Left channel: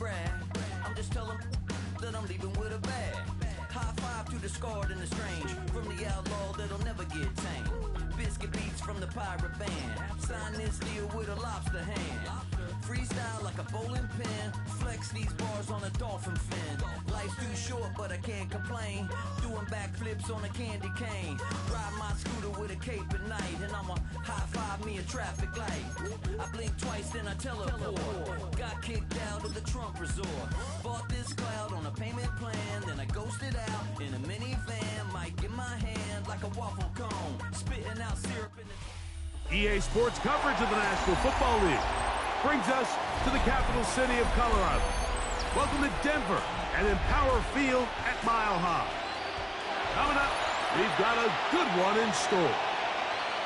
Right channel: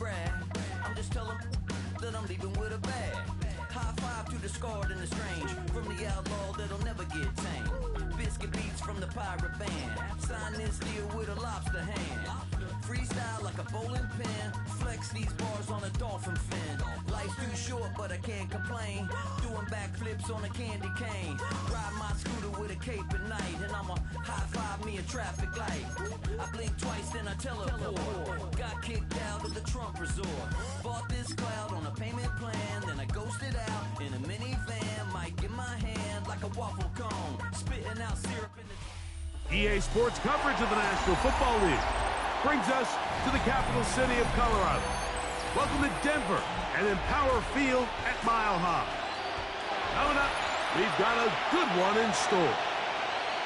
brag. I'm just telling that I'm leaving with a bag. High five to the scarred and the strange, from the outlaw that'll never get tamed. Biscuit beats from the pirate band, sign this deal with a lobster hand. Freestyle like a bowling pin, flex these bars on a dolphin fin. Life's too short but I can't complain, doing backflips on a candy cane. Ride my scooter with a cape at night, and I'ma high five me a traffic light. I blink twice then I teleport, got kicked out of the Trump resort. Bought this cloud on a payment plan, then I ghosted out in a minivan. Mic in my hand like a waffle cone, spitting out syrup in the... EA Sports coverage of the National Football League brings us to the capital city of Colorado. Welcome to Denver and Empower Field at Mile High. Coming up, we've got a good one in store.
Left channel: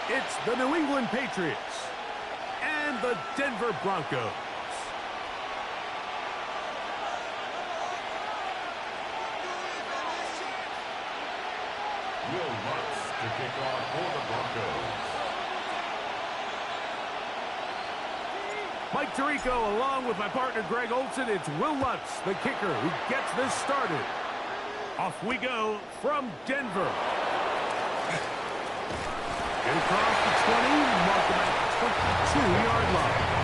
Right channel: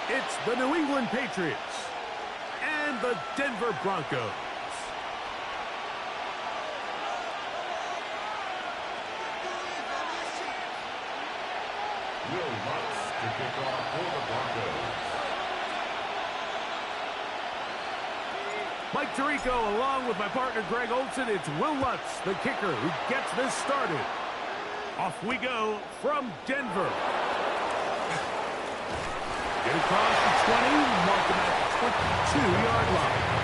It's the New England Patriots and the Denver Broncos. Will Lutz to kick off for the Broncos. Mike Tirico along with my partner Greg Olson. It's Will Lutz, the kicker, who gets this started. Off we go from Denver. Get across the 20, mark him at the 22-yard line.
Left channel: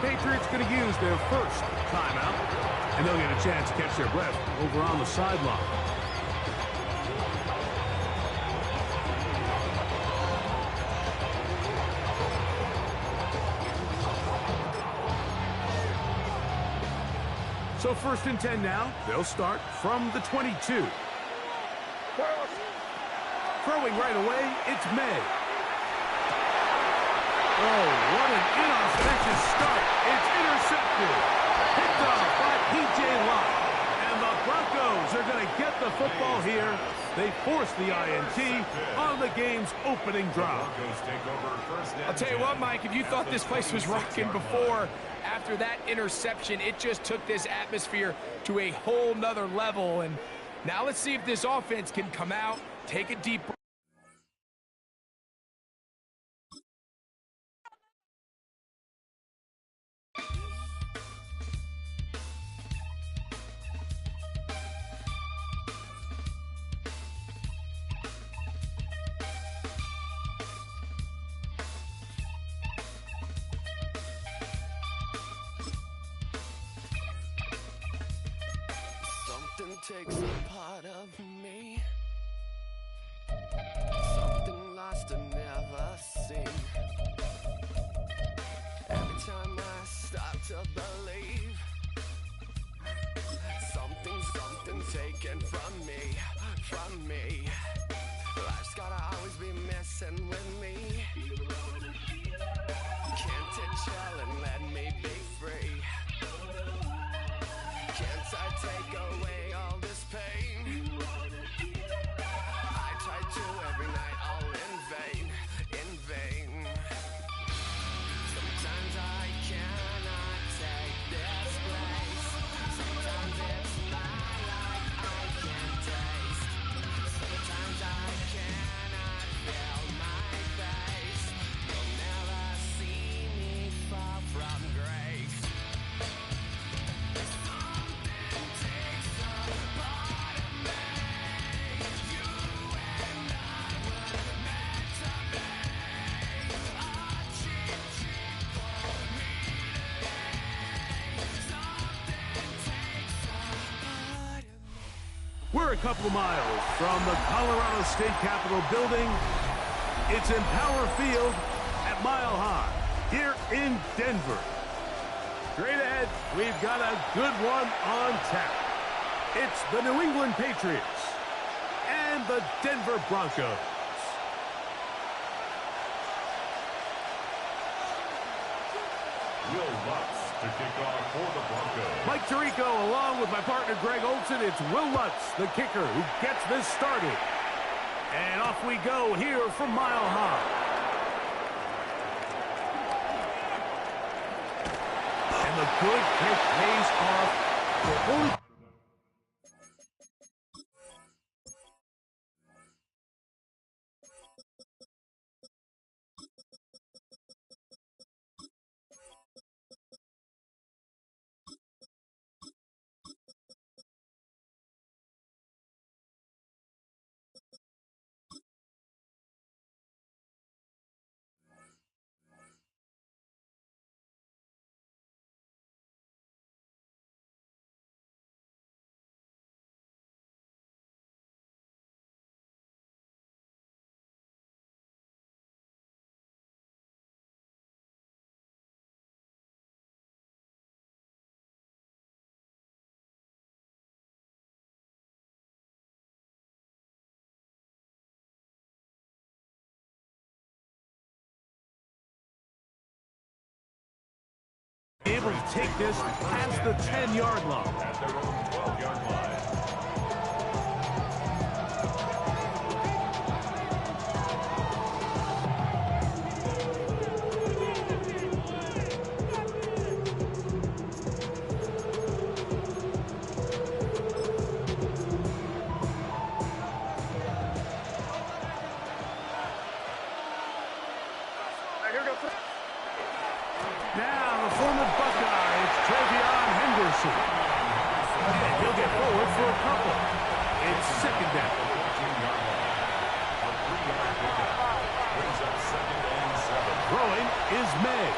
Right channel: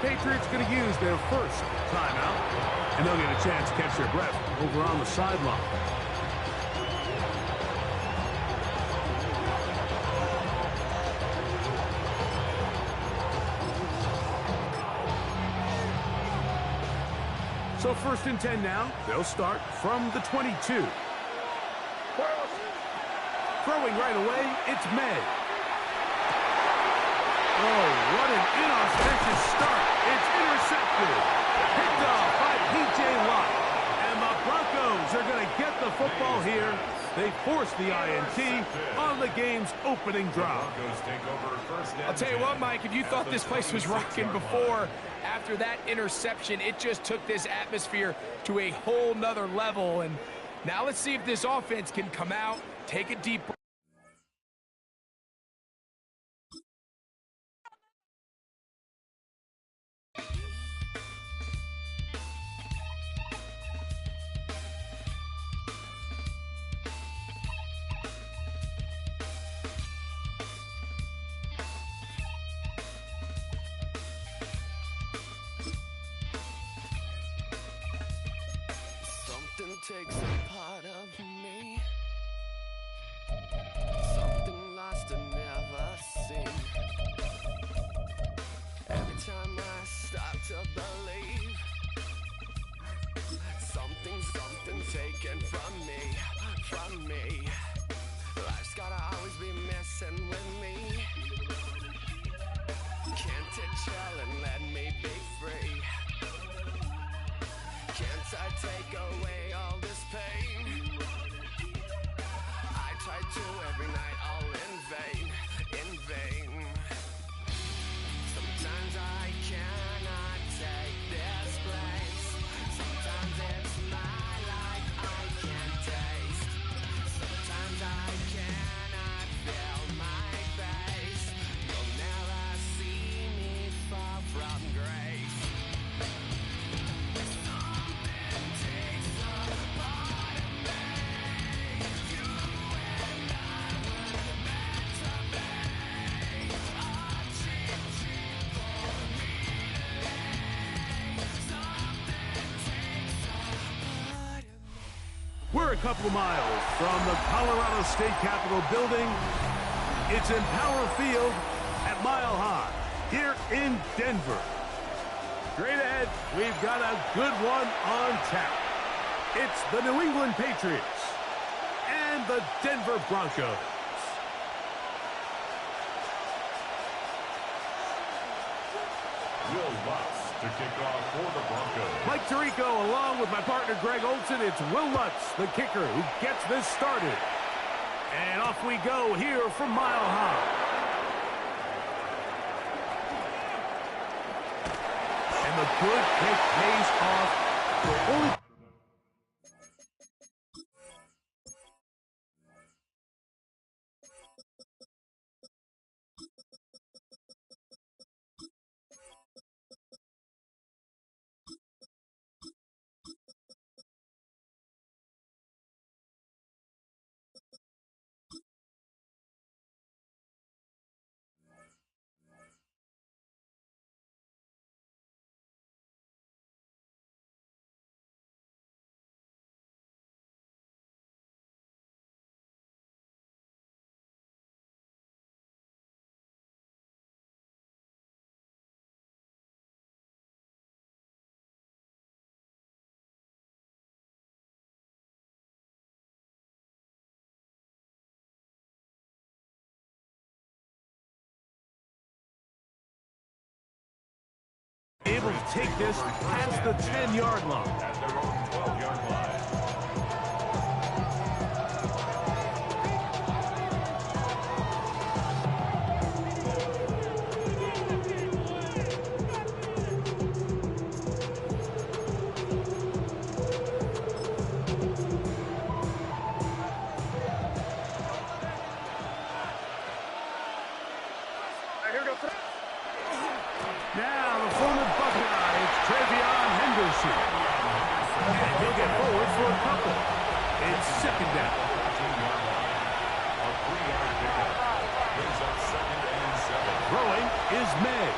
Patriots going to use their first timeout, and they'll get a chance to catch their breath over on the sideline. So 1st and 10 now. They'll start from the 22. Throwing right away, it's May. Oh, what an inauspicious start. It's intercepted. Picked off by P.J. Locke. And the Broncos are going to get the football here. They force the INT on the game's opening drive. I'll tell you what, Mike, if you thought this place was rocking before, after that interception, it just took this atmosphere to a whole nother level. And now let's see if this offense can come out, take a deep breath. Takes a part of me, something lost and never seen. Every time I start to believe, something taken from me. Life's gotta always be messing with me. Can't it chill and let me be free? Can't I take away all this pain. I try to every night, all in vain, in vain. Sometimes I cannot take this place. Sometimes it's my life I can't taste. Sometimes I cannot feel my face. You'll never see me fall from grace. Something takes a part of me. You and I were meant to be. A cheap for me to lay. Something takes a part of me. We're a couple of miles from the Colorado State Capitol building. It's Empower Field at Mile High here in Denver. Straight ahead, we've got a good one on tap. It's the New England Patriots and the Denver Broncos. Will Lutz to kick off for the Broncos. Mike Tirico along with my partner Greg Olson. It's Will Lutz, the kicker, who gets this started. And off we go here from Mile High. And the good kick pays off for only... able to take this past the 10-yard line. At their own 12-yard line. Now, the former Buckeye, it's Travion Henderson. And he'll get forward for a couple. It's second down. 14-yard line. A 3-yard pickup. Brings up 2nd and 7. Throwing is May.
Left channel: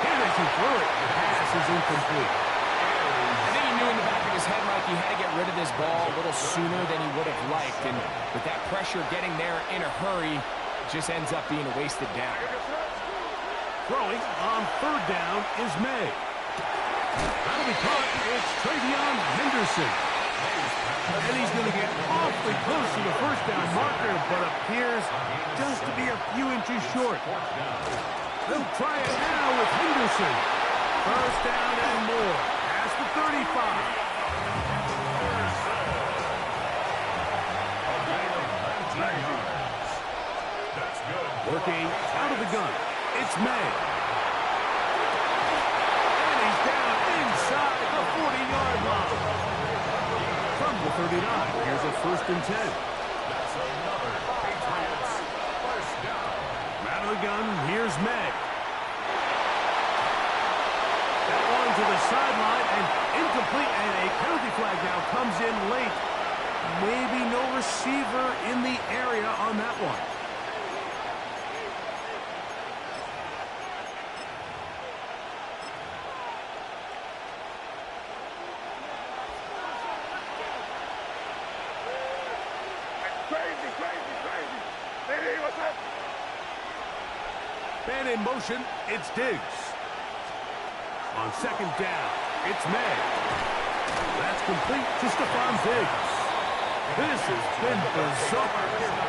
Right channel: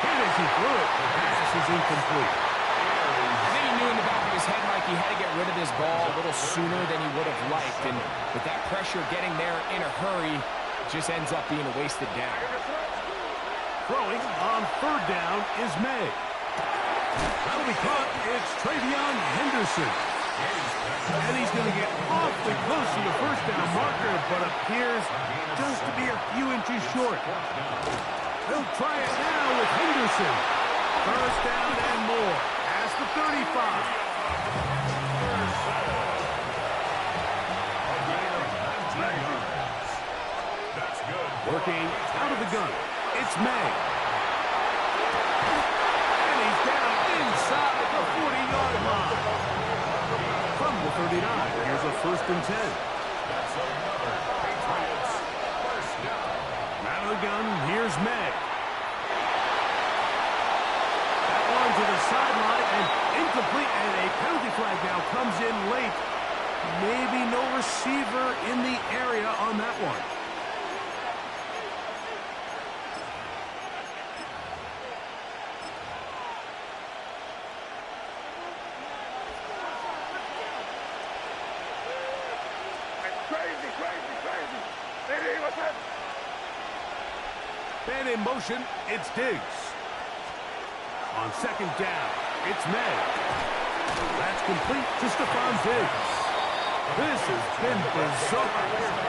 Hit as he threw it. The pass is incomplete. I think he knew in the back of his head, Mike, he had to get rid of this ball a little sooner than he would have liked. And with that pressure getting there in a hurry, it just ends up being a wasted down. Throwing on 3rd down is May. That'll be caught. It's Travion Henderson. And he's going to get awfully close to the 1st down marker, but appears just to be a few inches short. They'll try it now with Henderson. 1st down and more. Past the 35. A gain of 19 yards. That's good. Working out of the gun. It's May. And he's down inside the 40-yard line. From the 39, here's a 1st and 10. That's another Patriots 1st down. Out of the gun, here's May. That one to the sideline and incomplete, and a penalty flag now comes in late. Maybe no receiver in the area on that one. Crazy. Hey, what's that? Man in motion, it's Diggs. On 2nd down, it's May. That's complete to Stephon Diggs. This has been bizarre.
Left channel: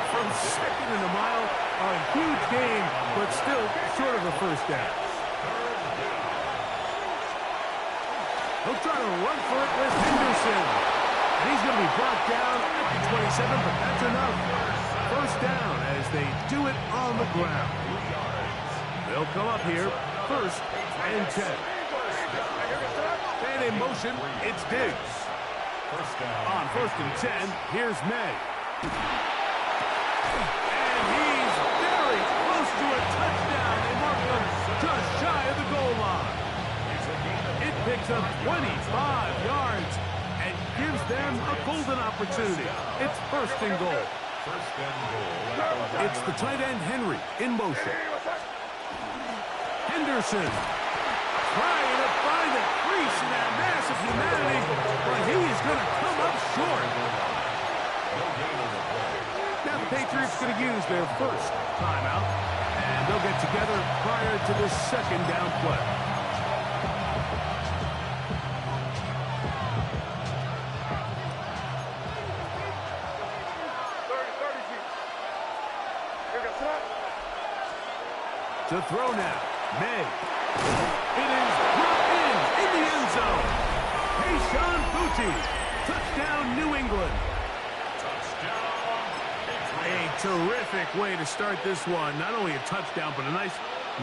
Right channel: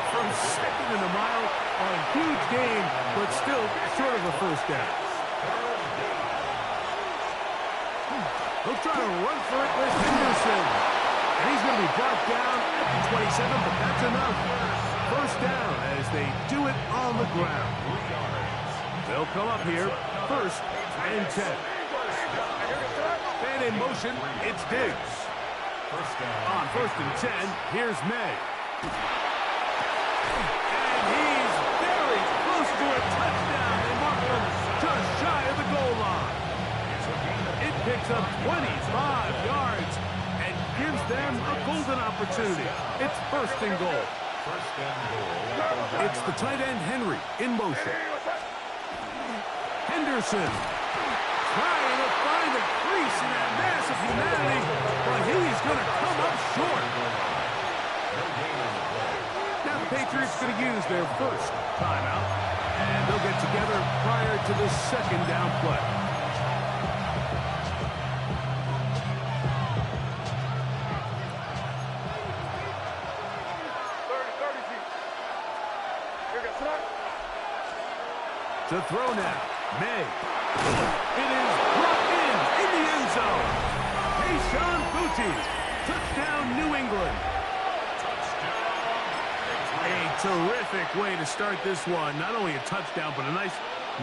From 2nd and a mile, a huge gain, but still short of a 1st down. He'll try to run for it with Henderson. And he's going to be brought down at the 27, but that's enough. First down as they do it on the ground. They'll come up here, first and 10. And in motion, it's Diggs. On first and 10, here's May. And he's very close to a touchdown. They mark him just shy of the goal line. It picks up 25 yards and gives them a golden opportunity. It's first and goal. It's the tight end Henry in motion. Henderson trying to find the crease in that mass of humanity, but he's going to come up short. Now the Patriots going to use their first timeout, and they'll get together prior to this second down play. To throw now, May. It is brought in the end zone. Kayshon Boutte. Touchdown, New England. A terrific way to start this one. Not only a touchdown, but a nice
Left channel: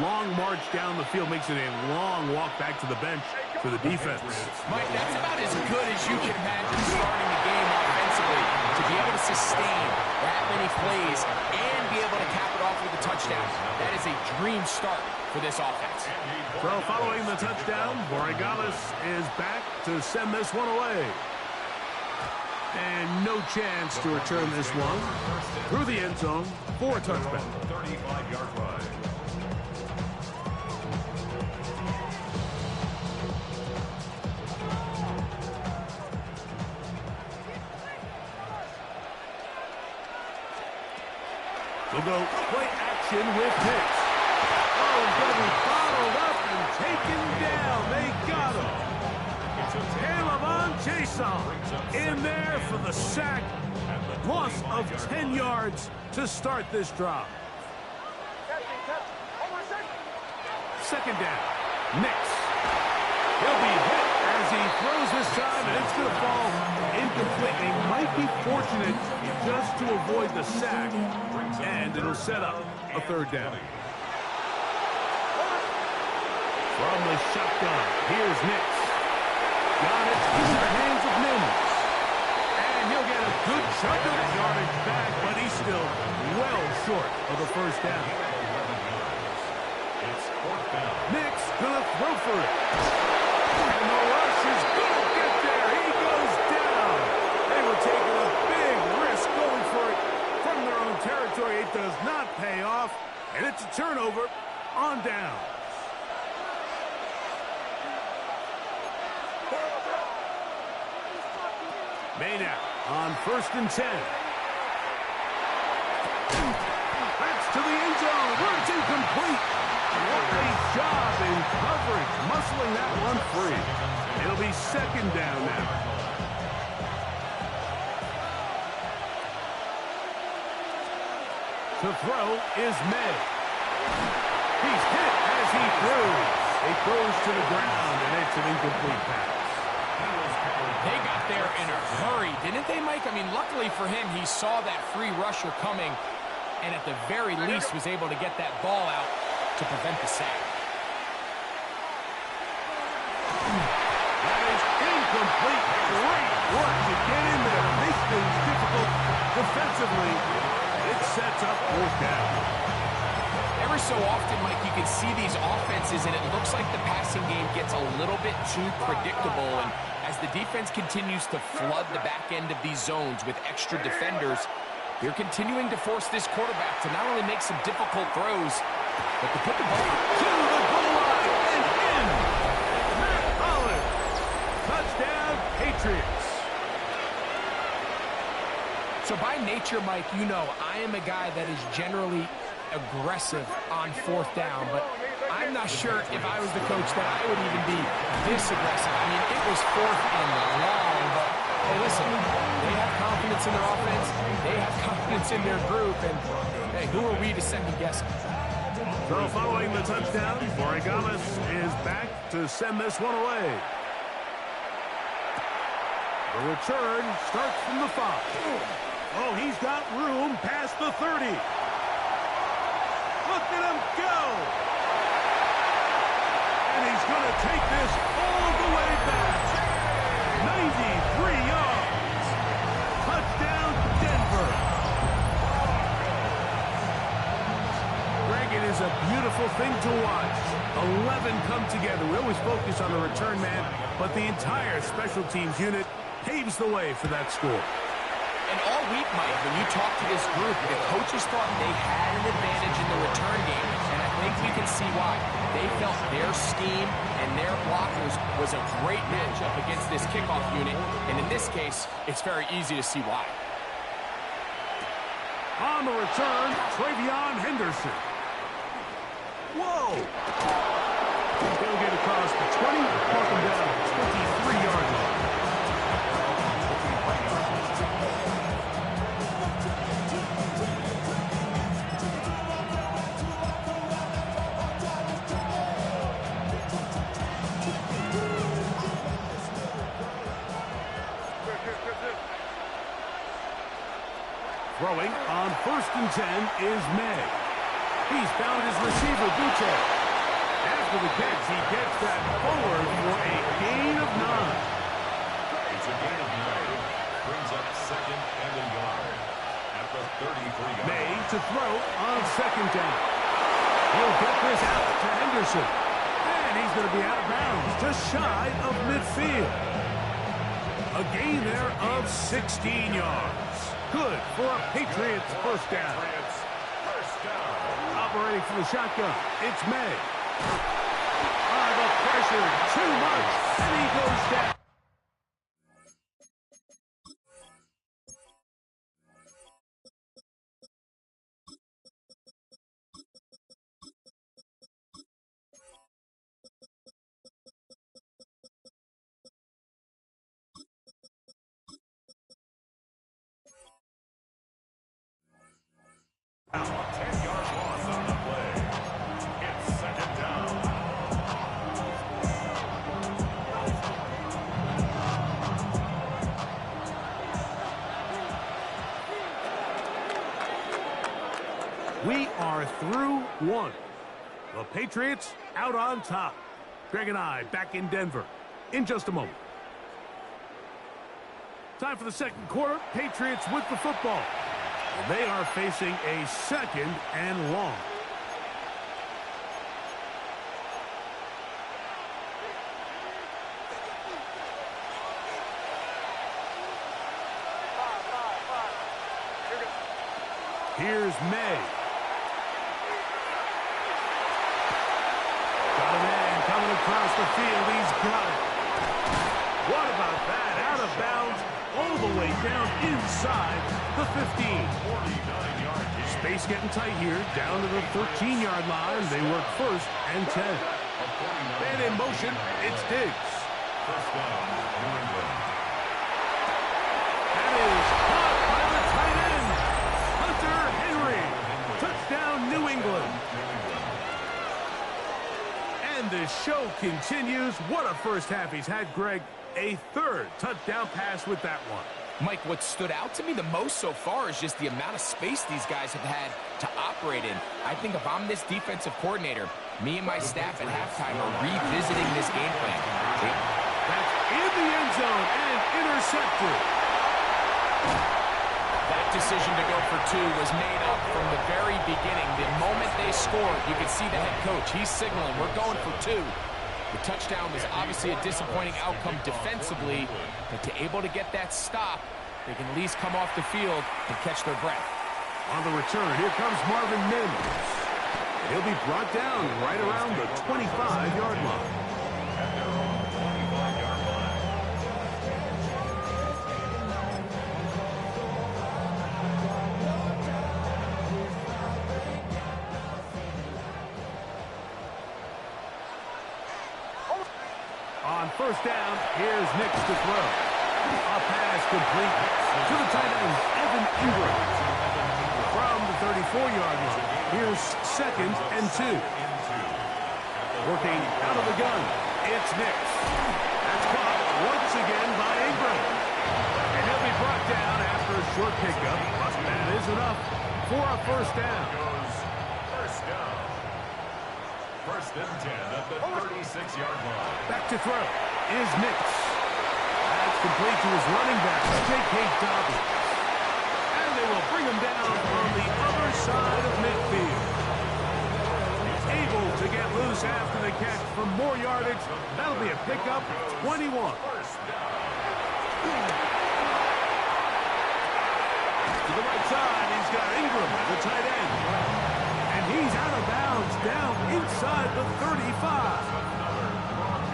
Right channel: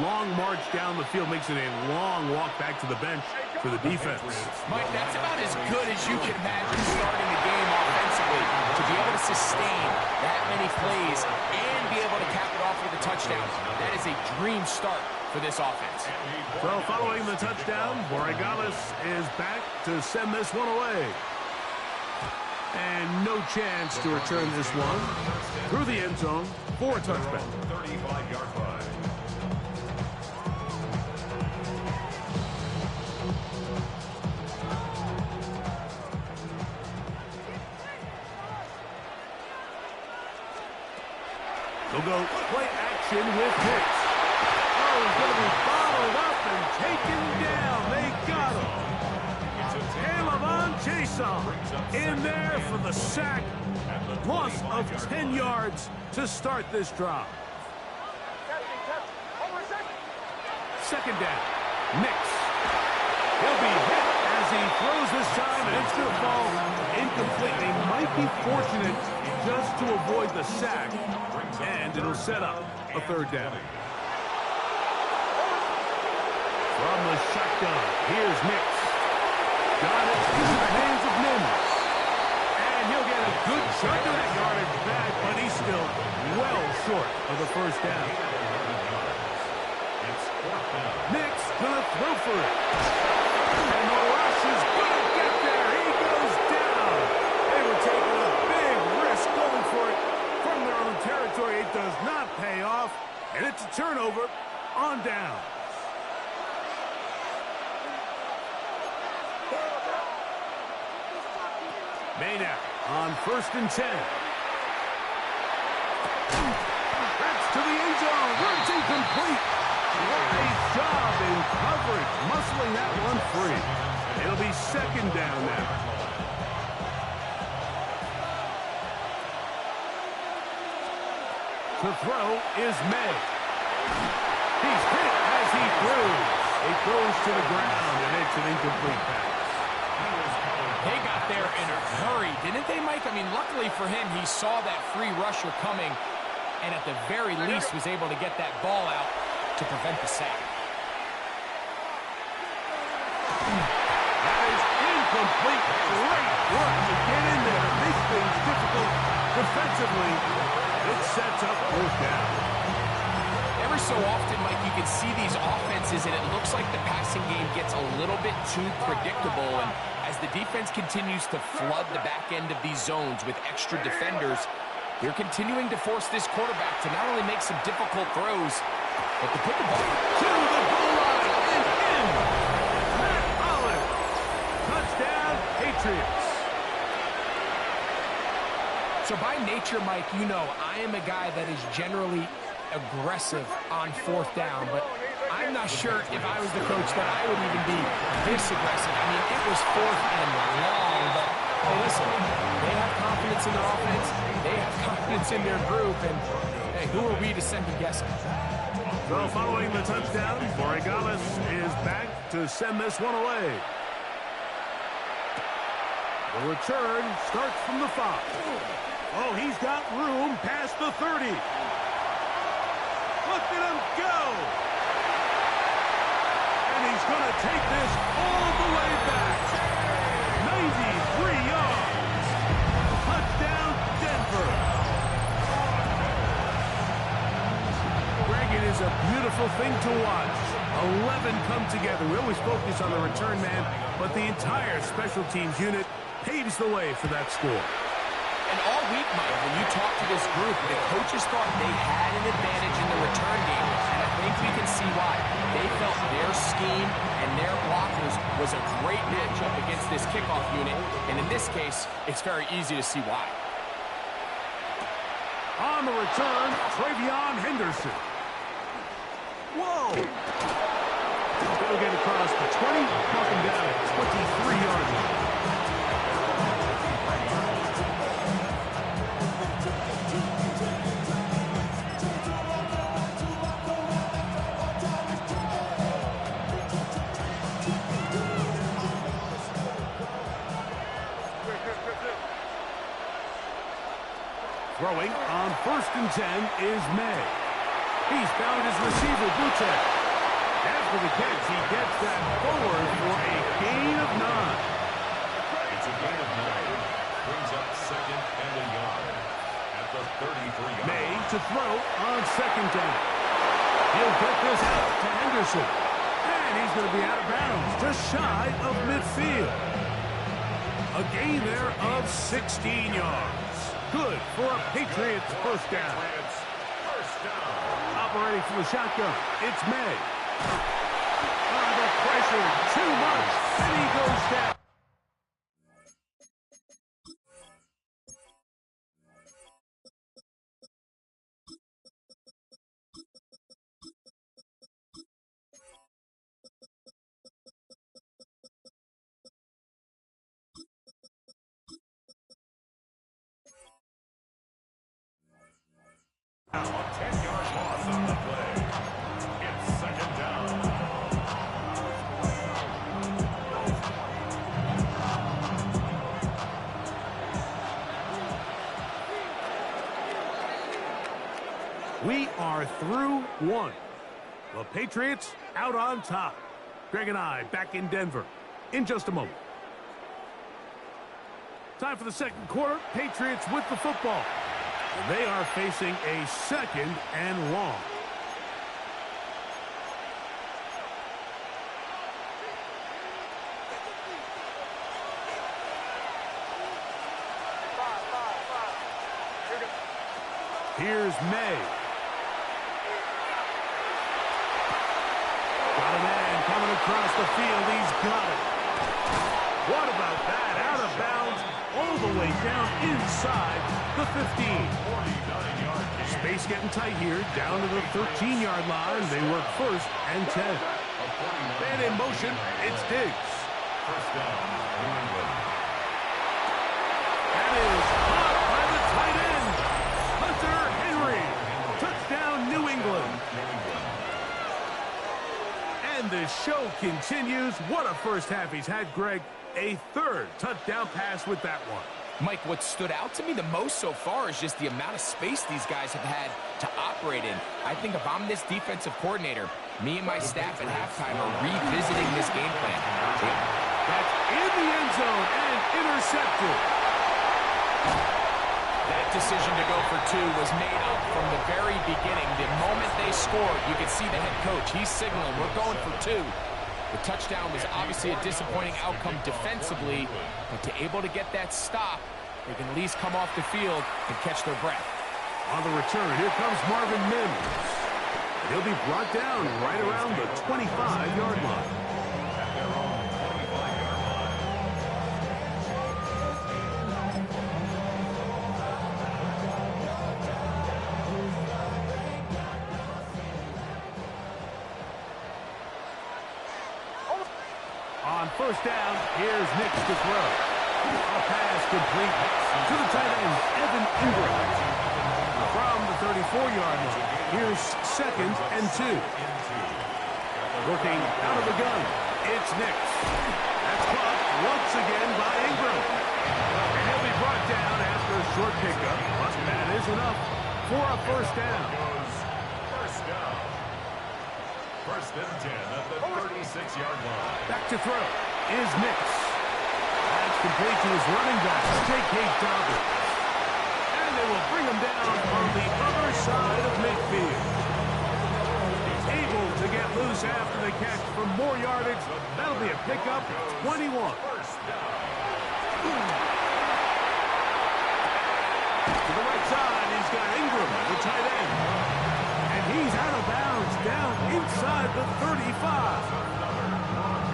long march down the field. Makes it a long walk back to the bench for the defense. Mike, that's about as good as you can imagine starting a game offensively. To be able to sustain that many plays and be able to cap it off with a touchdown. That is a dream start for this offense. So following the touchdown, Borregales is back to send this one away. And no chance to return this one through the end zone for a touchback. 35-yard line. They'll go play action with Hicks. Oh, he's going to be bottled up and taken down. They got him. K'Lavon Chaisson in there for the sack. Loss of 10 yards to start this drive. Second down. Nix. He'll be hit as he throws this time, and it's going to fall incomplete. They might be fortunate just to avoid the sack, and it'll set up a third down. From the shotgun, here's Nix. Got it into the hands of Mims. And he'll get a good chunk of that yardage back, but he's still well short of the first down. It's fourth down. Nix gonna throw for it. And the rush is gonna get there. He goes down. They were taking a big risk going for it from their own territory. It does not pay off, and it's a turnover on down. May now on first and 10. That's to the end zone where it's incomplete. What a job in coverage, muscling that one free. It'll be second down now. To throw is May. He's hit as he throws. It goes to the ground, and it's an incomplete pass. They got there in a hurry, didn't they, Mike? I mean, luckily for him, he saw that free rusher coming, and at the very least was able to get that ball out to prevent the sack. That is incomplete. Great work to get in there, make things difficult defensively. It sets up fourth down. Every so often, Mike, you can see these offenses, and it looks like the passing game gets a little bit too predictable. And as the defense continues to flood the back end of these zones with extra defenders, they're continuing to force this quarterback to not only make some difficult throws, but to put the ball to the goal line and in. Matt Holland. Touchdown, Patriots. So by nature, Mike, you know I am a guy that is generally aggressive on fourth down, but I'm not sure if I was the coach that I would even be this aggressive. I mean, it was fourth and long, but hey, listen, they have confidence in their offense, they have confidence in their group, and hey, who are we to second guess them? So following the touchdown, Borregales is back to send this one away. The return starts from the 5. Oh, he's got room past the 30. Look at him go! And he's going to take this all the way back. 93 yards. Touchdown, Denver. Greg, it is a beautiful thing to watch. 11 come together. We always focus on the return man, but the entire special teams unit paves the way for that score. And all week, Mike, when you talk to this group, the coaches thought they had an advantage in the return game, and I think we can see why. They felt their scheme and their blockers was a great matchup against this kickoff unit, and in this case, it's very easy to see why. On the return, Travion Henderson. Whoa! He'll get across the 20, walk him down at 23-yard line. Throwing on 1st and 10 is May. He's found his receiver, Butte. After the catch, he gets that forward for a gain of 9. It's a gain of 9. Brings up 2nd and a yard at the 33-yard line. May to throw on 2nd down. He'll get this out to Henderson. And he's going to be out of bounds, just shy of midfield. A gain there of 16 yards. Good for a Patriots first down. Operating from the shotgun, it's May. The pressure, too much, and he goes down. A 10-yard loss on the play. It's 2nd down. We are through 1. The Patriots out on top. Greg and I back in Denver in just a moment. Time for the 2nd quarter. Patriots with the football. They are facing a 2nd and long. Here's May. Got a man coming across the field. He's got it. What about that? Out of bounds, all the way down inside the 15. Space getting tight here, down to the 13-yard line. They work 1st and 10. And in motion, it's Diggs. First down, New England. That is caught by the tight end, Hunter Henry. Touchdown, New England. And the show continues. What a first half he's had, Greg. A 3rd touchdown pass with that one. Mike, what stood out to me the most so far is just the amount of space these guys have had to operate in. I think if I'm this defensive coordinator, me and my staff at halftime are revisiting this game plan. That's in the end zone and intercepted. That decision to go for 2 was made up from the very beginning. The moment they scored, you could see the head coach. He's signaling, we're going for 2. The touchdown was obviously a disappointing outcome defensively, but to able to get that stop, they can at least come off the field and catch their breath. On the return, here comes Marvin Mims. And he'll be brought down right around the 25-yard line. At their own 25-yard line. On 1st down, here's Nix to throw. A pass complete to the tight end, Evan Ingram. From the 34-yard line, here's 2nd and 2. Working out of the gun, it's Nix. That's caught once again by Ingram. brought down after a short pickup, but that is enough for a first down. Goes first down. First and 10 at the 36-yard line. Back to throw is Nix. That's complete to his running back, J.K. Dobbins. And they will bring him down on the other side of midfield. He's able to get loose after the catch for more yardage. That'll be a pickup, 21. First down. To the right side, he's got Ingram, the tight end. And he's out of bounds, down inside the 35.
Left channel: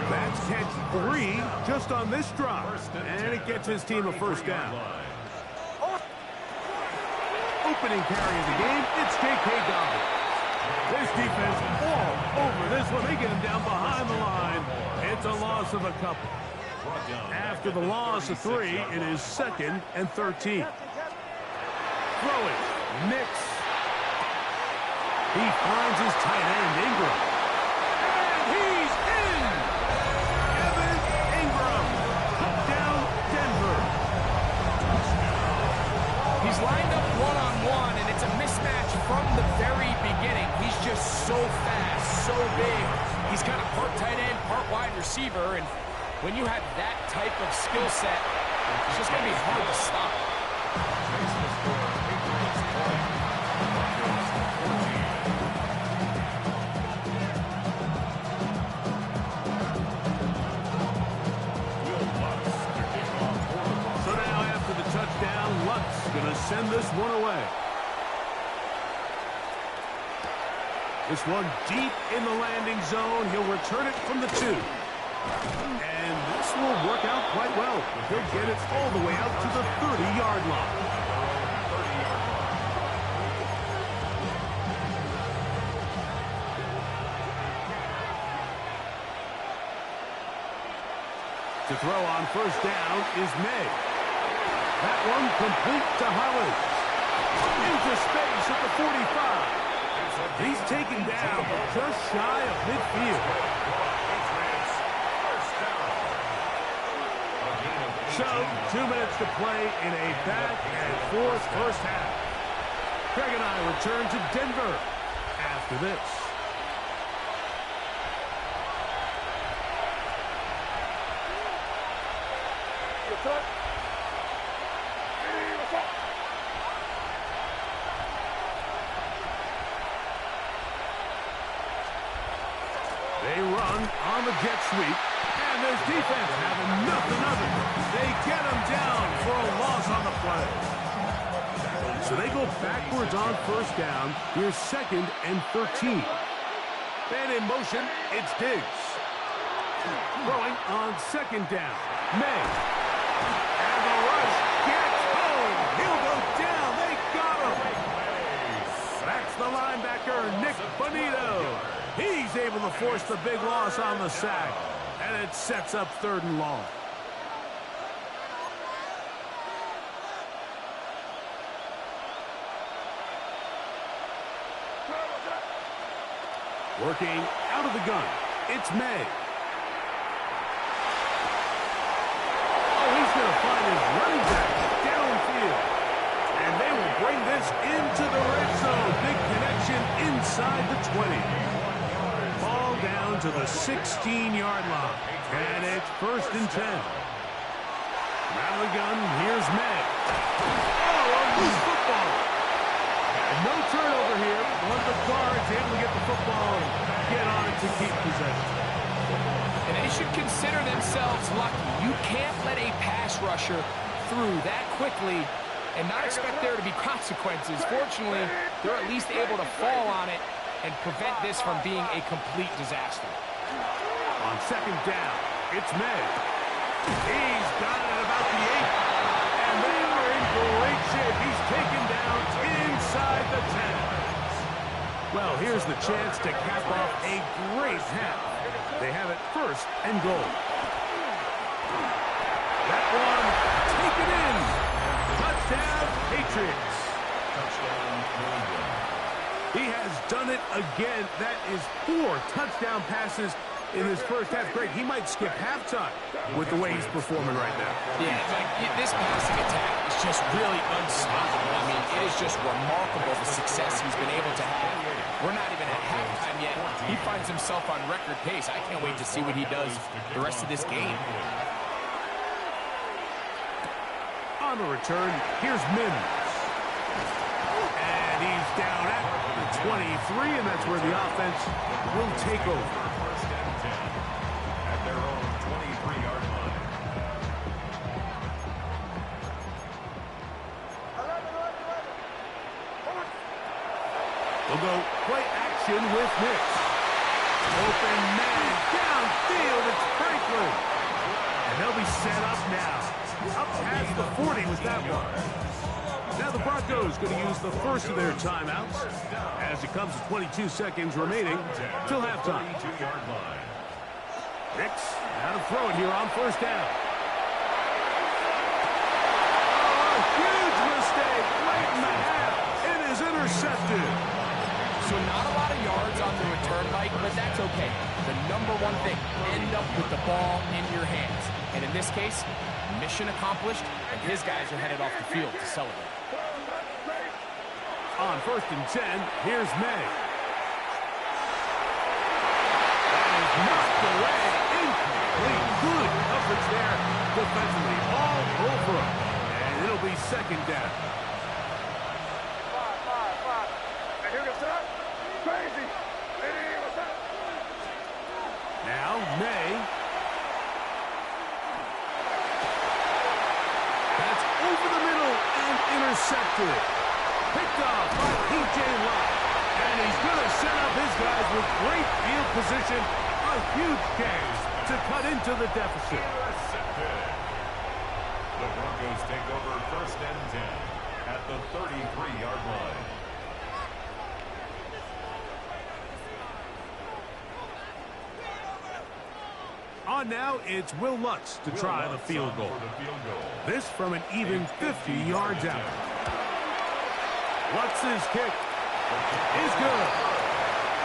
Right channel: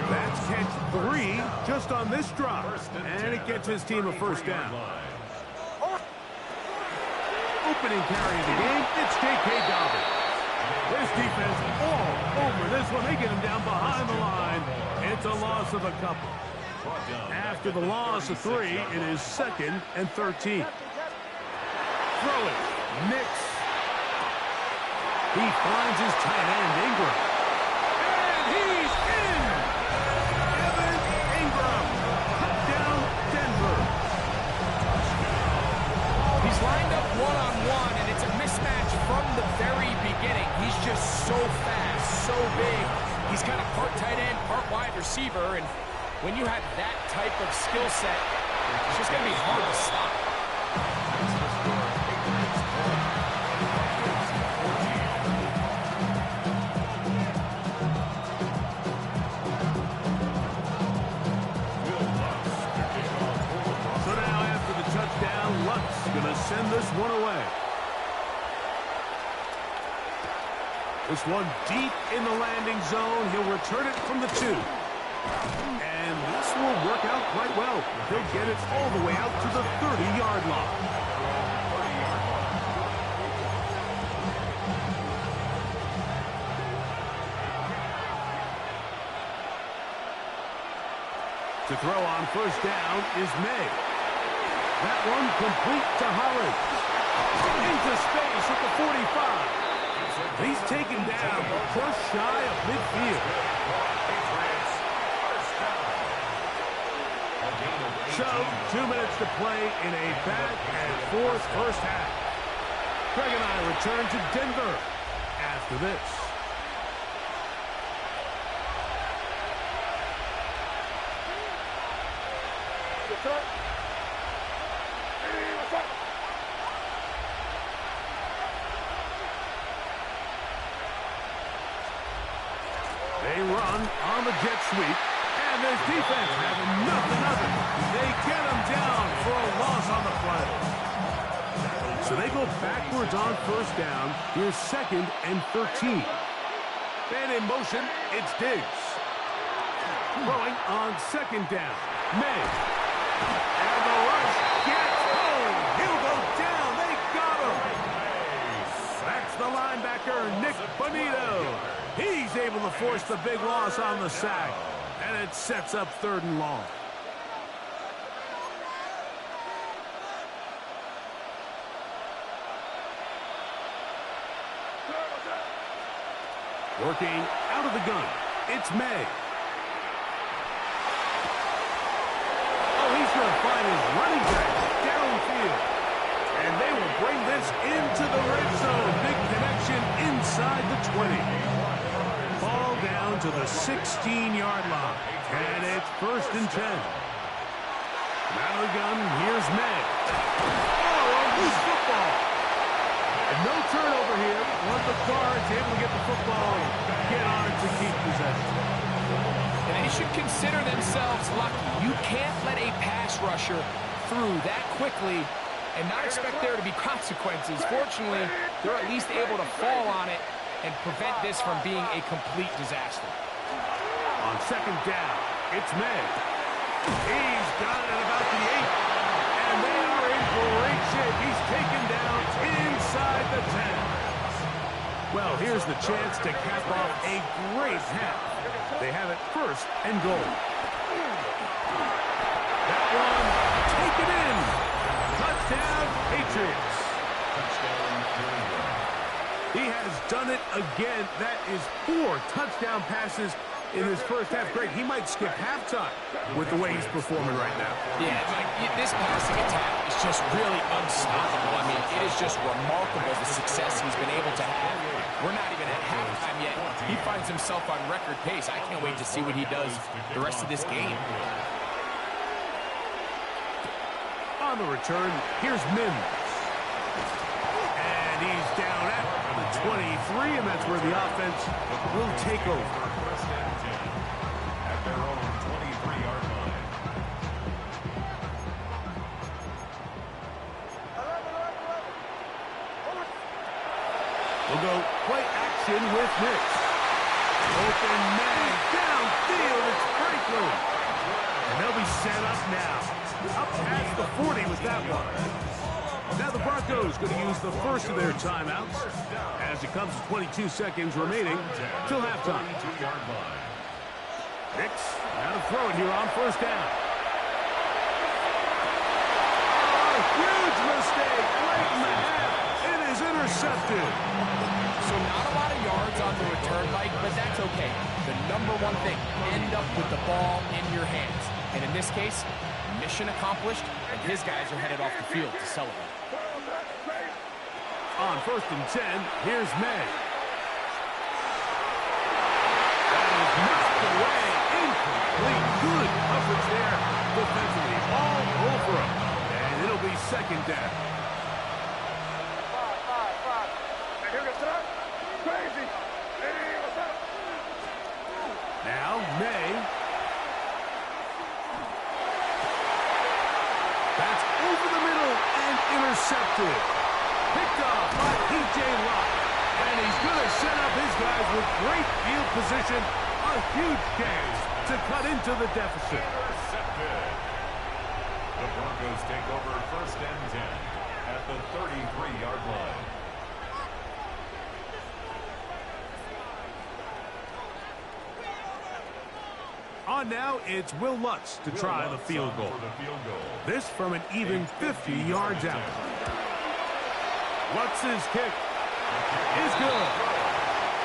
That's catch 3 just on this drive. And it gets his team a first down. Opening carry of the game, it's J.K. Dobbins. This defense all over this one. They get him down behind the line. It's a loss of a couple. After the loss of 3, it is 2nd and 13. Throwing, Nix. He finds his tight end, Ingram. And he's in! Evan Ingram. Touchdown, Denver. He's lined up one-on-one, and it's a mismatch from the very beginning. He's just so fast, so big. He's kind of part tight end, part wide receiver, and when you have that type of skill set, it's just going to be hard to stop. Makes the score 8-point. Broncos 14. Will Lutz to kick off for the Broncos. So now after the touchdown, Lutz going to send this one away. This one deep in the landing zone. He'll return it from the 2. And this will work out quite well. He'll get it all the way out to the 30-yard line. To throw on first down is May. That one complete to Hollins. Into space at the 45. He's taken down just shy of midfield. So, 2 minutes to play in a back-and-forth first half. Craig and I return to Denver after this. What's up? They run on the jet sweep, and this defense having nothing of it. They get him down for a loss on the play. So they go backwards on first down. Here's 2nd and 13. And in motion, it's Diggs. Throwing on 2nd down. May. And the rush gets home. He'll go down. They got him. That's the linebacker, Nick Bonito. He's able to force the big loss on the sack. And it sets up 3rd and long. Working out of the gun, it's May. Oh, he's going to find his running back downfield. And they will bring this into the red zone. Big connection inside the 20. Ball down to the 16-yard line. And it's 1st and 10. Out of the gun, here's May. Oh, a loose football. And no turnover here. One of the guards able to get the football and get on it to keep possession. And they should consider themselves lucky. You can't let a pass rusher through that quickly and not expect there to be consequences. Fortunately, they're at least able to fall on it and prevent this from being a complete disaster. On 2nd down, it's May. He's got it at about the 8. And they are in great shape. He's taken down inside the 10. Well, here's the chance to cap off a great half. They have it 1st and goal. That one taken in. Touchdown, Patriots. Touchdown, New England. He has done it again. That is 4 touchdown passes in this first half. Great. He might skip halftime with the way he's performing right now. Yeah, like this passing attack is just really unstoppable. I mean, it is just remarkable the success he's been able to have. We're not even at halftime yet. He finds himself on record pace. I can't wait to see what he does the rest of this game. On the return, here's Mims. And he's down at the 23, and that's where the offense will take over. First and 10 at their own 23-yard line. We'll go play action with Nix. Open man downfield. It's Franklin. And they'll be set up now. Up past the 40 with that one. Now the Broncos going to use the first of their timeouts as it comes to 22 seconds remaining till halftime. Nix, now to throw it here on first down. Oh, a huge mistake late in the half. It is intercepted. So not a lot of yards on the return, Mike, but that's okay. The number one thing, end up with the ball in your hands. And in this case, mission accomplished, and his guys are headed off the field to celebrate. On first and 10, here's May. That is knocked away. Incomplete. Good coverage there defensively. All over him. And it'll be second down. Here goes that. Crazy. Hey, what's up? Now, May. That's over the middle and intercepted. Picked off by P.J. Locke. And he's going to set up his guys with great field position. A huge chance to cut into the deficit. Intercepted. The Broncos take over first and 10 at the 33-yard line. On now, it's Will Lutz to try the field goal. This from an even 50 yards out. Lutz's kick is good.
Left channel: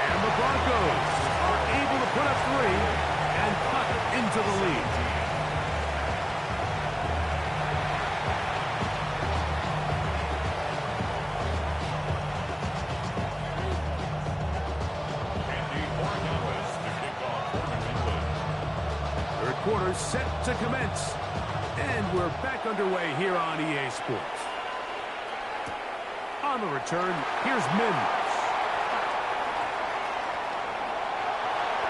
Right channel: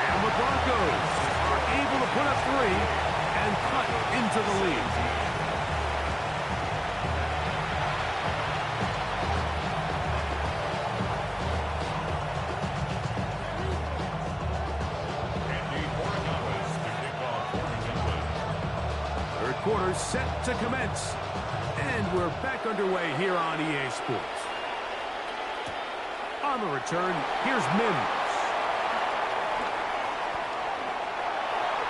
And the Broncos are able to put up 3 and cut into the lead. Quarter set to commence. And we're back underway here on EA Sports. On the return, here's Mims.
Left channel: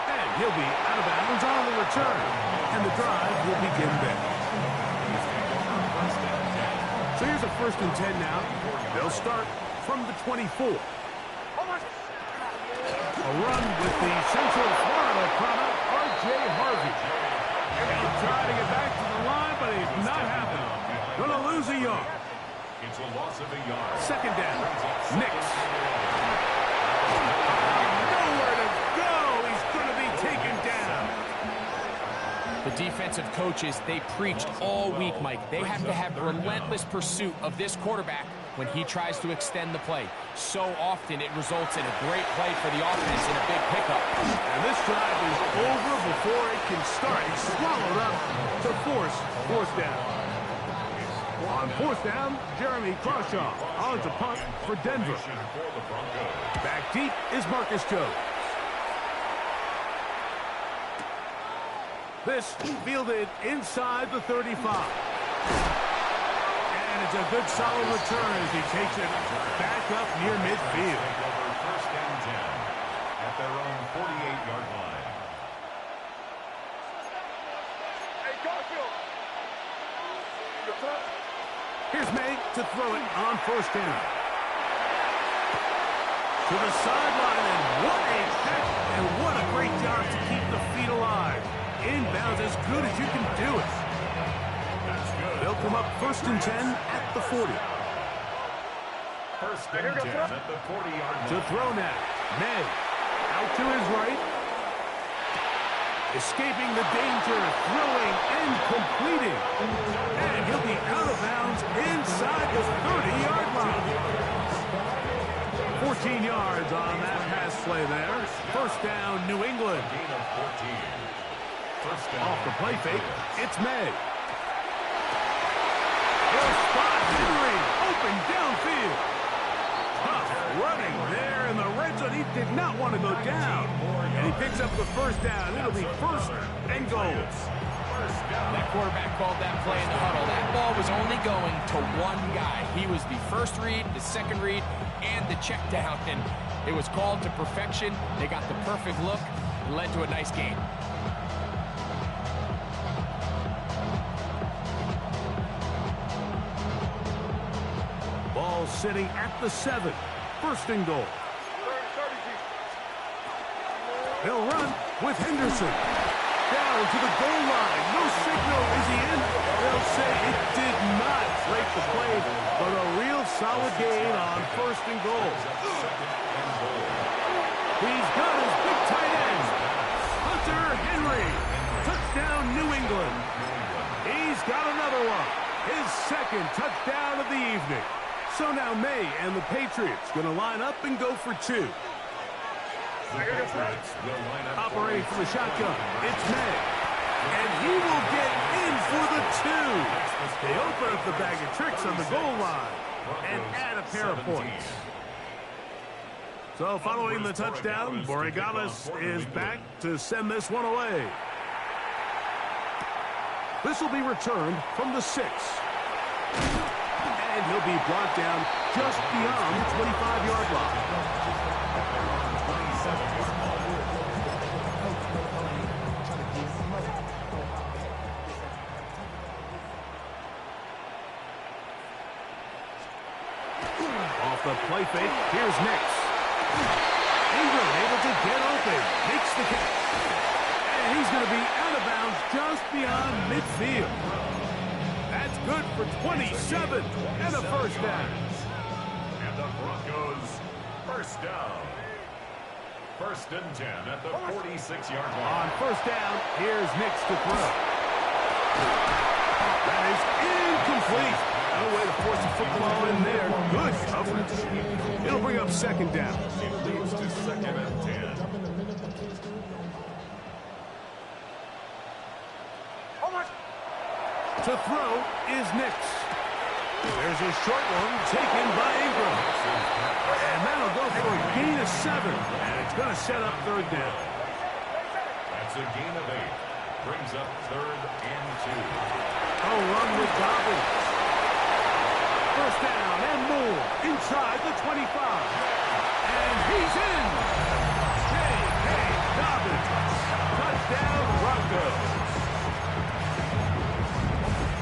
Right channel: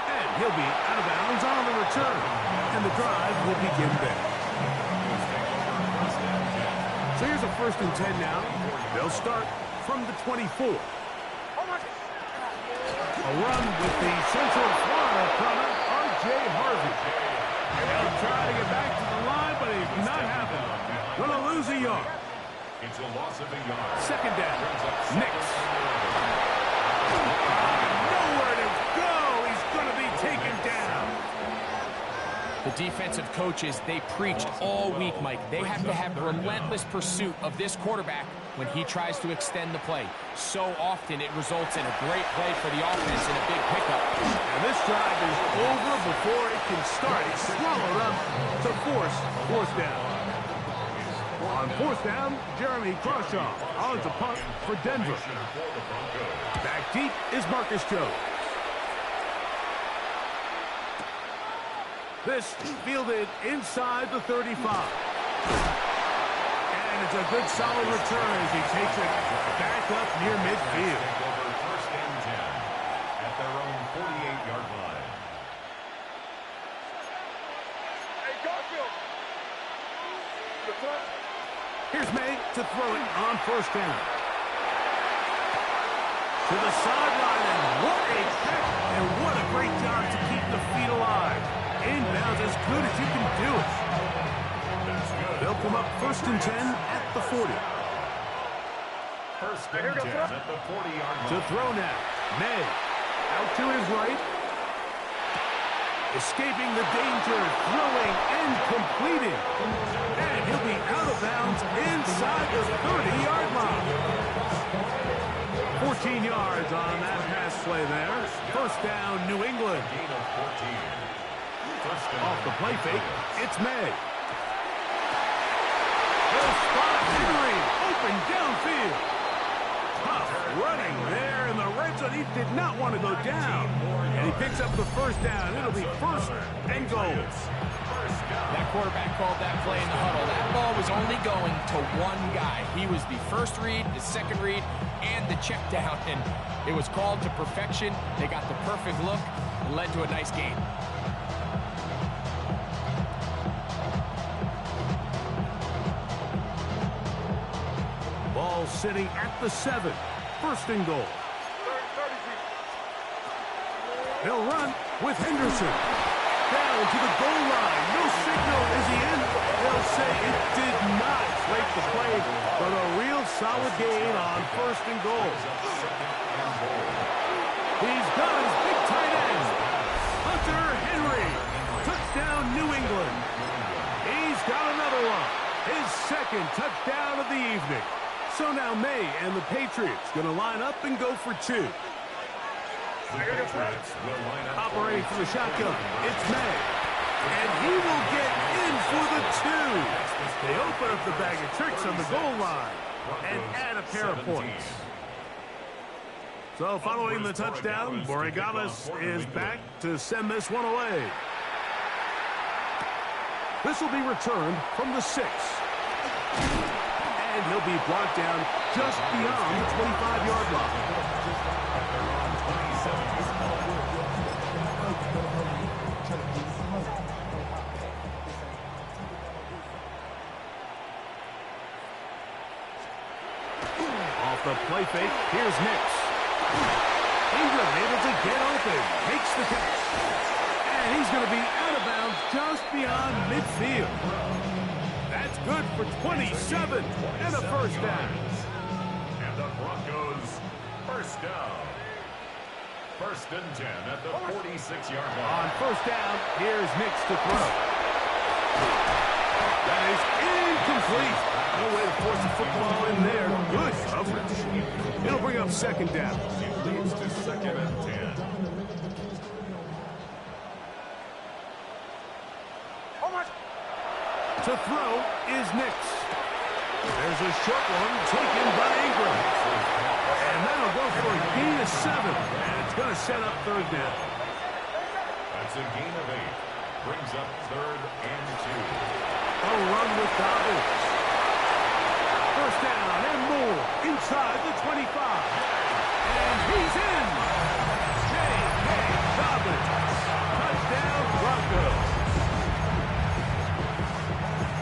And he'll be out of bounds on the return. And the drive will begin there. So here's a first and 10 now. They'll start from the 24. A run with the Central Florida product, R.J. Harvey. They'll try to get back to the line, but it's not happening. Going to lose a yard. It's a loss of a yard. Second down. Nix. Nowhere to go. He's going to be taken down. The defensive coaches, they preached all week, Mike. They have to have relentless pursuit of this quarterback when he tries to extend the play. So often it results in a great play for the offense and a big pickup. And this drive is over before it can start. He's swallowed up to force fourth down. On fourth down, Jeremy Crawshaw on to punt for Denver. Back deep is Marcus Jones. This fielded inside the 35. And it's a good solid return as he takes it back up near midfield. Take over first and 10 at their own 48-yard line. Hey, Garfield. Here's May to throw it on first down. To the sideline, and what a catch, and what a great job to keep the feet alive. Inbounds as good as you can do it. That's good. They'll come up first and 10 at the 40. First and 10 at the 40-yard line. To throw now, May out to his right. Escaping the danger, throwing and completing. And he'll be out of bounds inside the 30-yard line. 4 14 yards on that pass play there. First down, New England. Gain of 14. First down. Off the play fake, it's May. He'll spot Henry, open downfield. Tough running there in the red zone. He did not want to go down. And he picks up the first down. It'll be first and goal. That quarterback called that play in the huddle. That ball was only going to one guy. He was the first read, the second read, and the check down. And it was called to perfection. They got the perfect look. It led to a nice gain. Ball sitting at the 7. First and goal. He'll run with Henderson. Down to the goal line. No signal. Is he in? They'll say it did not break the play, but a real solid gain on first and goal. He's got his big tight end. Hunter Henry. Touchdown, New England. He's got another one. His second touchdown of the evening. So now May and the Patriots going to line up and go for 2. Operating from the shotgun, it's May. And he will get in for the 2. They open up the bag of tricks on the goal line and add a pair of points. So following the touchdown, Borregales is back to send this one away. This will be returned from the 6. And he'll be brought down just beyond the 25-yard line. Off the play fake, here's Nix. Ingram able to get open, makes the catch. And he's going to be out of bounds just beyond midfield. That's good for 27 and a first down. And the Broncos first down. First and 10 at the 46-yard line. On first down, here's Nix to throw. That is incomplete. No way to force a football in there. Good coverage. It'll bring up second down. It leads to second and 10. To throw is Nix. There's a short one taken by Ingram. And that'll go for a gain of 7. And it's going to set up third down. That's a gain of 8. Brings up third and 2. A run with Dobbins. First down and more inside the 25. And he's in. J.K. Dobbins. Touchdown, Broncos.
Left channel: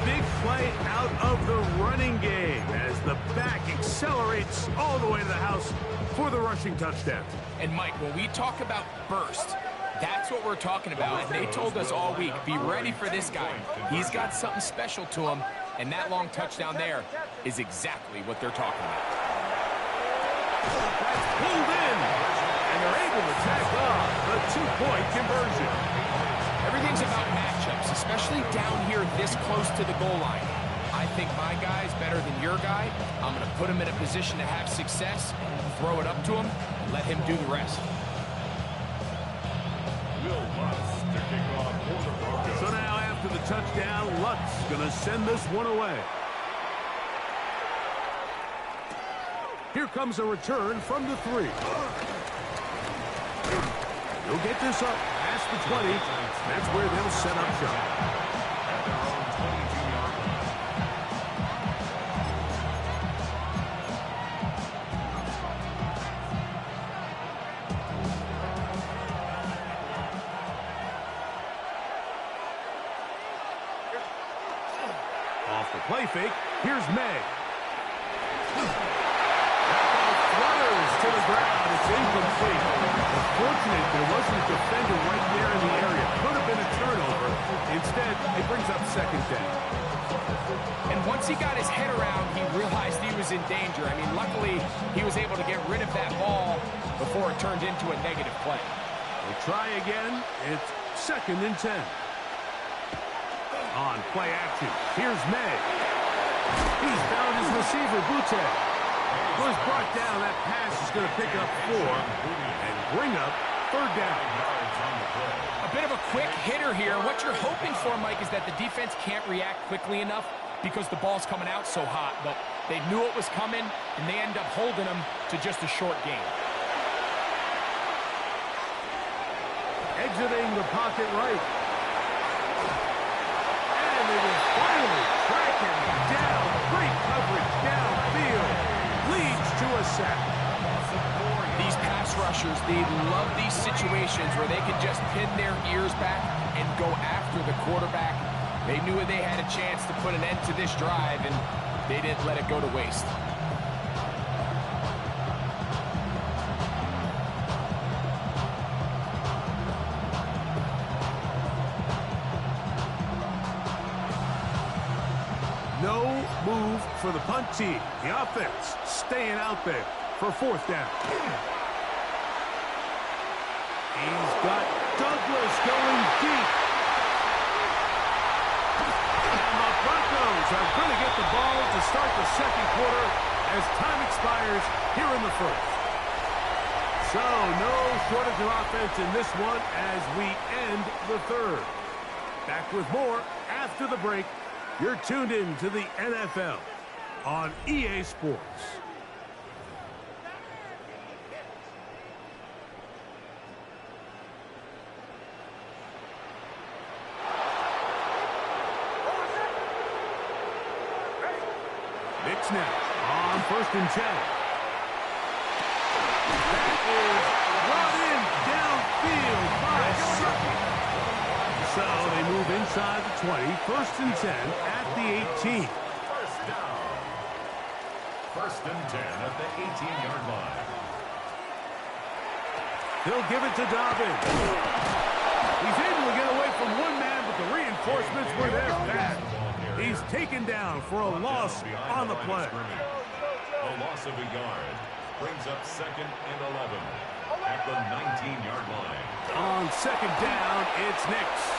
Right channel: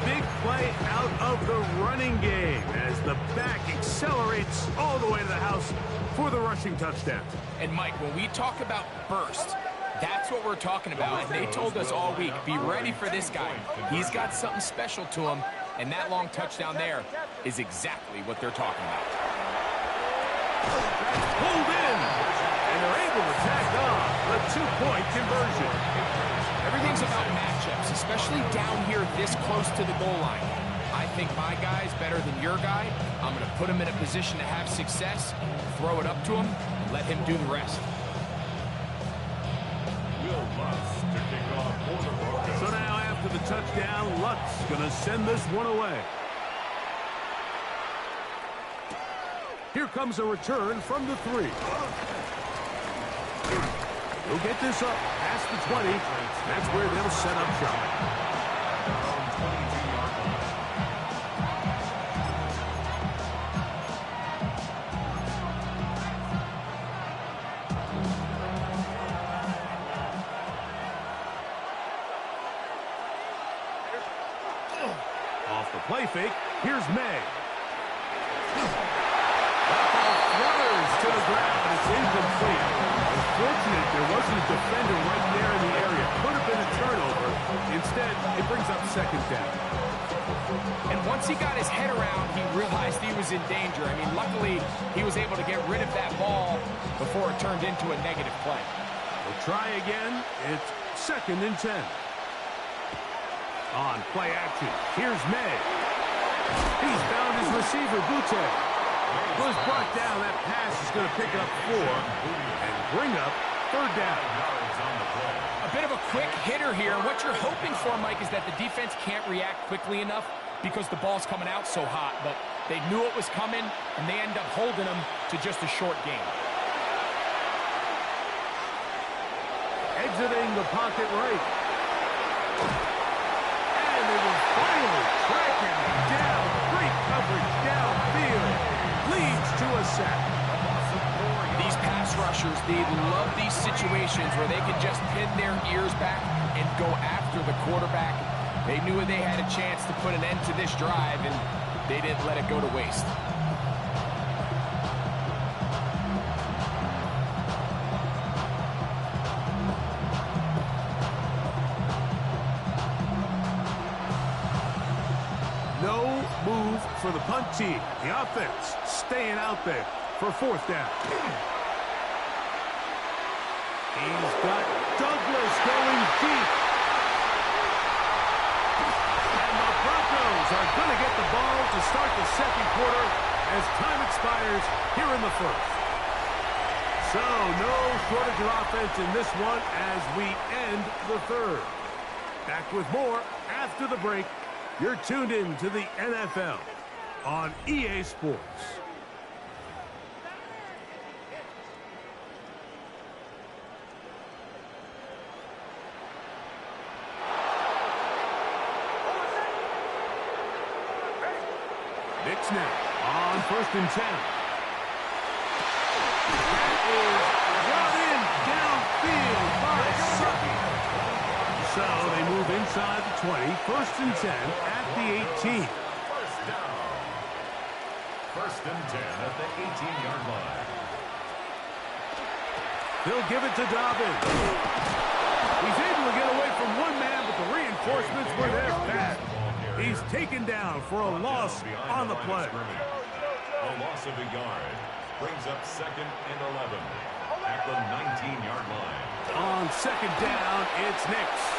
Big play out of the running game as the back accelerates all the way to the house for the rushing touchdown. And Mike, when we talk about burst, that's what we're talking about. And they told us all week, be ready for this guy. He's got something special to him, and that long touchdown there is exactly what they're talking about. That's pulled in, and they're able to tack on the 2-point conversion. Everything's about matchups, especially down here this close to the goal line. I think my guy's better than your guy. I'm going to put him in a position to have success, throw it up to him, and let him do the rest. Will Lutz to kick off for the Broncos. So now after the touchdown, Lutz going to send this one away. Here comes a return from the 3. He'll get this up past the 20. That's where they'll set up shop. At their own 22-yard line. Off the play fake, here's May. That ball flutters to the ground. It's incomplete. Fortunate there wasn't a defender right there in the area. Could have been a turnover. Instead, it brings up second down. And once he got his head around, he realized he was in danger. I mean, luckily, he was able to get rid of that ball before it turned into a negative play. We'll try again. It's second and 10. On play action, here's May. He's found his receiver, Butte. Was brought down. That pass is going to pick up 4 and bring up third down. A bit of a quick hitter here. What you're hoping for, Mike, is that the defense can't react quickly enough because the ball's coming out so hot. But they knew it was coming, and they end up holding them to just a short game. Exiting the pocket right. And they will finally track him down. Great coverage downfield. Leads to a sack. These pass rushers, they love these situations where they can just pin their ears back and go after the quarterback. They knew they had a chance to put an end to this drive, and they didn't let it go to waste. No move for the punt team. The offense staying out there for fourth down. He's got Douglas going deep. And the Broncos are going to get the ball to start the second quarter as time expires here in the first. So no shortage of offense in this one as we end the third. Back with more after the break. You're tuned in to the NFL on EA Sports. Nick snap on 1st and 10. That is brought in downfield by Sucky. So they move inside the 20, 1st and 10 at the 18. First down. 1st and 10 at the 18-yard line. They'll give it to Dobbins. He's able to get away from one man, but the reinforcements were there fast. He's taken down for a loss on the play. A loss of a yard brings up 2nd and 11 at the 19-yard line. On 2nd down, it's Nix.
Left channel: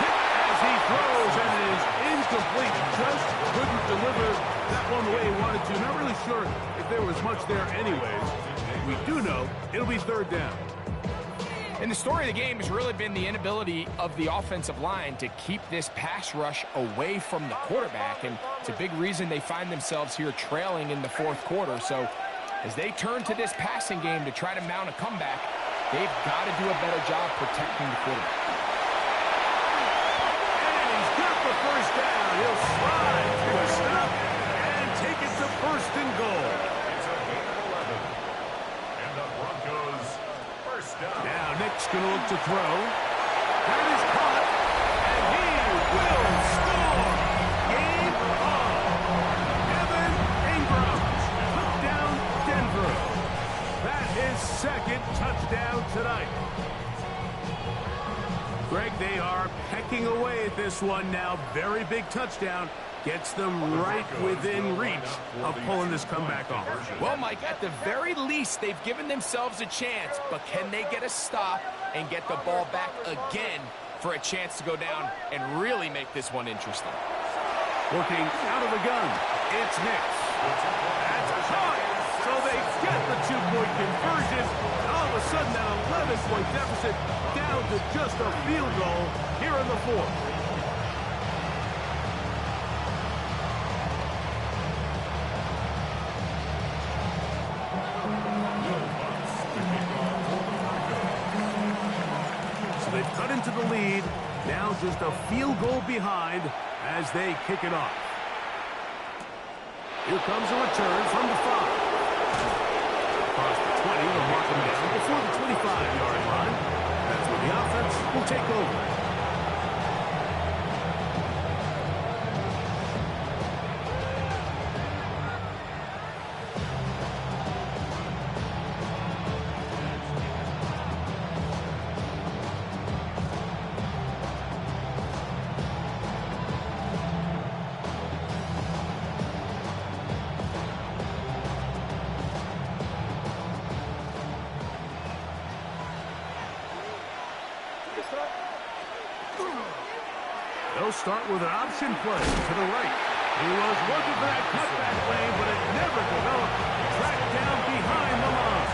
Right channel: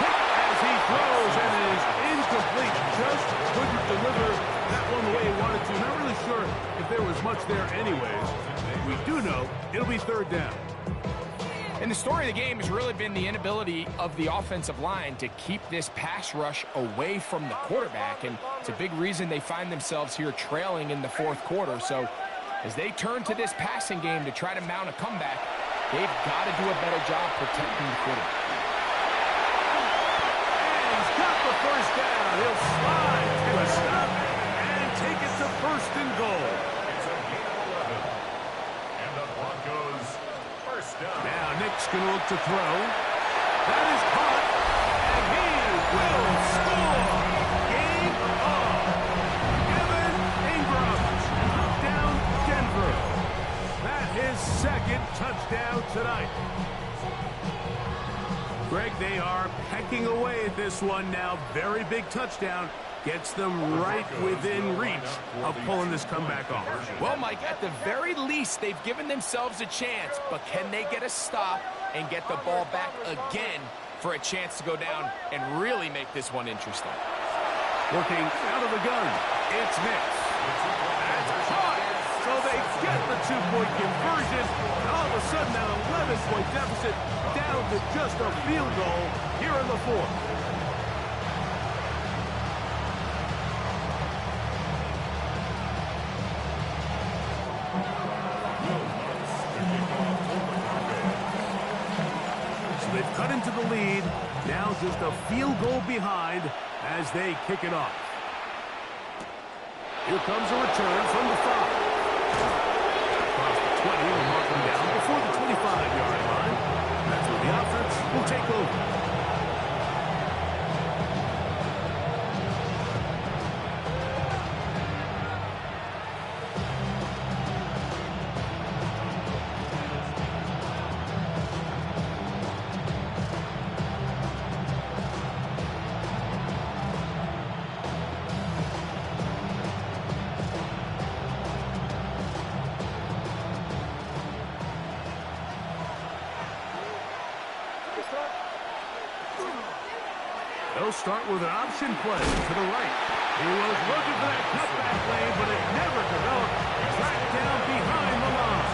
Hit as he throws, and it is incomplete. Just couldn't deliver that one the way he wanted to. Not really sure if there was much there anyways. We do know it'll be 3rd down. And the story of the game has really been the inability of the offensive line to keep this pass rush away from the quarterback. And it's a big reason they find themselves here trailing in the 4th quarter. So as they turn to this passing game to try to mount a comeback, they've got to do a better job protecting the quarterback. And he's got the 1st down. He'll slide to a stop and take it to 1st and goal. It's a gain of 11. And the Broncos first down. Now Nick's going to look to throw. That is caught, and he will score. Game on. Evan Ingram. Touchdown, Denver. That is 2nd touchdown tonight. Greg, they are pecking away at this one now. Very big touchdown. Gets them right within reach of pulling this comeback off. Well, Mike, at the very least, they've given themselves a chance, but can they get a stop and get the ball back again for a chance to go down and really make this one interesting? Working out of the gun, it's Nix. That's caught. So they get the 2-point conversion. And all of a sudden, that 11-point deficit down to just a field goal here in the 4th. So they've cut into the lead. Now just a field goal behind as they kick it off. Here comes a return from the 5. Across the 20, they'll mark him down before the 25-yard line. That's where the offense will take over. They'll start with an option play to the right. He was looking for that cutback lane, but it never developed. Tracked down behind the line.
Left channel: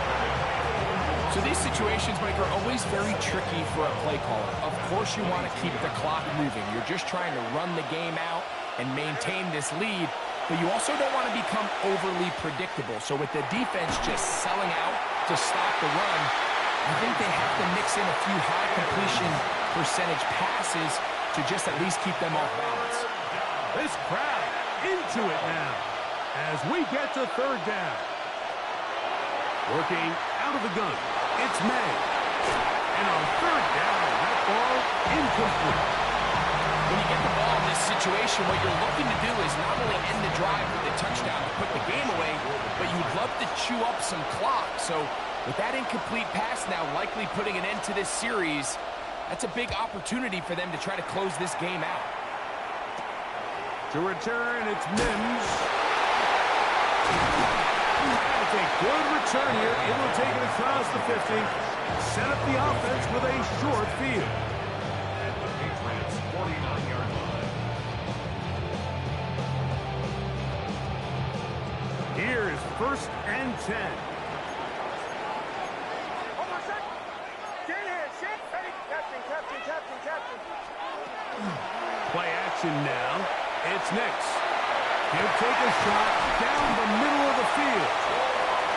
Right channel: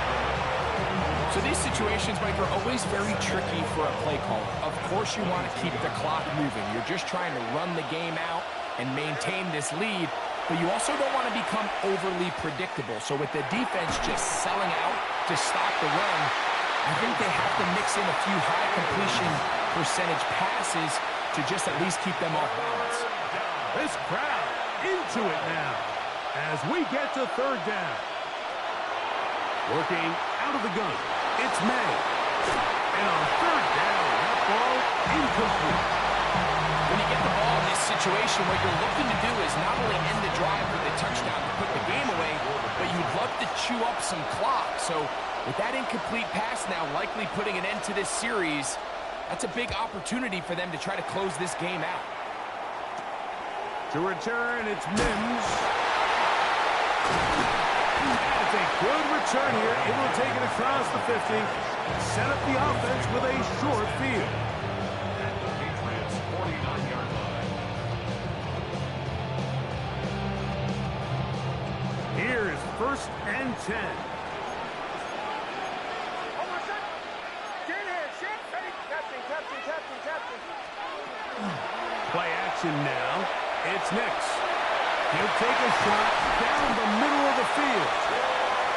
So these situations, Mike, are always very tricky for a play caller. Of course you want to keep the clock moving. You're just trying to run the game out and maintain this lead, but you also don't want to become overly predictable. So with the defense just selling out to stop the run, I think they have to mix in a few high completion percentage passes to just at least keep them off balance. This crowd into it now as we get to third down. Working out of the gun, it's May. And on third down, that ball incomplete. When you get the ball in this situation, what you're looking to do is not only end the drive with a touchdown to put the game away, but you'd love to chew up some clock. So with that incomplete pass now likely putting an end to this series, that's a big opportunity for them to try to close this game out. To return, it's Mims. That's a good return here. Able to take it across the 50. Set up the offense with a short field. At the Patriots' 49-yard line. Here is 1st and 10. Hold on, set. Get in here, shit. Ready? Captain. Play action now. It's Nix. He'll take a shot down the middle of the field.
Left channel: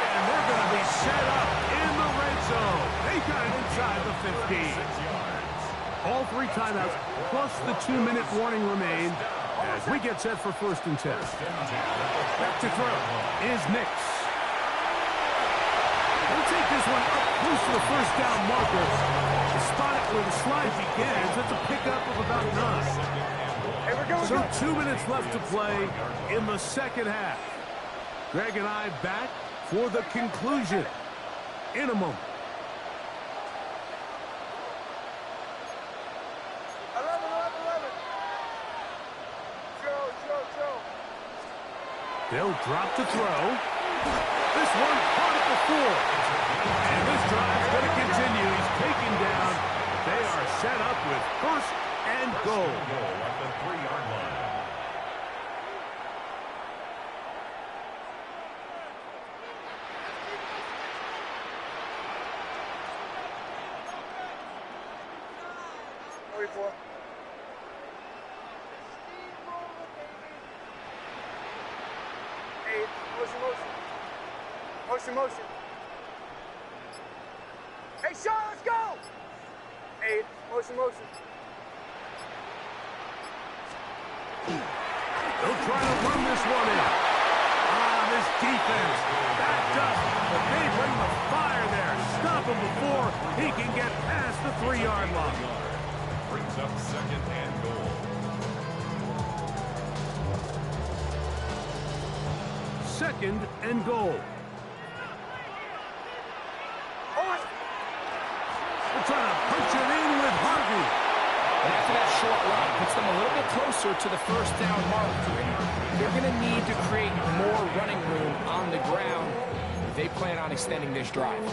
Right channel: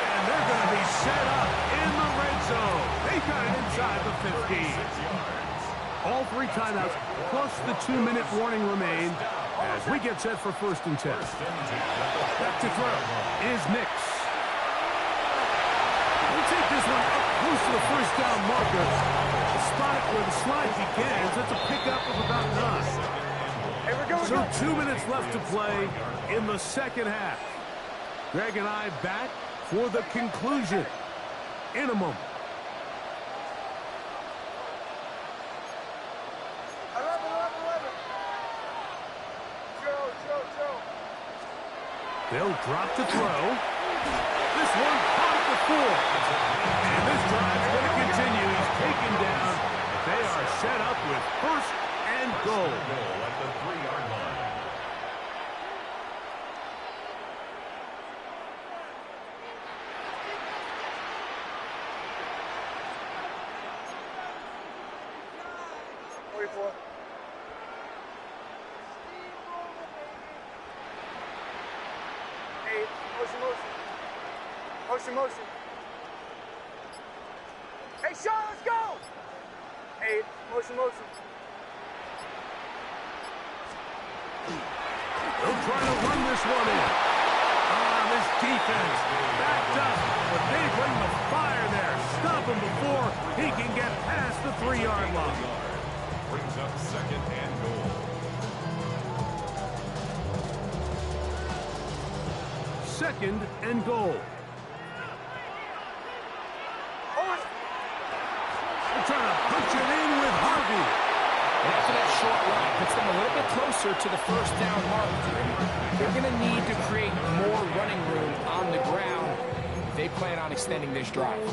And they're going to be set up in the red zone. They got it inside the 15. All 3 timeouts plus the 2-minute warning remain as we get set for 1st and 10. Back to throw is Nix. We'll take this one up close to the 1st down marker. To spot it where the slide begins, that's a pickup of about 9. So 2 minutes left to play in the second half. Greg and I back for the conclusion in a moment. 11. Joe. They'll drop to throw. This one caught at the 4. And this drive's going to continue. He's taken down. They are set up with 1st and goal. At the 3-yard line. Motion. Hey, Sean, let's go! 8, motion. They'll try to run this one in. This defense backed up, but they bring the fire there. Stop him before he can get past the 3-yard line. Brings up 2nd and goal. 2nd and goal. They're trying to punch it in with Harvey. And after that short run, puts them a little bit closer to the 1st down mark. They're going to need to create more running room on the ground if they plan on extending this drive.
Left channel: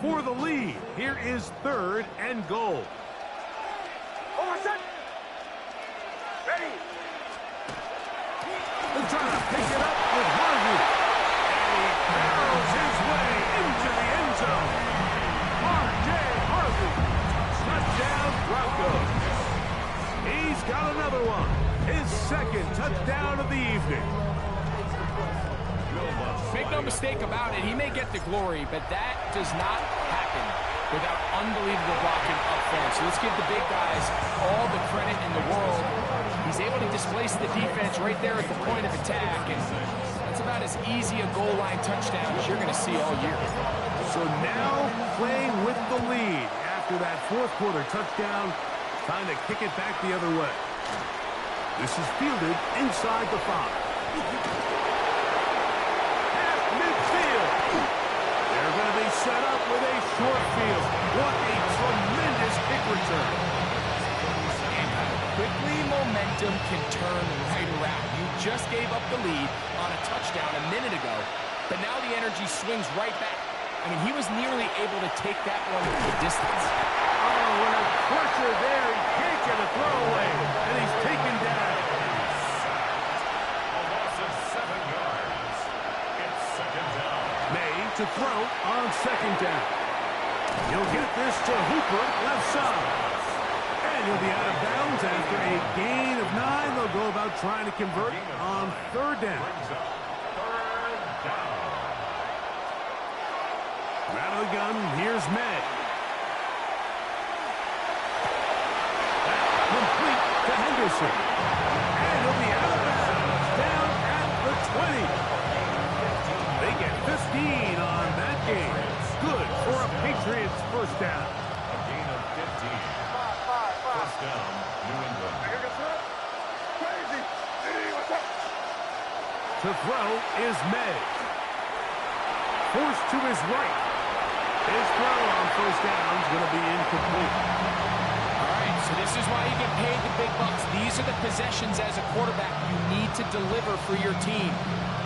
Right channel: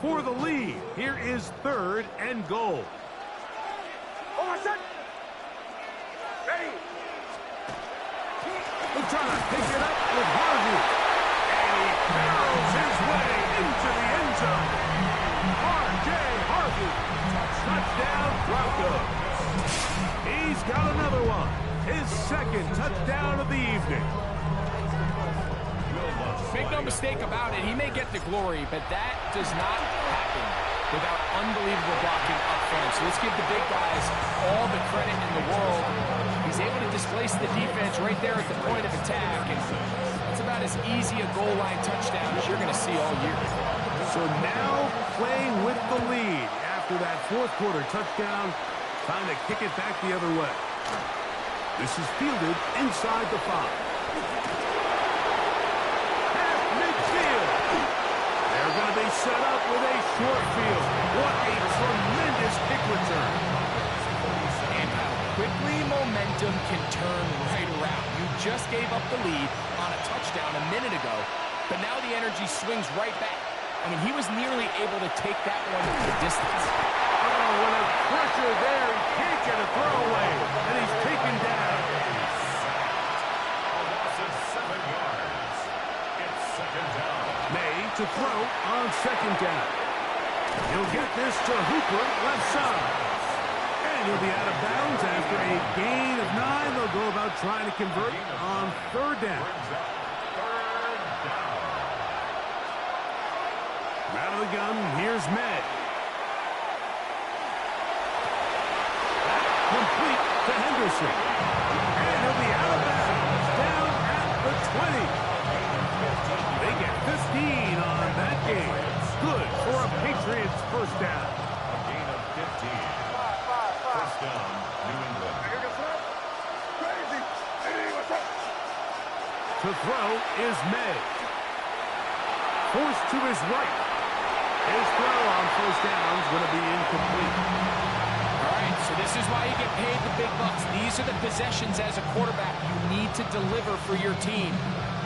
For the lead, here is 3rd and goal. Ready? They're trying to pick it up with Harvey. And he barrels his way into the end zone. R.J. Harvey. Touchdown, Broncos. He's got another one. His 2nd touchdown of the evening. Make no mistake about it, he may get the glory, but that does not happen without unbelievable blocking up front. So let's give the big guys all the credit in the world. He's able to displace the defense right there at the point of attack, and that's about as easy a goal line touchdown as you're going to see all year. So now playing with the lead after that 4th quarter touchdown, time to kick it back the other way. This is fielded inside the 5. They're going to be set up with a short field. What a tremendous kick return. And how quickly momentum can turn right around. You just gave up the lead on a touchdown a minute ago, but now the energy swings right back. I mean, he was nearly able to take that one the distance. Oh, what a pressure there. He can't get a throwaway, and he's taken down. A loss of 7 yards. It's second down. May to throw on second down. He'll get this to Hooper, left side. And he'll be out of bounds after a gain of 9. They'll go about trying to convert on third down. Brings up third down. Out of the gun, here's May. That complete to Henderson. And he'll be out of bounds, down at the 20. They get 15 on that game. Good for a Patriots first down. A gain of 15. First down, New England. Crazy. Hey, what's up? To throw is May. Forced to his right. His throw on first down is going to be incomplete. All right, so this is why you get paid the big bucks. These are the possessions as a quarterback you need to deliver for your team.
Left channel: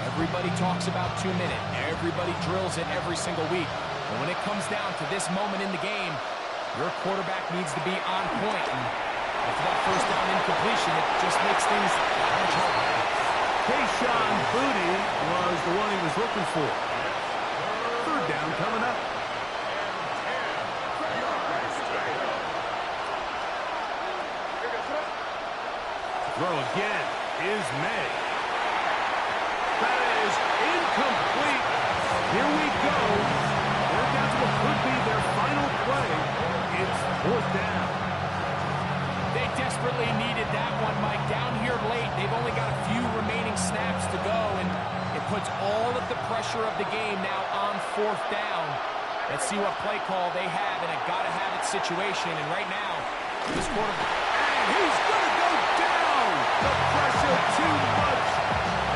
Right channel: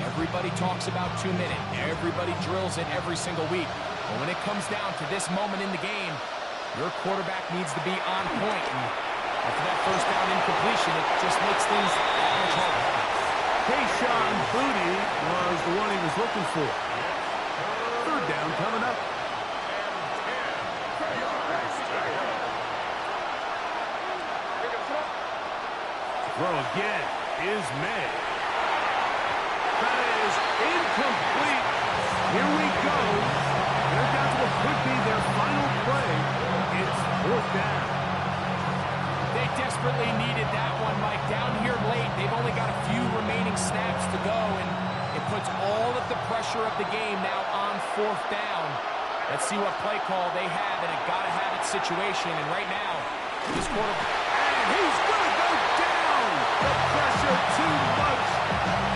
Everybody talks about 2 minute. Everybody drills it every single week. But when it comes down to this moment in the game, your quarterback needs to be on point. And after that first down incompletion, it just makes things that much harder. Kayshon Boutte was the one he was looking for. Third down coming up. Throw again is May. That is incomplete. Here we go. They're down to what could be their final play. It's fourth down. They desperately needed that one, Mike. Down here late, they've only got a few remaining snaps to go, and it puts all of the pressure of the game now on fourth down. Let's see what play call they have in a gotta-have-it situation. And right now, this quarterback... And he's going to go down. The pressure too much.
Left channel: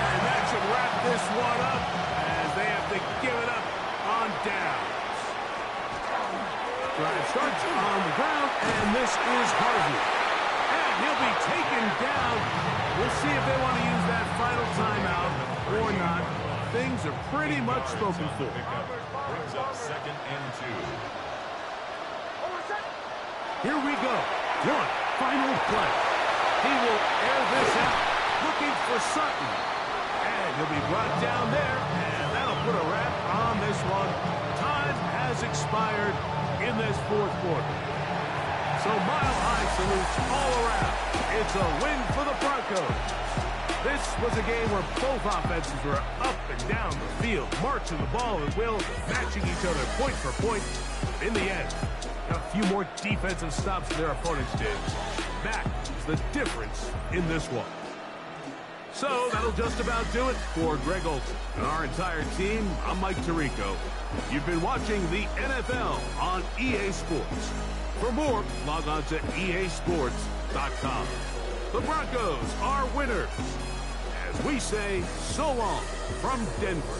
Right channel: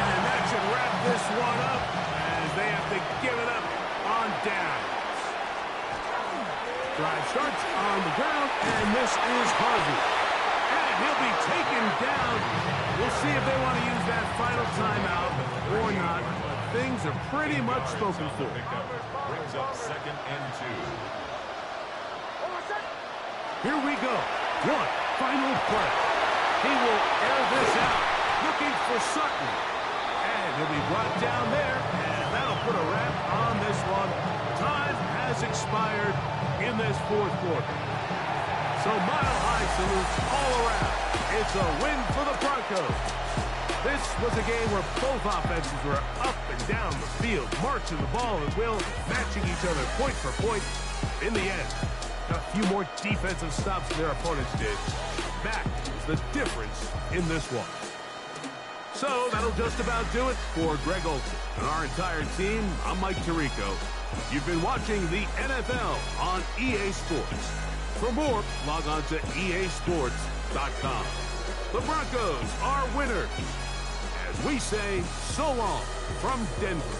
And that should wrap this one up as they have to give it up on downs. Drive starts on the ground, and this is Harvey. And he'll be taken down. We'll see if they want to use that final timeout or not. But things are pretty much spoken for. Brings up second and 2. Here we go. One final play. He will air this out. Looking for Sutton. And he'll be brought down there. And that'll put a wrap on this one. Time has expired in this fourth quarter. So mile-high salutes all around. It's a win for the Broncos. This was a game where both offenses were up and down the field, marching the ball at will, matching each other point for point. In the end, a few more defensive stops than their opponents did. That is the difference in this one. So that'll just about do it for Greg Olsen and our entire team. I'm Mike Tirico. You've been watching the NFL on EA Sports. For more, log on to easports.com. The Broncos are winners. As we say, so long from Denver.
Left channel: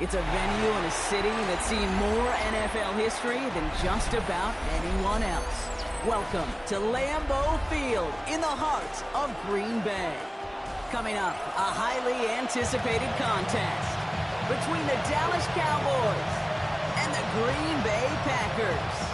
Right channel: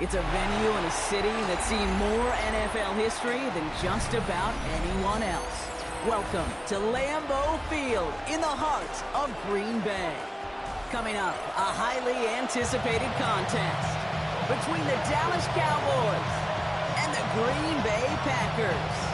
It's a venue in a city that's seen more NFL history than just about anyone else. Welcome to Lambeau Field in the heart of Green Bay. Coming up, a highly anticipated contest between the Dallas Cowboys and the Green Bay Packers.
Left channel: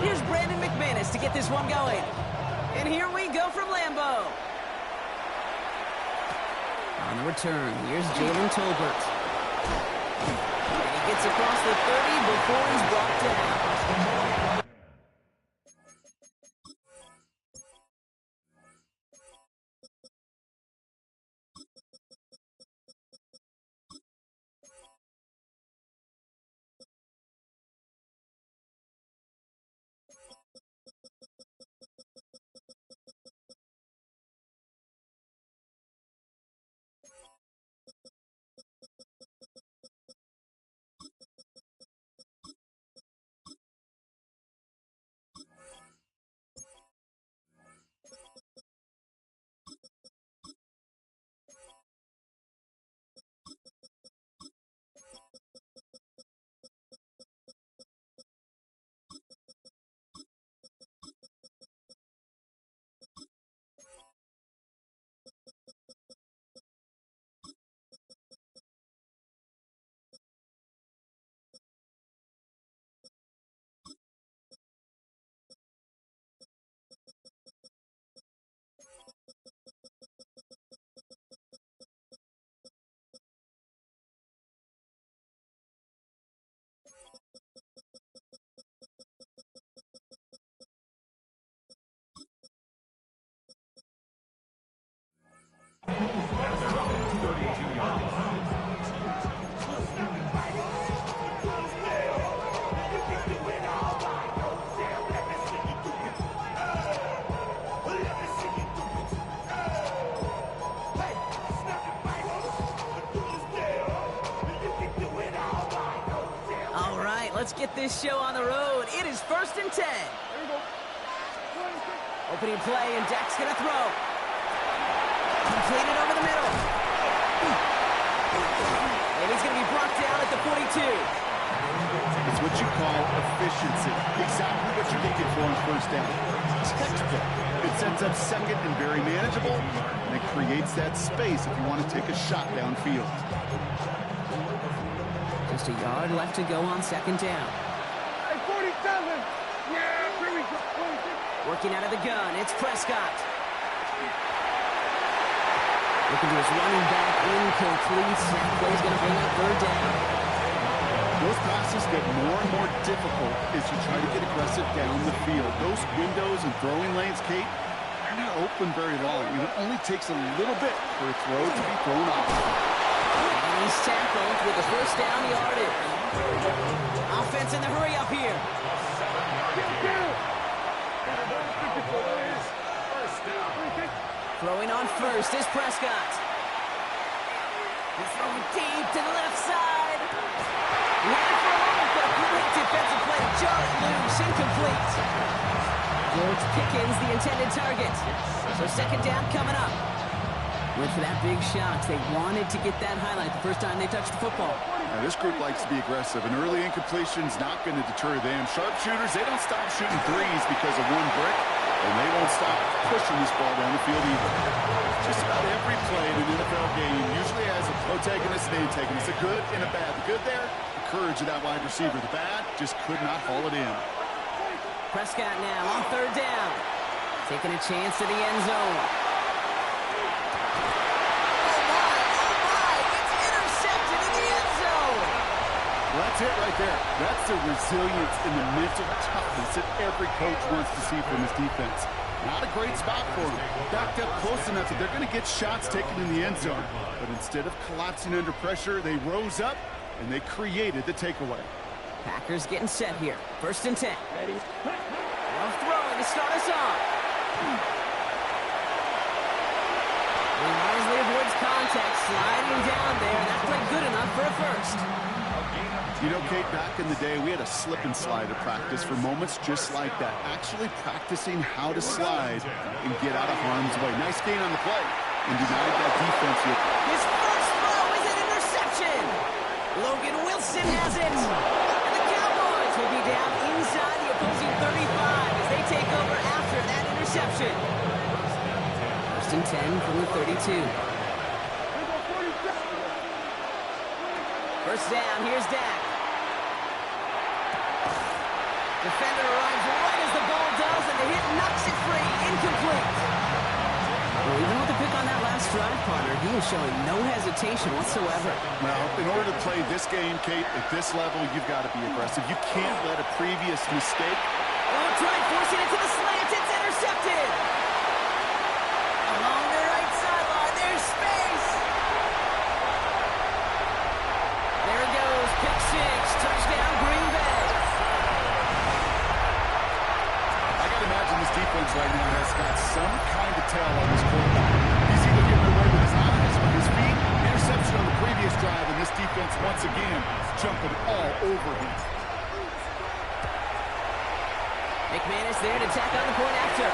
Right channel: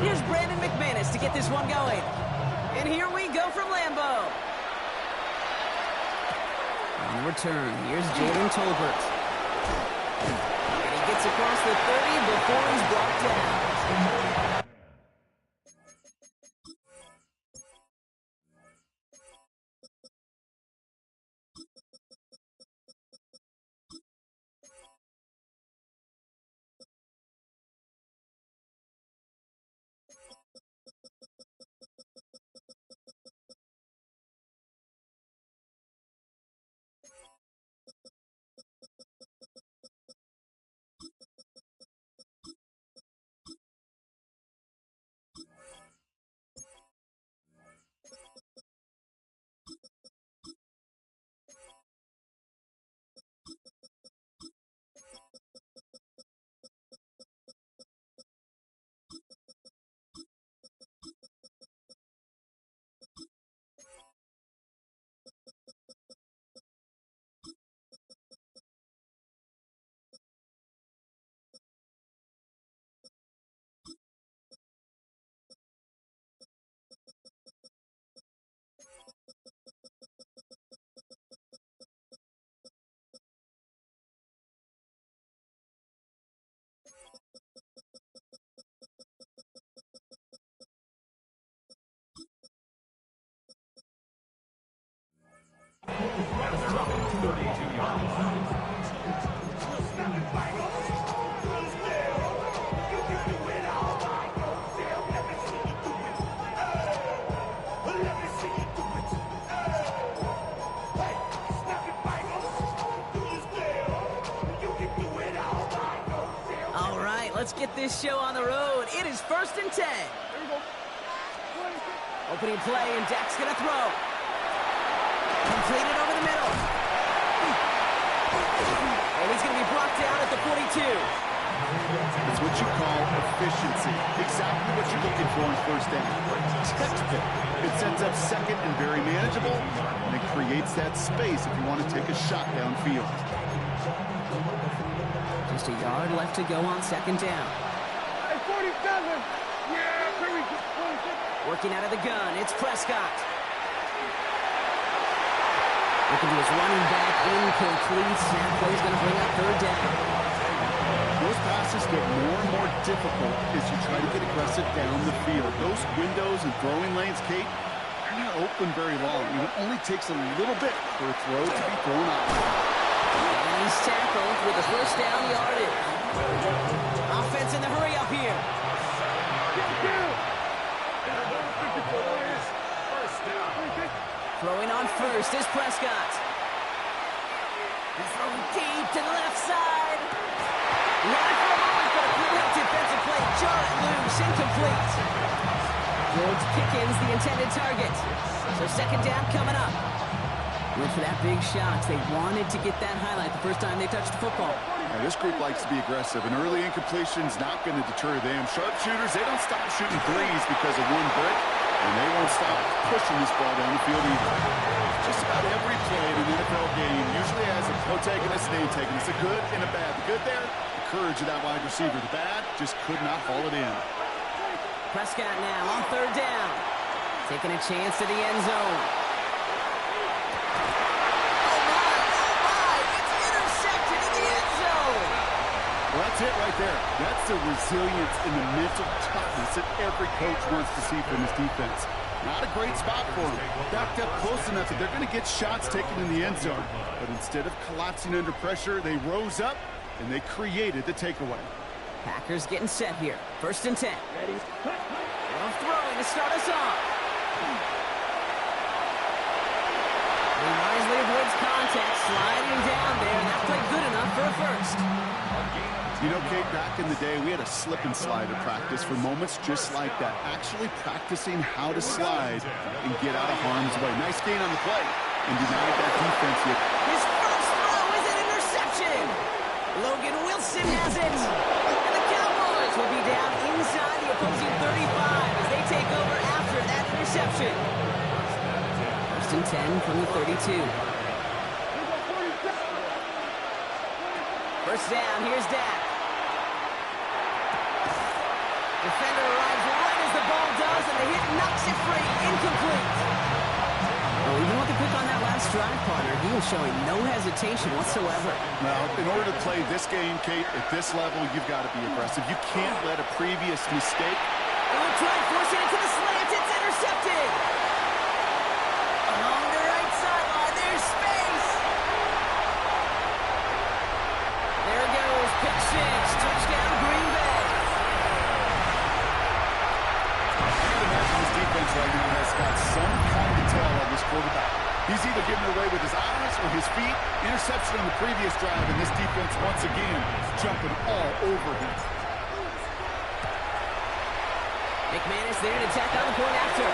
Here's Brandon McManus to get this one going. And here we go from Lambeau. On the return, here's Jalen Tolbert. And he gets across the 30 before he's brought down. And they're up at 32-yard line. All right, let's get this show on the road. It is 1st and 10. Opening play, and Dak's going to throw. Completed over the middle. And he's going to be brought down at the 42. It's what you call efficiency. Exactly what you're looking for on first down. Textbook. It sets up second and very manageable, and it creates that space if you want to take a shot downfield. Just a yard left to go on 2nd down. Hey, 47! Yeah, here we go. 46. Working out of the gun, it's Prescott. Looking to his running back, incomplete. Snap play's going to bring up 3rd down. Those passes get more and more difficult as you try to get aggressive down the field. Those windows and throwing lanes, Kate, they're not open very long. It only takes a little bit for a throw to be thrown off. And he's tackled with a 1st down yardage. Offense in the hurry up here. First down. Throwing on 1st is Prescott. He's throwing deep to the left side. He had it for a moment, but a great defensive play to jar it loose. Incomplete. George Pickens, the intended target. So 2nd down coming up. Went for that big shot. They wanted to get that highlight the first time they touched the football. Now, this group likes to be aggressive. An early incompletion's not going to deter them. Sharpshooters, they don't stop shooting threes because of one brick, and they won't stop pushing this ball down the field either. Just about every play in an NFL game usually has a protagonist and antagonist, a good and a bad. The good there, the courage of that wide receiver. The bad, just could not haul it in. Prescott now on 3rd down. Taking a chance to the end zone. Well, that's it right there. That's the resilience and the mental toughness that every coach wants to see from his defense. Not a great spot for them. Backed up close enough that they're going to get shots taken in the end zone. But instead of collapsing under pressure, they rose up and they created the takeaway. Packers getting set here. 1st and 10. Ready? Love throwing to start us off. He wisely avoids contact, sliding down there. That played good enough for a first. You know, Kate, back in the day, we had a slip and slide at practice for moments just like that. Actually practicing how to slide and get out of harm's way. Nice gain on the play and denied that defense yet. His first throw is an interception. Logan Wilson has it. And the Cowboys will be down inside the opposing 35 as they take over after that interception. 1st and 10 from the 32. First down, here's Dak. Defender arrives right as the ball does, and the hit knocks it free. Incomplete. Well, even with the pick on that last drive, partner, he is showing no hesitation whatsoever. Well, in order to play this game, Kate, at this level, you've got to be aggressive. You can't let a previous mistake. Oh, tried forcing it to the slant. It's intercepted. Along the right sideline, there's space. There it goes, pick 6, touchdown Green Bay. I got to imagine this defense right now has got some kind of tell on this quarterback. He's either giving away with his eyes or his feet. Interception on the previous drive, and this defense once again jumping all over him. McManus there to tack on the point after.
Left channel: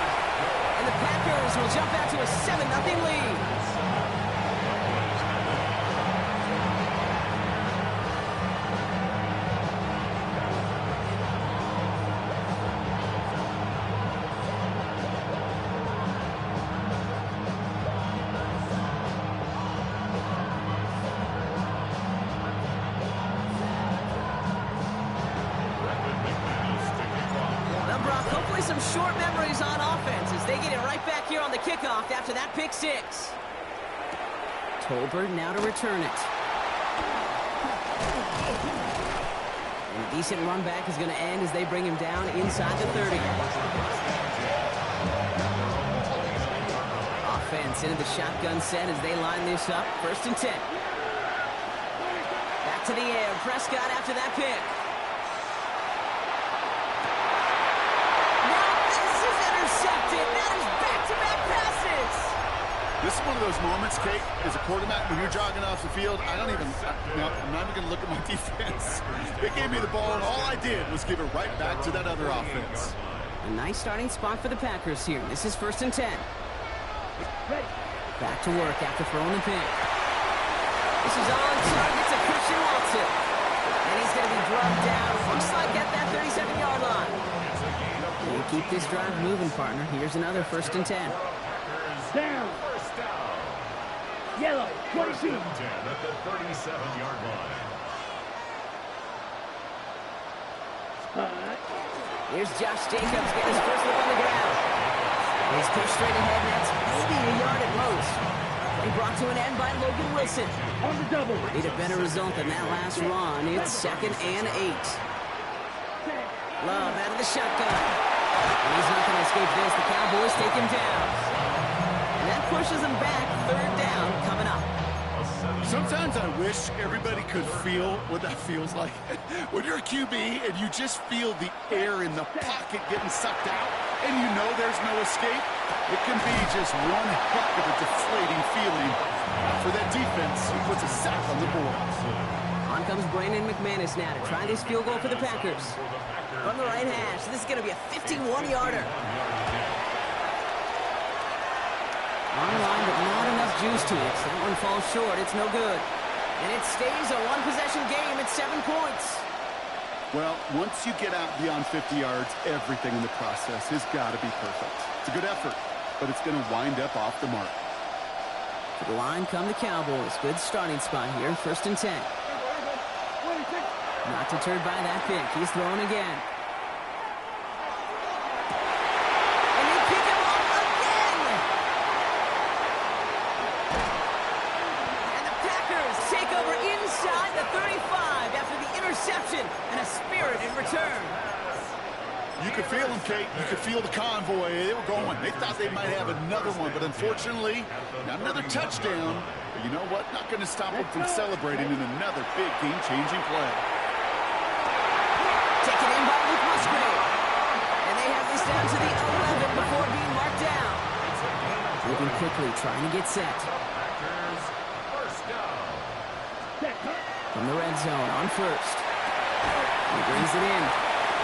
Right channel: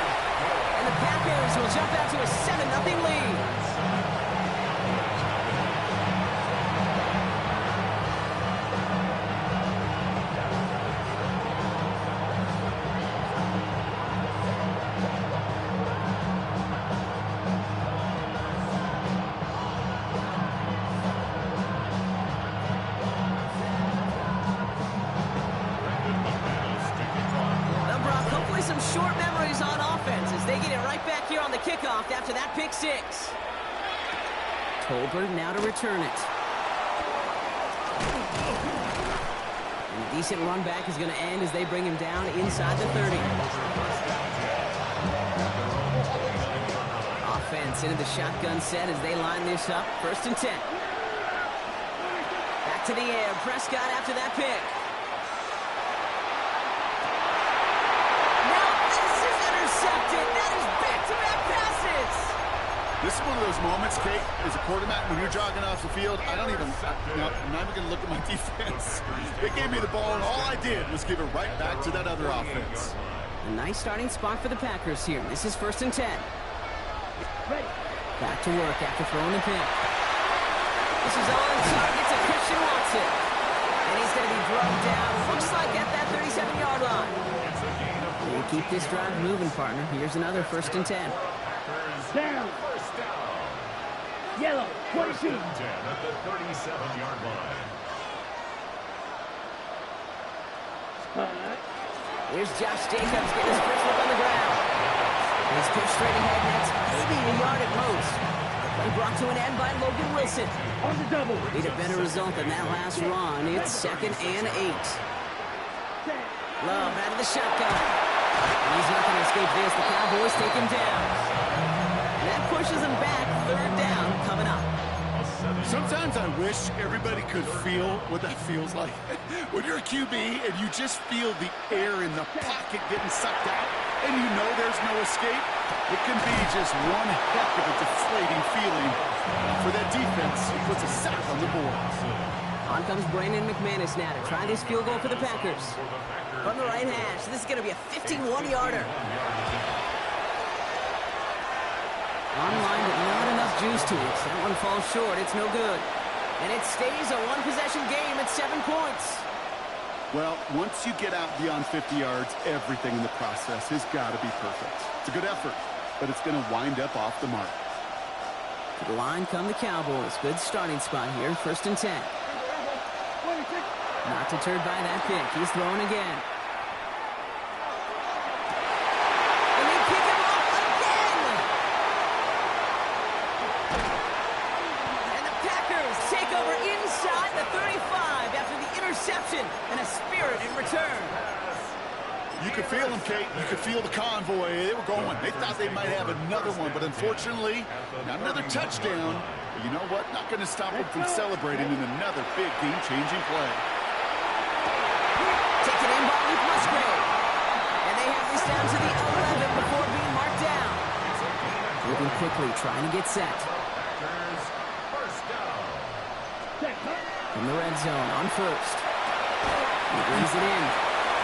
And the Packers will jump out to a 7-0 lead. Some short memories on offense as they get it right back here on the kickoff after that pick 6. Tolbert now to return it. And a decent run back is going to end as they bring him down inside the 30. Offense into the shotgun set as they line this up. 1st and 10. Back to the air. Prescott after that pick. Intercepted. That is back-to-back passes. This is one of those moments, Kate, as a quarterback, when you're jogging off the field, I'm not even going to look at my defense. They gave me the ball, and all I did was give it right back to that other offense. A nice starting spot for the Packers here. This is 1st and 10. Back to work after throwing the pick. This is on target to Christian Watson. And he's going to be drugged down, looks like at that 37-yard line. They keep this drive moving, partner. Here's another 1st and 10. Down. First down. Yellow. 22. 10 at the 37-yard line. Here's Josh Jacobs getting his first look on the ground. He's pushed straight ahead, and that's maybe a yard at most. Play brought to an end by Logan Wilson. On the double. Need a better result than that last run. It's 2nd and 8. Love out of the shotgun. And he's not going to escape this. The Cowboys take him down. And that pushes him back. 3rd down coming up. Sometimes I wish everybody could feel what that feels like. When you're a QB and you just feel the air in the pocket getting sucked out and you know there's no escape, it can be just one heck of a deflating feeling for that defense who puts a sack on the board. On comes Brandon McManus now to try this field goal for the Packers. From the right hash, this is going to be a 51-yarder. Online, but not enough juice to it. That one falls short. It's no good. And it stays a one-possession game at 7 points. Well, once you get out beyond 50 yards, everything in the process has got to be perfect. It's a good effort, but it's going to wind up off the mark. To the line come the Cowboys. Good starting spot here. 1st and 10. Not deterred by that pick. He's throwing again. And they pick him off again! And the Packers take over inside the 35 after the interception and a spirited return. You could feel them, Kate. You could feel the convoy. They were going. They thought they might have another one, but unfortunately, not another touchdown. But you know what? Not going to stop them from celebrating in another big game-changing play. Taken in by Luke Musgrave. And they have this down to the 11 before being marked down. Moving quickly, trying to get set. Packers, first down. From the red zone on first. He brings it in.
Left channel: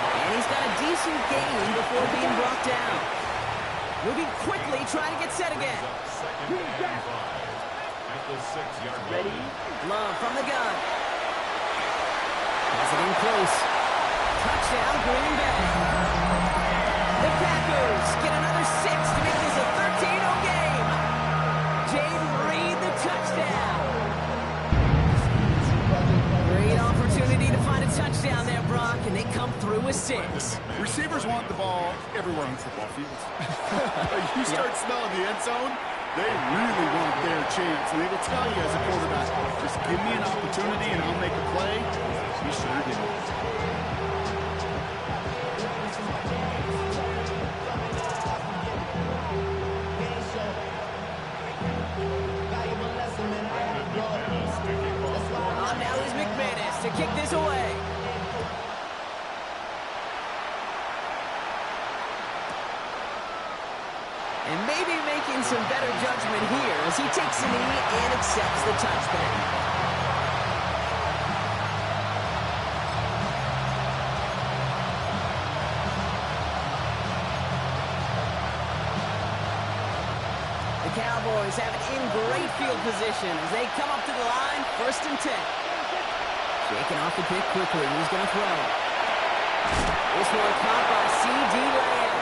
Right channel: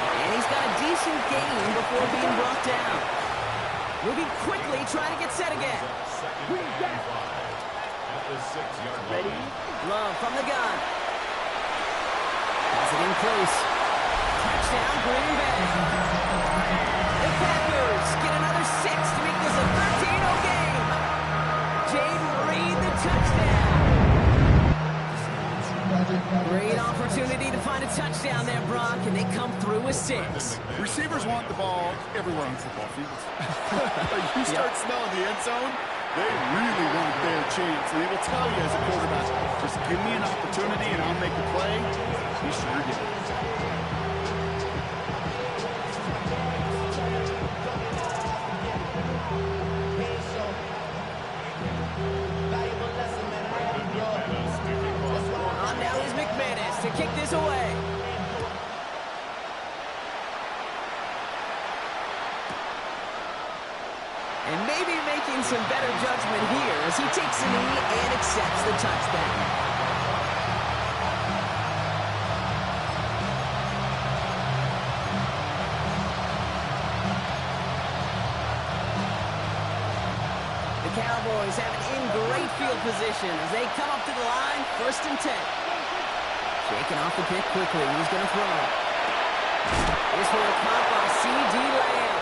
And he's got a decent gain before being brought down. Moving quickly, trying to get set again. Second and 5 at the 6-yard line. Ready? Love from the gun. Has it in close. Touchdown, Green Bay. The Packers get another 6 to make this a 13-0 game. Jaden Reed, the touchdown. Great opportunity to find a touchdown there, Brock, and they come through with 6. Receivers want the ball everywhere on football fields. You start smelling the end zone, they really want their chance. And they will tell you as a quarterback, just give me an opportunity and I'll make a play. He sure did. Now is McManus to kick this away. And maybe making some better judgment here as he takes a knee and accepts the touchback. The Cowboys have it in great field position as they come up to the line, 1st and 10. Shaking off the pick quickly. He's going to throw. This one caught by C.D. Lamb.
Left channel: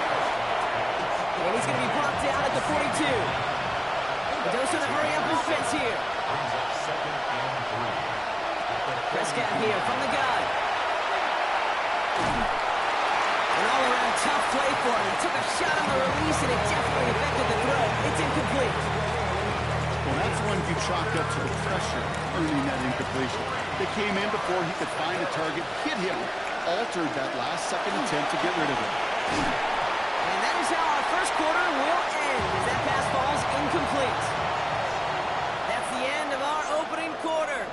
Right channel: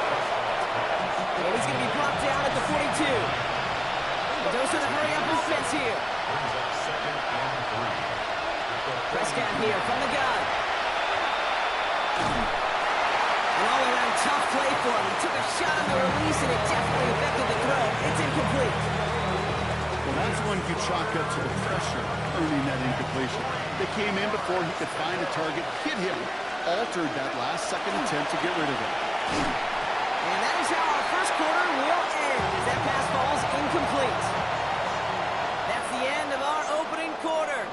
And he's going to be brought down at the 42. The Dose with a hurry-up offense here. Brings up 2nd and 3. Prescott here from the gun. An all-around tough play for him. He took a shot on the release, and it definitely affected the throw. It's incomplete. Well, that's when you chalk up to the pressure earning that incompletion. They came in before he could find a target, hit him, altered that last-second attempt to get rid of it. And that is how our first quarter will end as that pass falls incomplete. That's the end of our opening quarter.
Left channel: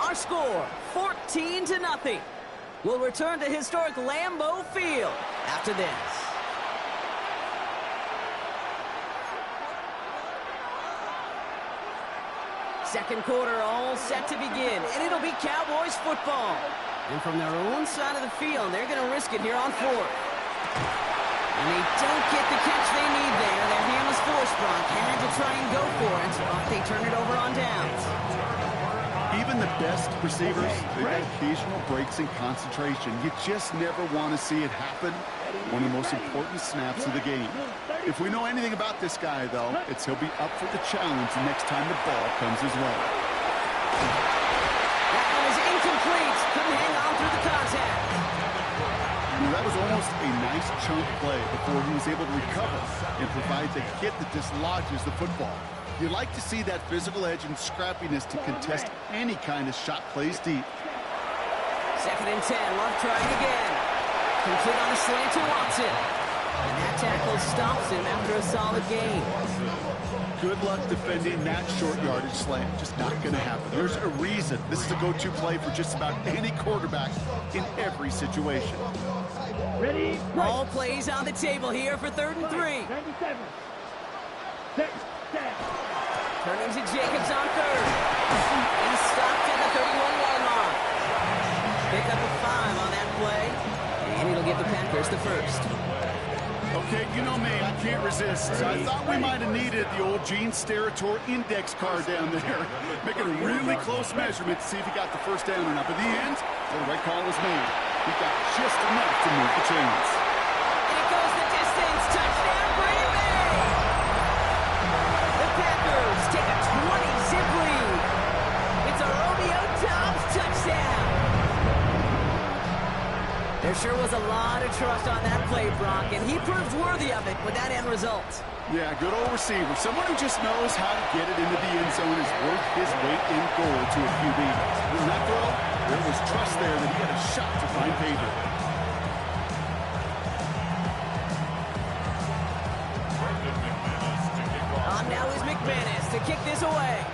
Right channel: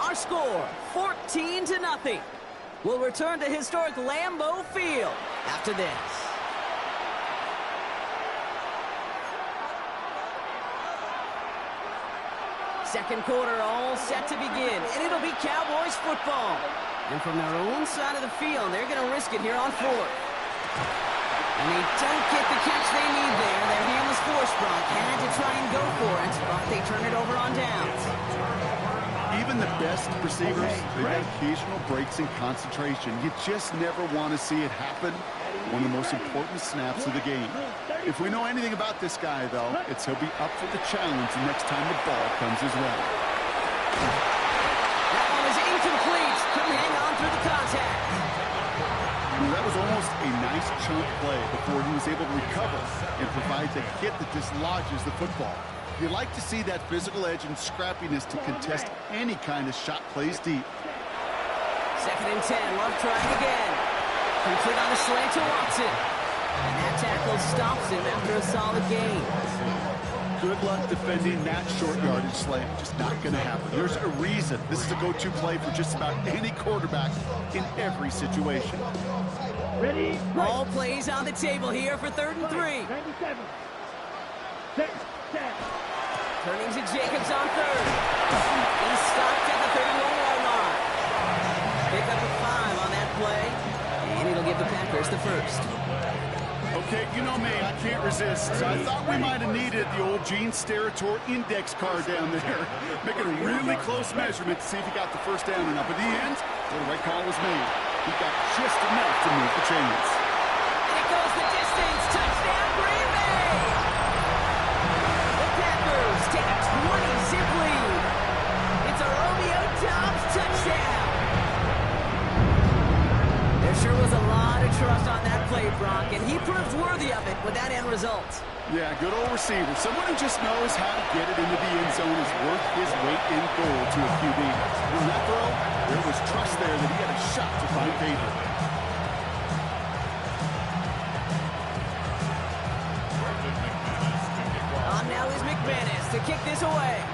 Our score, 14-0. We'll return to historic Lambeau Field after this. Second quarter all set to begin, and it'll be Cowboys football. And from their own side of the field, they're going to risk it here on 4th. And they don't get the catch they need there. Their hand was forced, Brock. Had to try and go for it, but they turn it over on downs. Even the best receivers, they've got occasional breaks in concentration. You just never want to see it happen. One of the most important snaps of the game. If we know anything about this guy, though, it's he'll be up for the challenge the next time the ball comes his way. That one is incomplete. Couldn't hang on through the contact. That was almost a nice chunk play before he was able to recover and provide the hit that dislodges the football. You like to see that physical edge and scrappiness to contest any kind of shot plays deep. 2nd and 10. Love trying again. Complete on the slant to Watson. And that tackle stops him after a solid gain. Good luck defending that short yardage slant. Just not going to happen. There's a reason this is a go-to play for just about any quarterback in every situation. Ready? All plays on the table here for 3rd and 3. 97. 6, 10. Turning to Jacobs on 3rd. He's stopped at the 31-yard line. Pick up a 5 on that play. And it'll give the Packers the 1st. Okay, you know me, I can't resist. So I thought we might have needed the old Gene Steratore index card down there. Making a really close measurement to see if he got the 1st down or not. But in the end, the right call was made. He got just enough to move the chains. And it goes the distance. Touchdown, Green Bay! The Packers take a 20-zip lead. It's a Romeo Doubs touchdown. There sure was a lot of trust on that play, Brock, and he proved worthy of it with that end result. Yeah, good old receiver. Someone who just knows how to get it into the end zone is worth his weight in gold to a QB. In that throw, there was trust there that he had a shot to find pay dirt. McManus to kick this away.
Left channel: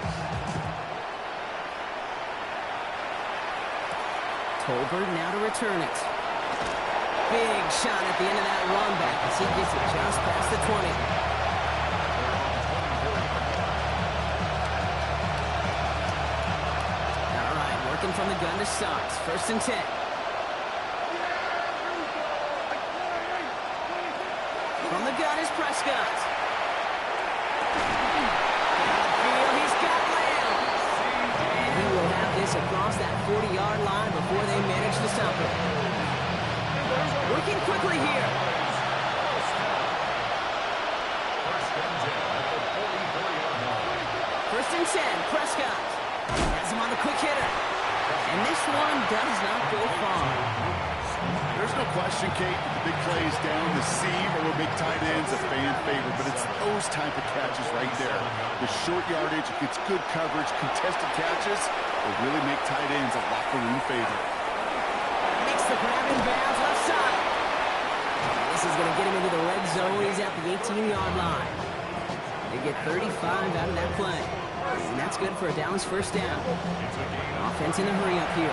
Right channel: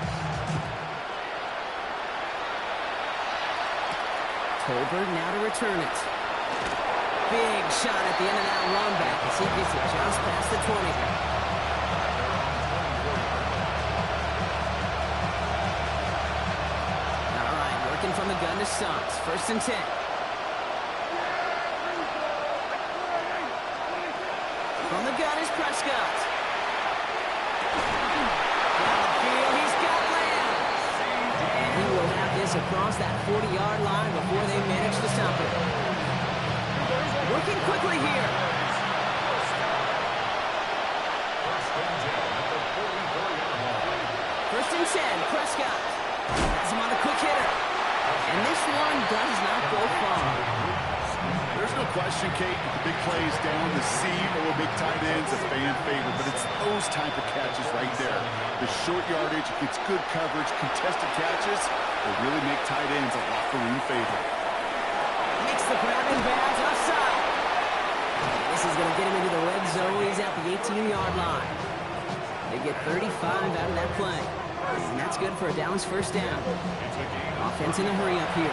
Tolbert now to return it. Big shot at the end of that run back as he gets it just past the 20. All right, working from the gun to Stocks. 1st and 10. From the gun is Prescott. Down the field, he's got Lamb. And he will have this across that 40-yard line before they manage to stop it. Working quickly here. First and 10, Prescott. Has him on the quick hitter. And this one does not go far. There's no question, Kate, the big plays down the seam or big tight ends a fan favorite, but it's those type of catches right there. The short yardage, it gets good coverage, contested catches will really make tight ends a locker room favorite. Makes the grab in bounds left side. And this is going to get him into the red zone. He's at the 18-yard line. They get 35 out of that play. And that's good for a Dallas 1st down. Offense in a hurry up here.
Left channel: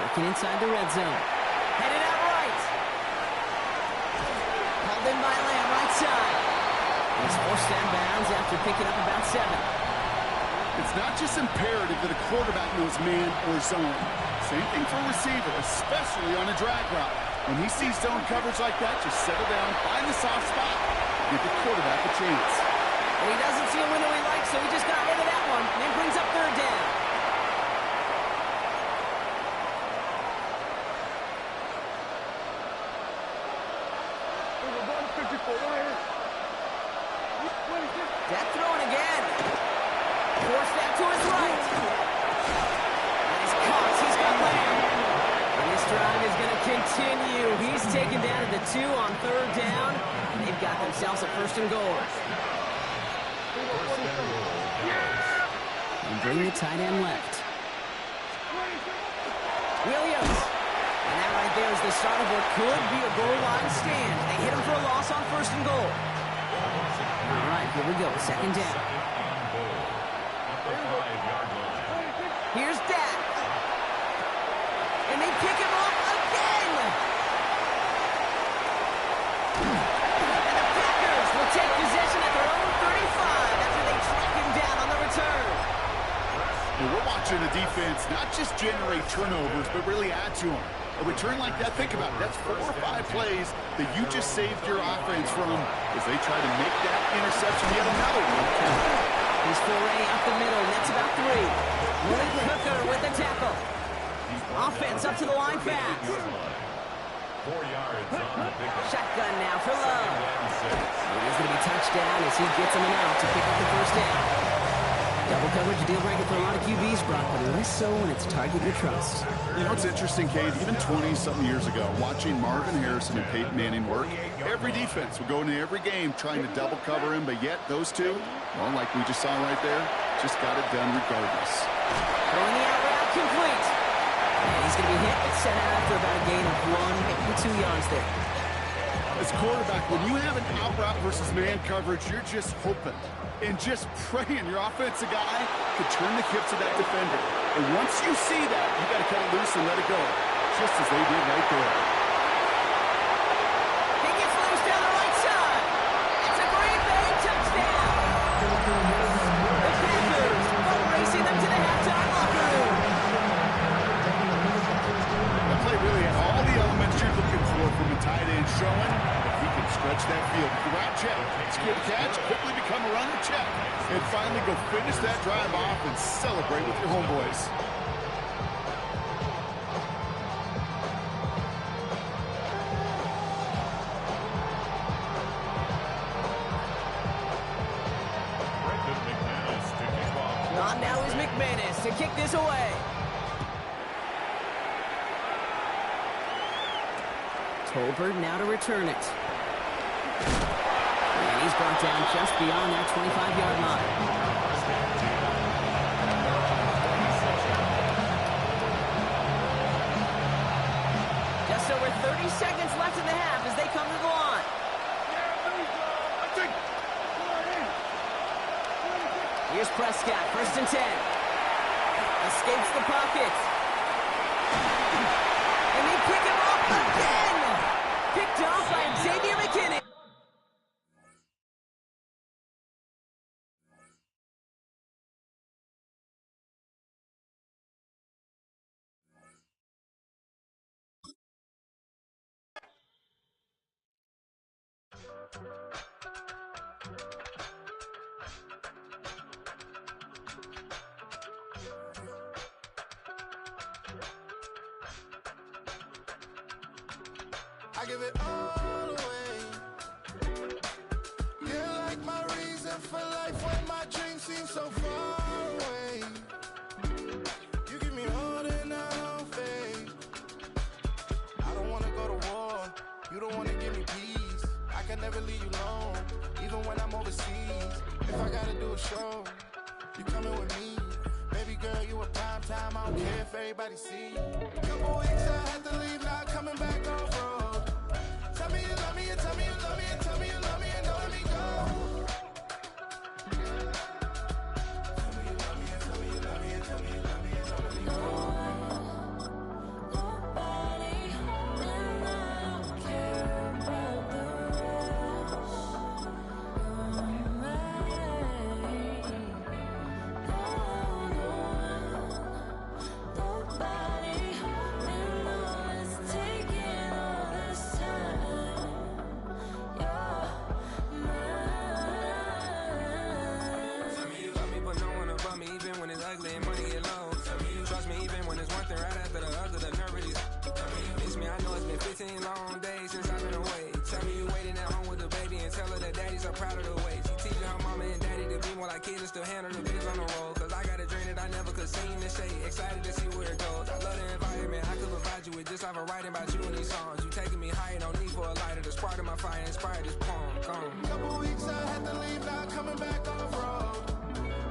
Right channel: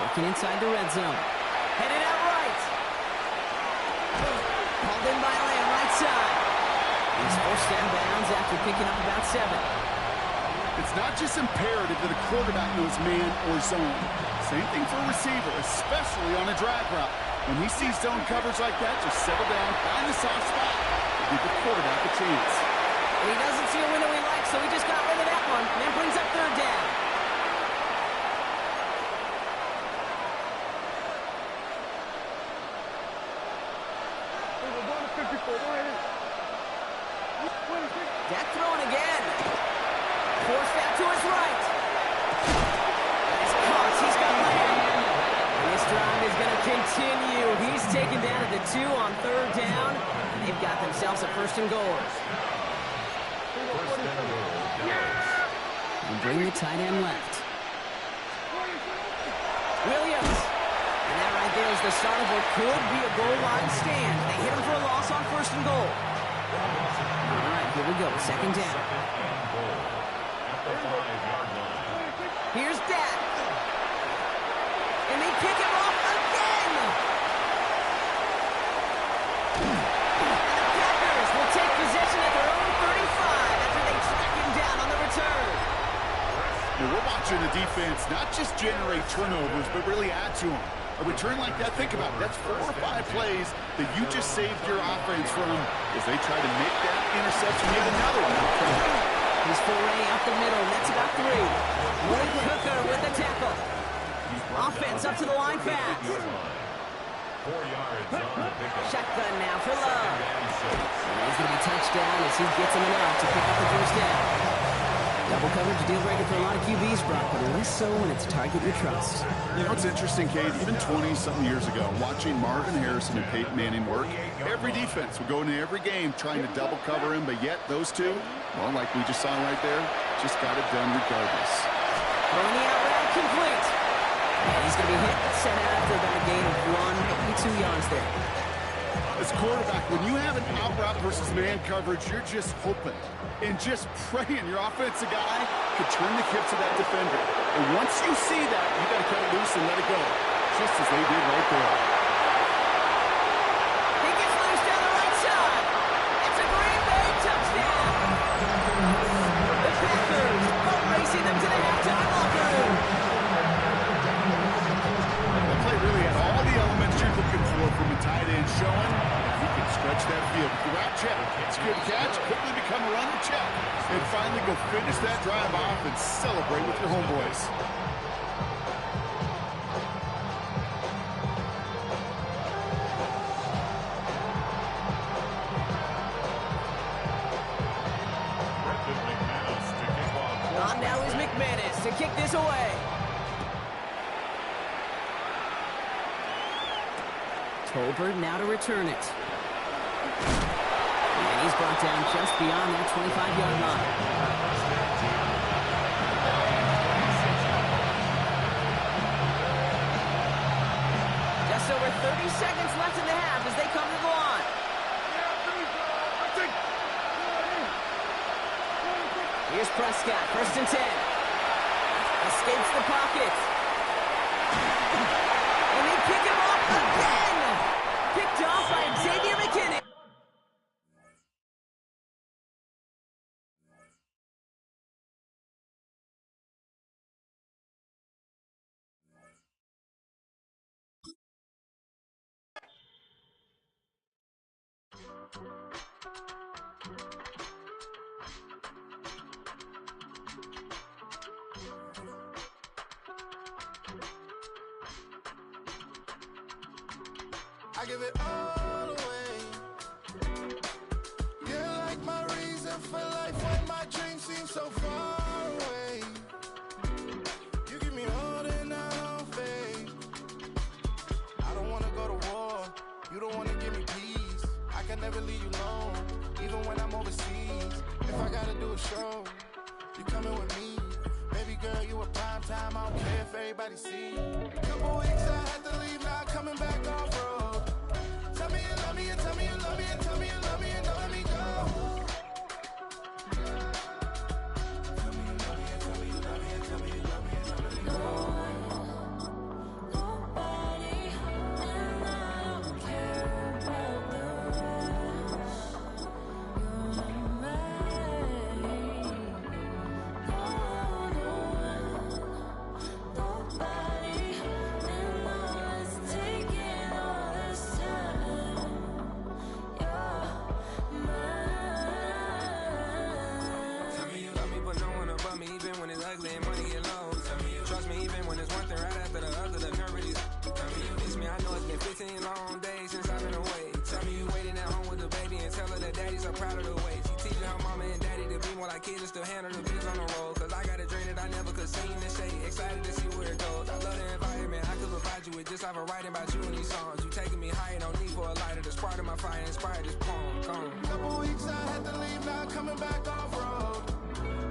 Working inside the red zone. Headed out right. Called in by Lamb, right side. He's forced down bounds after picking up about 7. It's not just imperative that a quarterback knows man or zone. Same thing for a receiver, especially on a drag route. When he sees zone coverage like that, just settle down, find the soft spot, and give the quarterback a chance. And he doesn't see a window he likes, so he just got rid of that one. Then brings up 3rd down. Death throwing again. Forced out to his right. And he's caught. He's got Lamb. And this drive is going to continue. He's taken down at the 2 on 3rd down. And they've got themselves a 1st and goal. And bring the tight end left. Williams. And that right there is the start of what could be a goal line stand. They hit him for a loss on 1st and goal. All right, here we go. 2nd down. Here's Dak. And they pick him off again. And the Packers will take possession at their own 35 after they track him down on the return. And we're watching the defense not just generate turnovers, but really add to them. A return like that, think about it, that's 4 or 5 plays that you just saved your offense from as they try to make that interception yet another one. His foray up the middle, nets about 3. Malik Hooker with the tackle. Offense up to the line fast. 4 yards on the pickup. Shotgun now for Love. And he's going to be touched down as he gets him an out to pick up the 1st down. Double coverage, a deal breaker for a lot of QBs, Brock, but less so when it's a target you trust. You know, it's interesting, Kate, even 20-something years ago, watching Marvin Harrison and Peyton Manning work, every defense would go into every game trying to double cover him, but yet those two, well, like we just saw right there, just got it done regardless. Throwing the out route complete. And he's going to be hit but sent out after about a gain of 1, maybe 2 yards there. As quarterback, when you have an out route versus man coverage, you're just hoping and just praying your offensive guy could turn the hips of that defender. And once you see that, you got to cut it loose and let it go, just as they did right there. He gets loose down the right side. It's a Green Bay touchdown. The Packers boat racing them to the halftime locker room. The play really had all the elements you're looking for from a tight end, showing that he can stretch that field. The route check, secure the catch, quickly become a runner check, and finally go finish that drive off and celebrate with your homeboys. On now is McManus to kick this away. Tolbert now to return it. And he's brought down just beyond that 25-yard line. Just over 30 seconds left in the half as they come to the line. Here's Prescott, 1st and 10. Escapes the pocket. And they pick him off again. Picked off by Xavier McKinney. I give it all away. You're like my reason for life when my dreams seem so far away. You give me all that I don't fade. I don't wanna go to war. You don't wanna give me peace. I can never leave you alone, even when I'm overseas. If I gotta do a show, you coming with me. Baby girl, you a prime time. I don't care if everybody see. Couple weeks I had to leave, now coming back off road. Tell me you love me, and tell me you love me, and tell me you love me, and don't let me go. Tell me you love me, and tell me you love me, and tell me you love me, and don't let me go. Nobody, and I don't care about the rest. You're mine. Nobody, and all is taking all this time. You're mine. Tell me you love me, but no one above me, even when it's ugly and money get low. Trust me, even when it's one thing right after the other, the nerve of these. Miss me, I know it's been 15 long days since I've been away. Tell me you waiting at home with the baby and tell her that daddy's so proud of the way. She teaching her mama and daddy to be more like kids and still handle the biz on the road. Cause I got a dream that I never could see in the shade. Excited to see where it goes. I love the environment. I could provide you with just like a writing about you in these songs. You taking me higher, no need for a lighter. The spark of my fire inspired this poem. Gone. Couple weeks I had to leave, now coming back off road.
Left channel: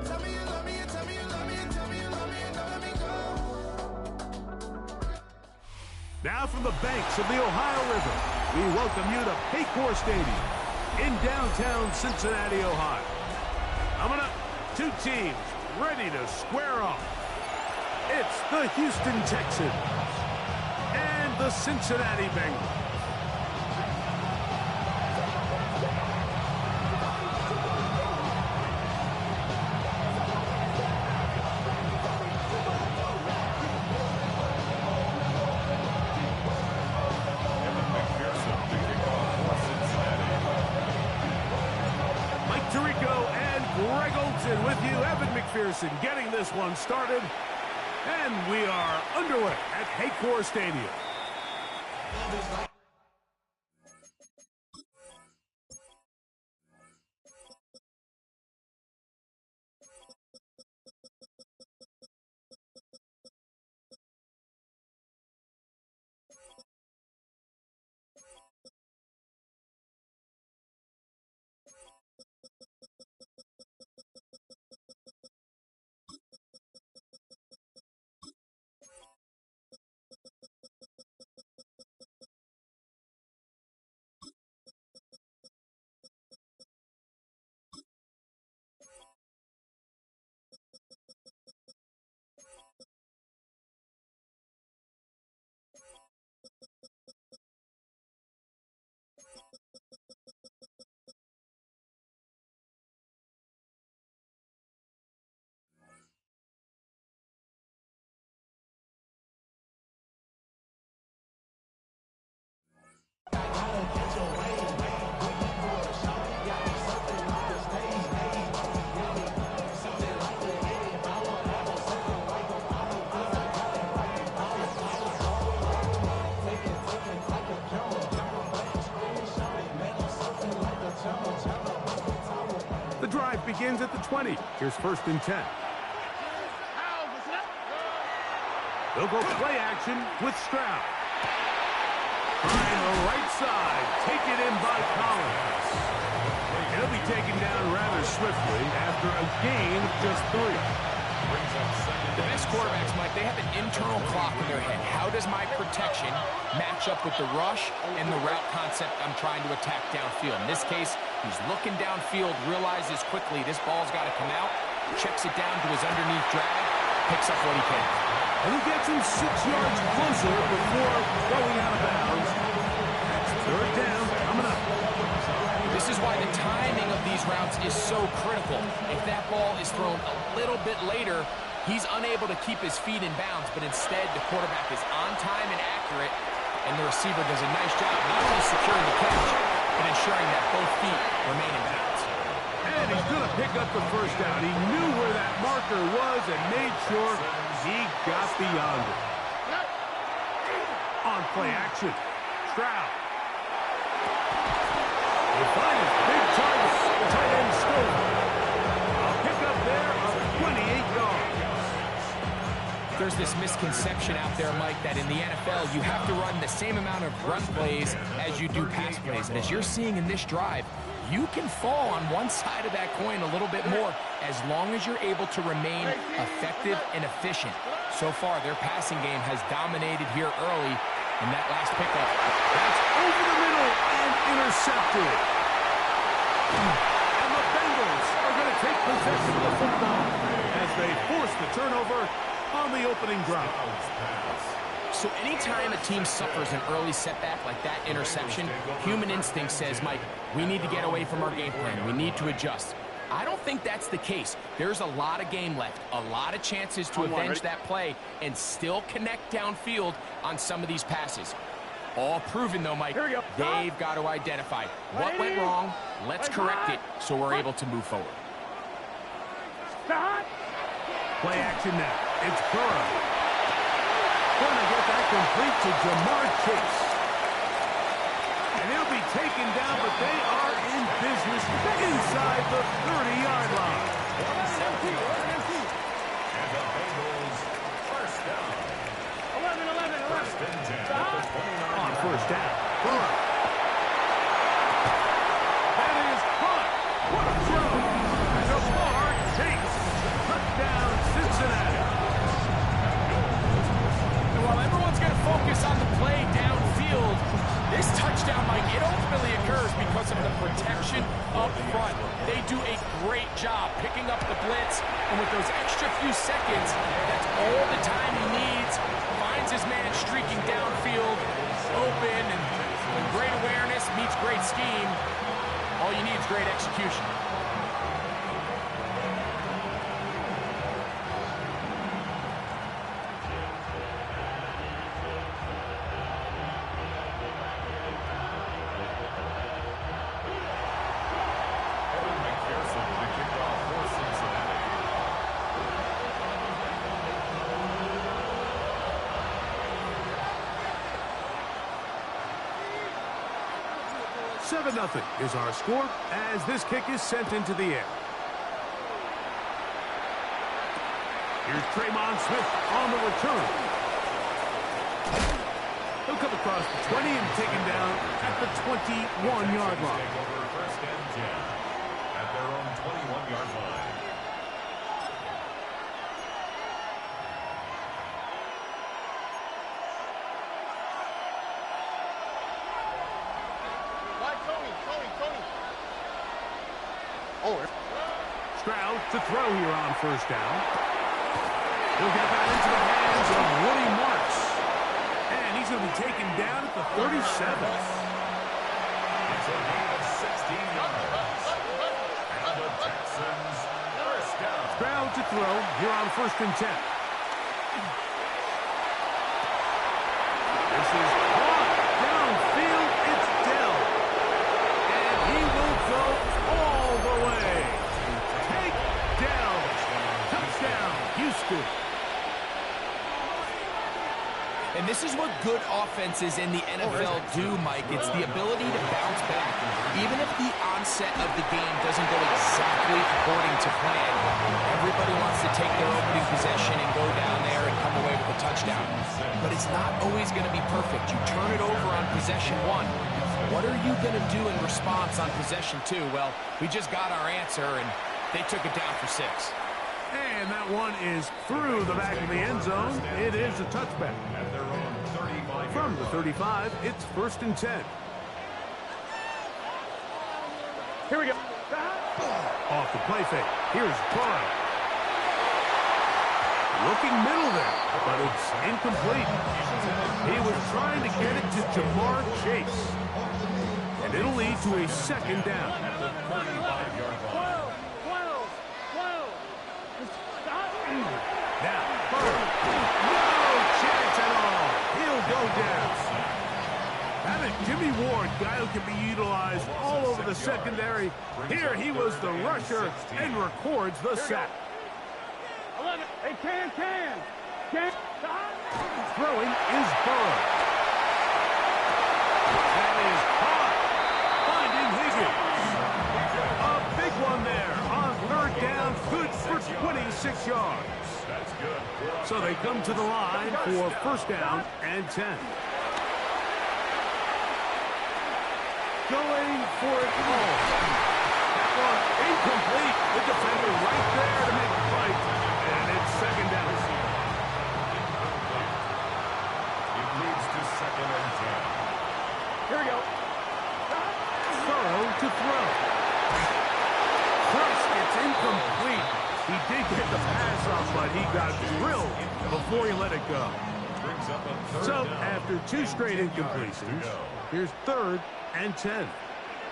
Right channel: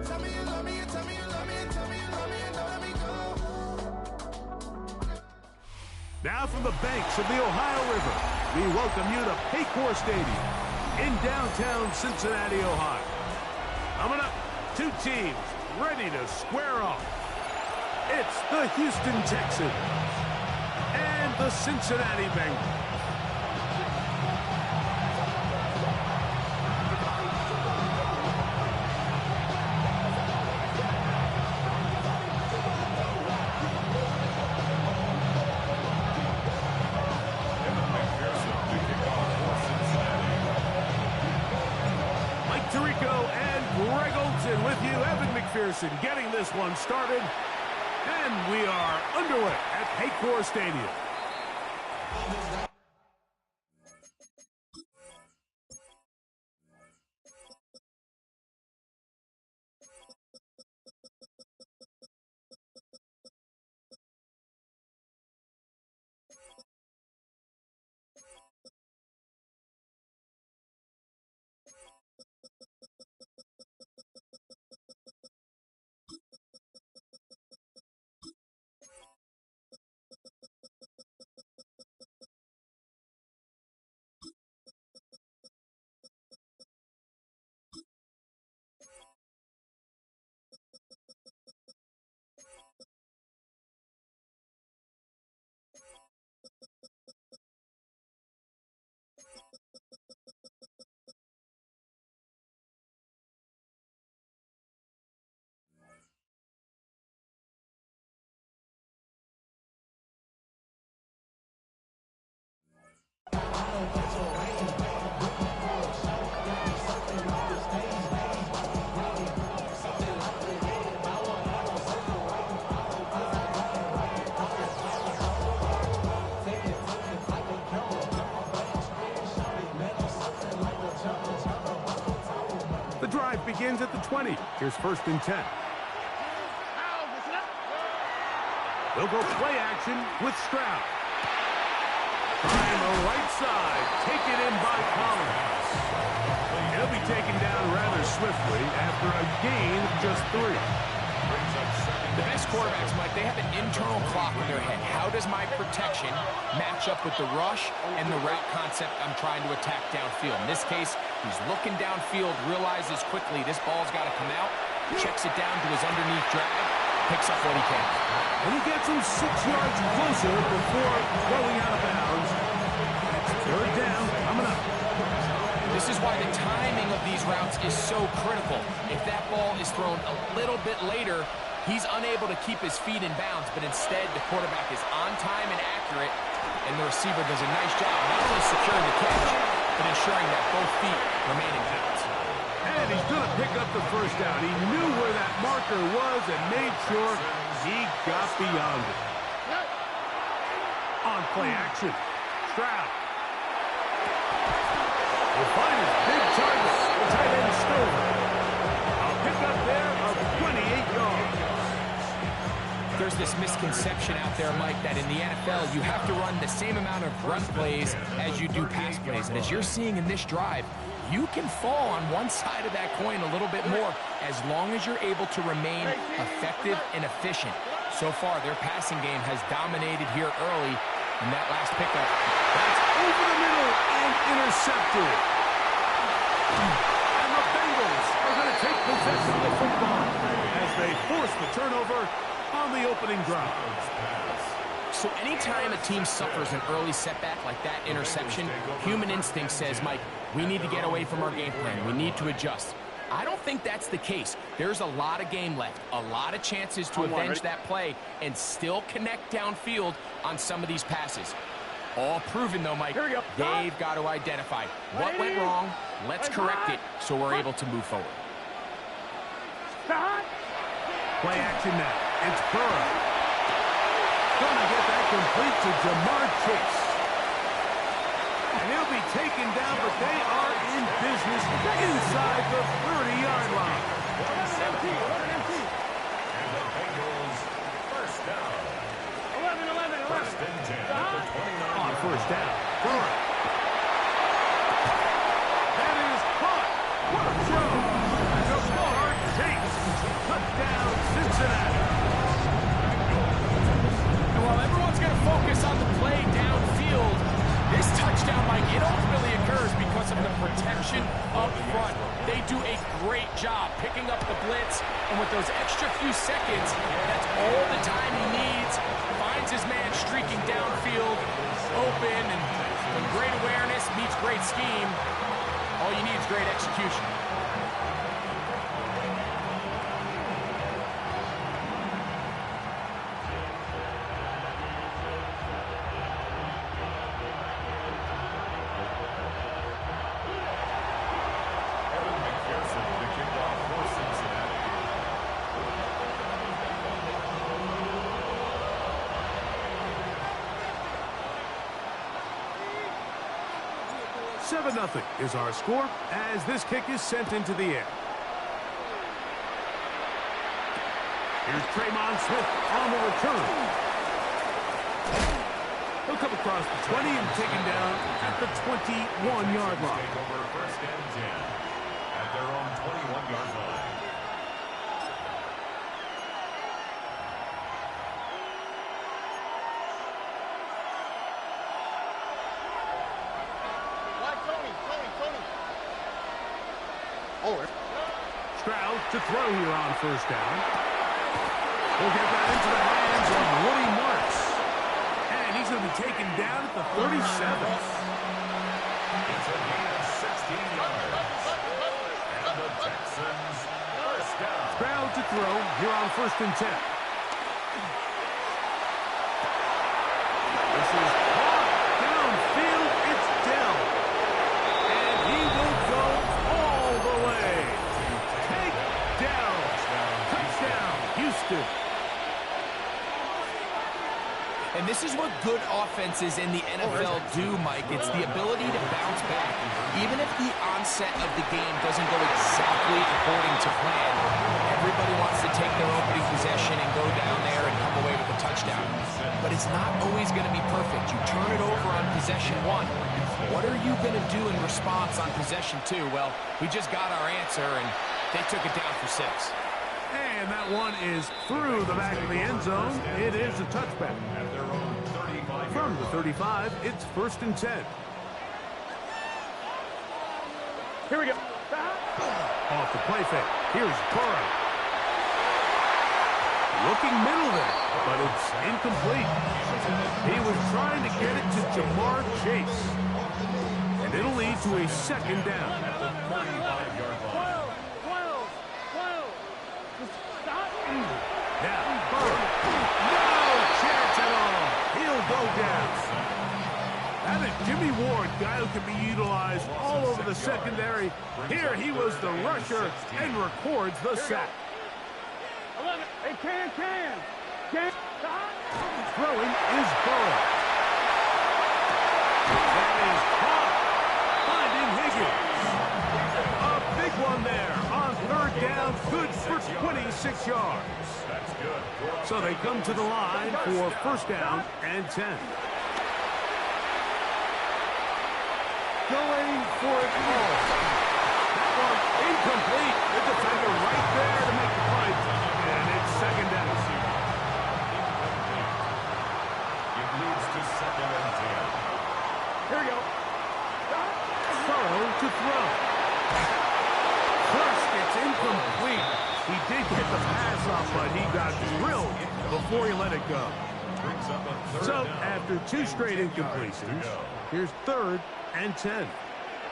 Tell me you love me, and tell me you love me, and tell me you love me, and don't let me go. Now from the banks of the Ohio River, we welcome you to Paycor Stadium in downtown Cincinnati, Ohio. Coming up, two teams ready to square off. It's the Houston Texans and the Cincinnati Bengals. Evan McPherson to kick off for Cincinnati. Mike Tirico and Greg Olson with you. Evan McPherson getting this one started. And we are underway at Paycor Stadium. The drive begins at the 20. Here's 1st and 10. They'll go play action with Stroud. Trying the right side. Taken in by Collins. He'll be taken down rather swiftly after a gain of just 3. Brings up second. The best quarterbacks, Mike, they have an internal clock in their head. How does my protection match up with the rush and the route concept I'm trying to attack downfield? In this case, he's looking downfield, realizes quickly this ball's got to come out, checks it down to his underneath drag, picks up what he can. And he gets him 6 yards closer before going out of bounds. That's third down coming up. This is why the timing of these routes is so critical. If that ball is thrown a little bit later, he's unable to keep his feet in bounds, but instead the quarterback is on time and accurate, and the receiver does a nice job not only securing the catch, but ensuring that both feet remain in bounds. And he's going to pick up the first down. He knew where that marker was and made sure he got beyond it. On play action, Stroud. He'll find his big target, the tight end Stover. I'll pick up there of 28 yards. There's this misconception out there, Mike, that in the NFL you have to run the same amount of run plays as you do pass plays. And as you're seeing in this drive, you can fall on one side of that coin a little bit more as long as you're able to remain effective and efficient. So far, their passing game has dominated here early. And that last pickup, that's over the middle and intercepted. And the Bengals are going to take possession of the football as they force the turnover on the opening drive. So anytime a team suffers an early setback like that interception, human instinct says, Mike, we need to get away from our game plan. We need to adjust. I don't think that's the case. There's a lot of game left, a lot of chances to avenge that play and still connect downfield on some of these passes. All proven, though, Mike, they've got to identify what went wrong, let's correct it so we're able to move forward. Play action now. It's Burrow. Gonna get that complete to Jamar Chase. And he'll be taken down, but they are in business inside the 30-yard line. And the Bengals first down. 11. First and 10 at the 29. On first down, Burrow. That is caught. What a throw. Jamar Chase. Touchdown, Cincinnati. And while everyone's going to focus on the play downfield, this touchdown, Mike, it ultimately occurs because of the protection up front. They do a great job picking up the blitz, and with those extra few seconds, that's all the time he needs. Finds his man streaking downfield, open, and when great awareness meets great scheme, all you need is great execution. Nothing is our score as this kick is sent into the air. Here's Tremon Smith on the return. He'll come across the 20 and taken down at the 21-yard line. Take over first and 10 at their own 21-yard line. Stroud to throw here on first down. He'll get that into the hands of Woody Marks. And he's going to be taken down at the 37. It's a gain of 16 yards. And the Texans first down. Stroud to throw here on first and 10. This is caught downfield. It's Dell. And he will go all the way. Take Dell. Touchdown, Houston. And this is what good offenses in the NFL do, Mike. It's the ability to bounce back. Even if the onset of the game doesn't go exactly according to plan, everybody wants to take their opening possession and go down there and come away with a touchdown. But it's not always going to be perfect. You turn it over on possession one. What are you going to do in response on possession two? Well, we just got our answer, and they took it down for 6. And that one is through the back of the end zone. It is a touchback. At their own 35. From the 35, it's 1st and 10. Here we go. Off the play fake. Here's Burrow. Looking middle there, but it's incomplete. He was trying to get it to Jamar Chase. And it'll lead to a 2nd down. At the 35-yard line. 12. Now, Burrow. No chance at all. He'll go down. That is Jimmy Ward, guy who can be utilized all over the secondary. Here he was the rusher and records the sack. 11. Hey, can. Throwing is Burrow. That is caught. Finding Higgins. A big one there on 3rd down. Good for 26 yards. That's good. So they come to the line for 1st down and 10. Going for it all. That one incomplete. The defender right there to make the fight. And it's 2nd down. Incomplete. It leads to 2nd and 10. Here we go. Burrow to throw. First, it's incomplete. He did get the pass off, but he got drilled before he let it go. Brings up a 3rd So, down. after 2 straight 10 yards incompletions, to go. here's 3rd and 10.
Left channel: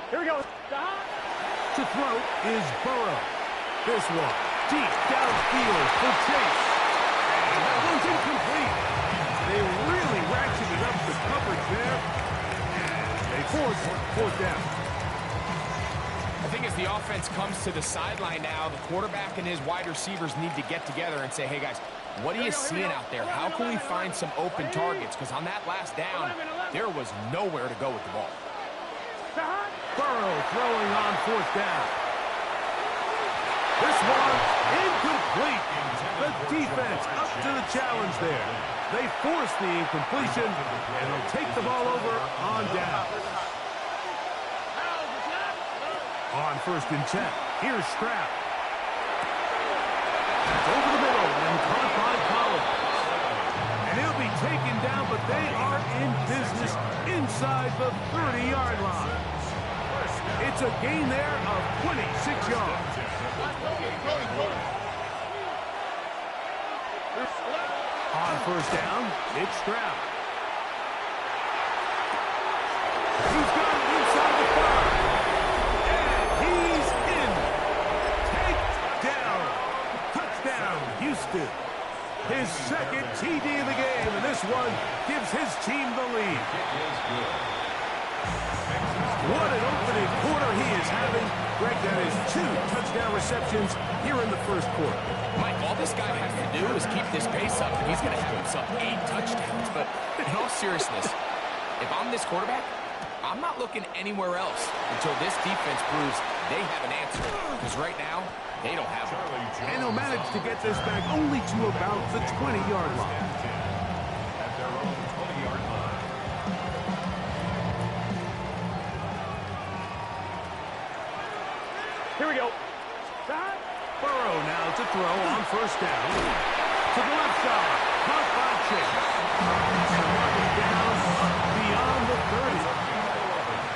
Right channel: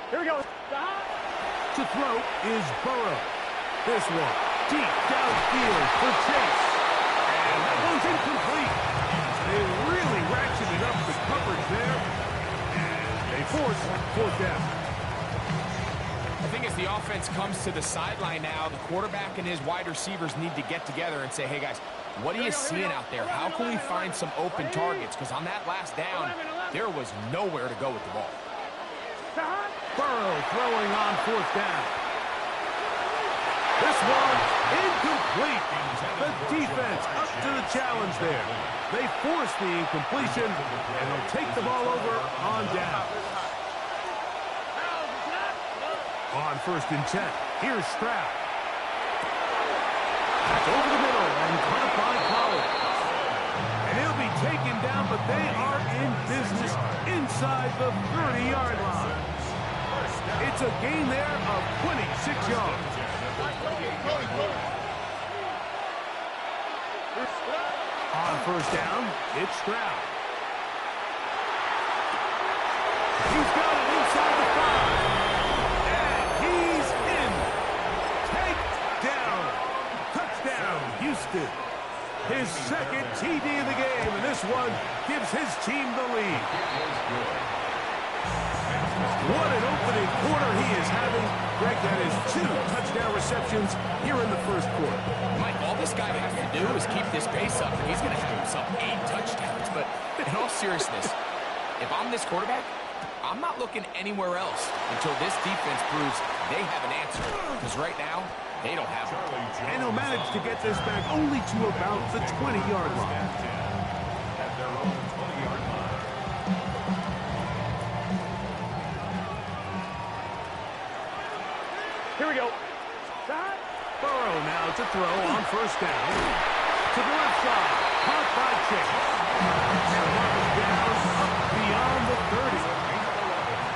Here we go. To throw is Burrow. This one, deep downfield for Chase. And that one's incomplete. They really ratcheted up the coverage there. And they force 4th down. I think as the offense comes to the sideline now, the quarterback and his wide receivers need to get together and say, hey, guys, what are you seeing out there? How can we find some open targets? Because on that last down, there was nowhere to go with the ball. Burrow throwing on 4th down. This one incomplete. The defense up to the challenge there. They force the incompletion, and they'll take the ball over on down. On 1st and 10, here's Stroud. That's over the middle and caught by Collins. And he'll be taken down, but they are in business inside the 30-yard line. It's a gain there of 26 yards. On 1st down, it's Stroud. He's got it inside the 5. And he's in. Takedown. Touchdown, Houston. His 2nd TD of the game, and this one gives his team the lead. What an opening quarter he is having. Greg, that is 2 touchdown receptions here in the 1st quarter. Mike, all this guy has to do is keep this pace up, and he's going to have himself 8 touchdowns. But in all seriousness, if I'm this quarterback, I'm not looking anywhere else until this defense proves they have an answer. Because right now, they don't have one. And he'll manage to get this back only to about the 20-yard line. At their own 20-yard line. Here we go. Burrow now to throw on 1st down. To the left side. Caught by Chase. And the mark is down up beyond the 30.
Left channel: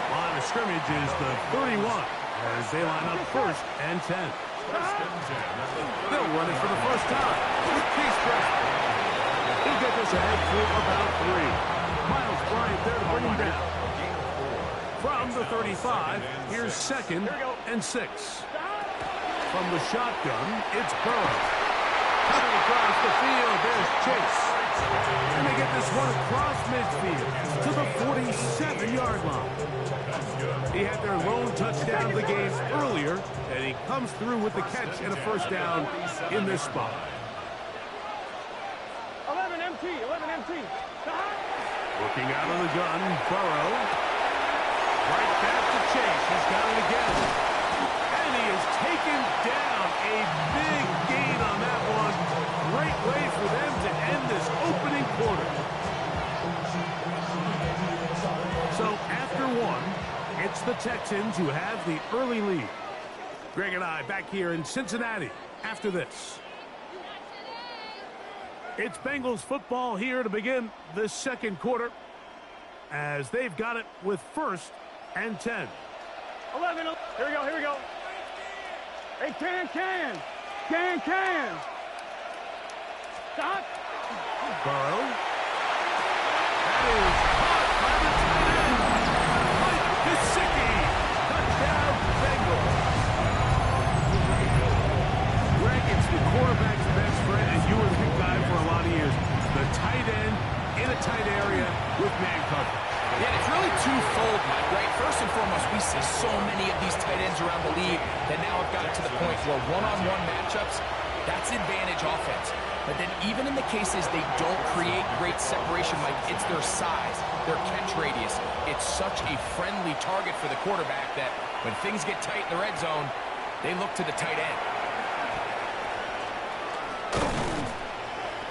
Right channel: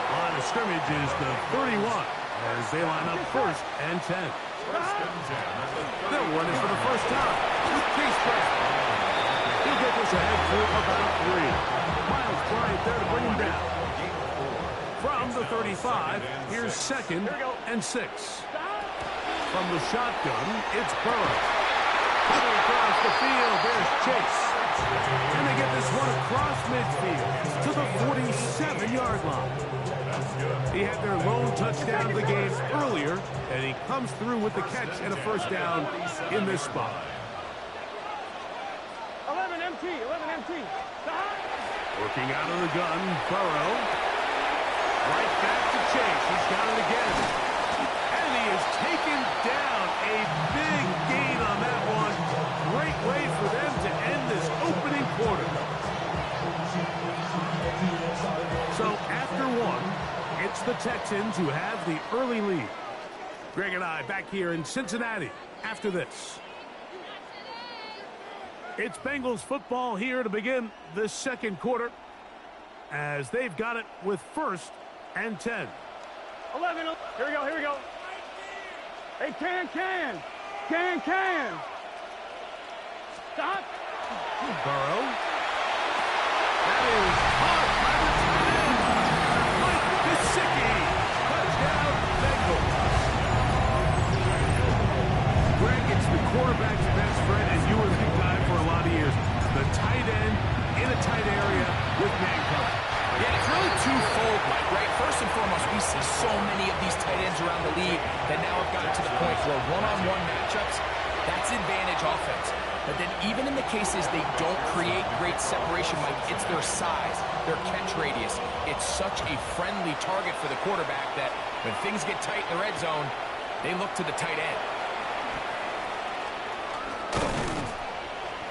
Line of scrimmage is the 31 as they line up 1st and 10. They'll run it for the first time with Chase Brown. He'll get this ahead for about 3. Miles Bryant there to bring him down. From the 35, here's 2nd and 6. From the shotgun, it's Burrow. Coming across the field, there's Chase. And they get this one across midfield to the 47-yard line. He had their lone touchdown of the game earlier, and he comes through with the catch and a 1st down in this spot. 11 MT. Working out of the gun, Burrow. Right back to Chase. He's got it again. And he is taken down. A big gain on that one. Great way for them to end this opening quarter. So after 1, it's the Texans who have the early lead. Greg and I back here in Cincinnati after this. It's Bengals football here to begin the second quarter as they've got it with 1st and 10. 11. Here we go. Hey, can. Stop. Burrow. That is caught by the tight end. Mike Gesicki. Touchdown, Bengals. Greg, it's the quarterback's best friend, and you were that guy for a lot of years. The tight end in a tight area with man cover. Yeah, it's really twofold, Mike, right? First and foremost, we see so many of these tight ends around the league that now have gotten to the point where one-on-one matchups, that's advantage offense. But then even in the cases they don't create great separation, Mike, it's their size, their catch radius. It's such a friendly target for the quarterback that when things get tight in the red zone, they look to the tight end.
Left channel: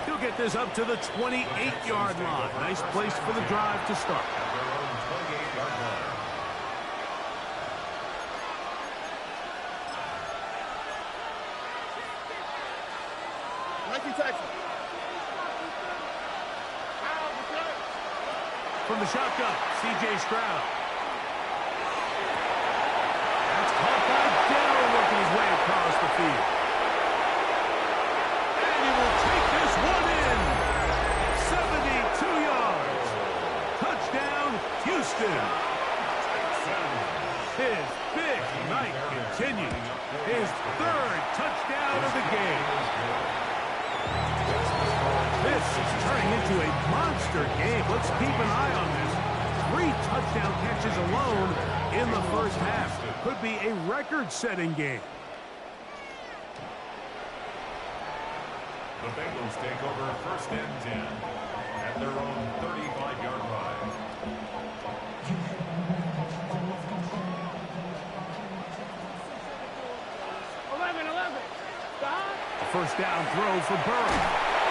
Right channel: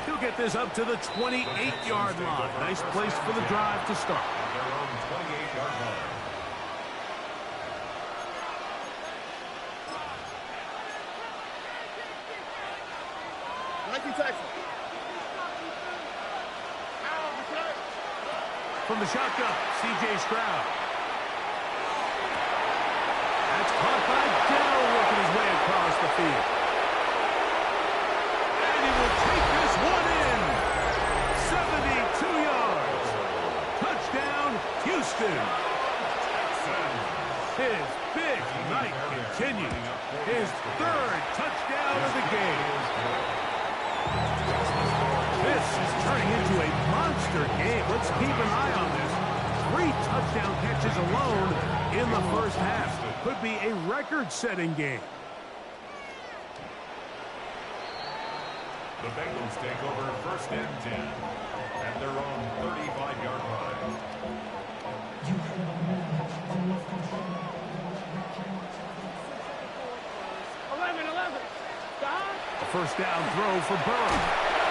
He'll get this up to the 28-yard line. Nice place for the drive to start. At their own 28-yard line. From the shotgun, C.J. Stroud. That's caught by Dell, working his way across the field. And he will take this one in. 72 yards. Touchdown, Houston. His big night continues. His 3rd touchdown of the game. This is turning into a monster game. Let's keep an eye on this. 3 touchdown catches alone in the first half. Could be a record-setting game. The Bengals take over 1st and 10 at their own 35-yard line. 11. Stop. A first down throw for Burrow.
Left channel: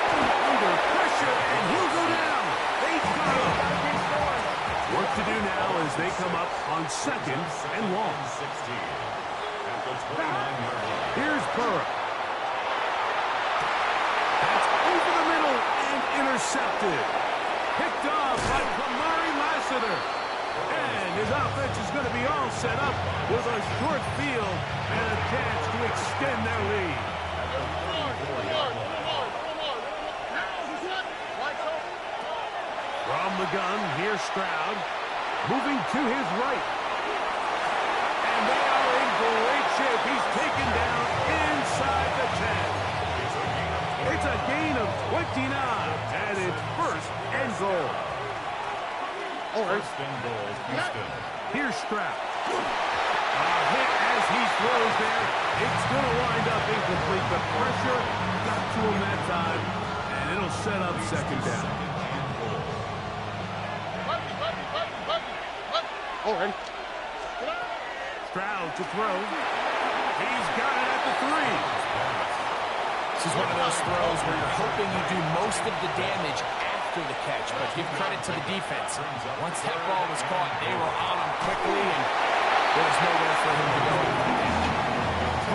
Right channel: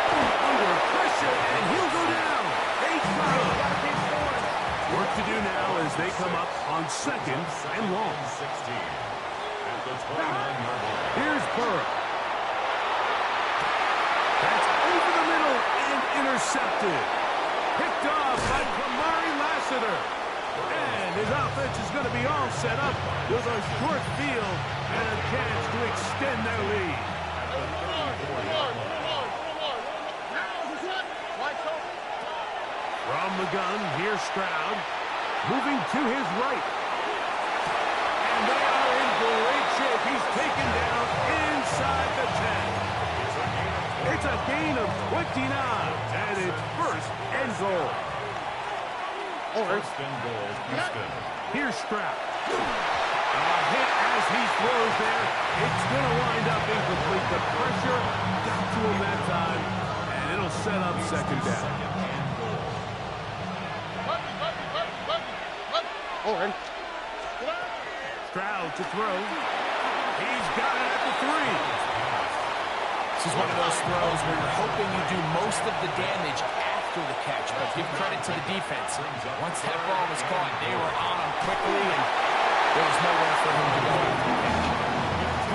Under pressure, and he'll go down. They've got him. Work to do now as they come up on 2nd and long. 16 at the 29-yard line. Here's Burrow. That's over the middle and intercepted. Picked off by Kamari Lassiter. And his offense is going to be all set up with a short field and a chance to extend their lead. From the gun, here's Stroud. Moving to his right. And they are in great shape. He's taken down inside the 10. It's a gain of 29. And it's 1st and goal. 1st and goal, Houston. Here's Stroud. A hit as he throws there. It's going to wind up incomplete. The pressure got to him that time. And it'll set up 2nd down. Already. Stroud to throw. He's got it at the 3. This is one of those throws where you're hoping you do most of the damage after the catch, but give credit to the defense. Once that ball was caught, they were on him quickly, and there was nowhere for him to go after the catch.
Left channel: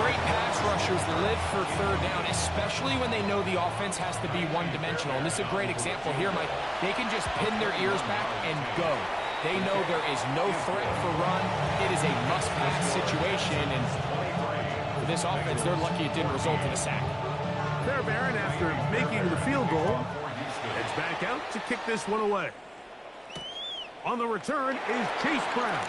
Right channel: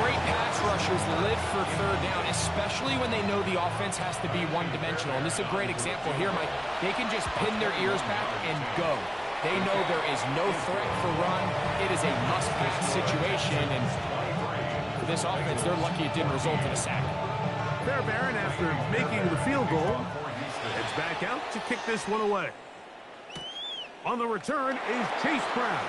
Great pass rushers live for 3rd down, especially when they know the offense has to be one-dimensional. And this is a great example here, Mike. They can just pin their ears back and go. They know there is no threat for run. It is a must-pass situation, and for this offense, they're lucky it didn't result in a sack. Fairbairn, after making the field goal, heads back out to kick this one away. On the return is Chase Brown.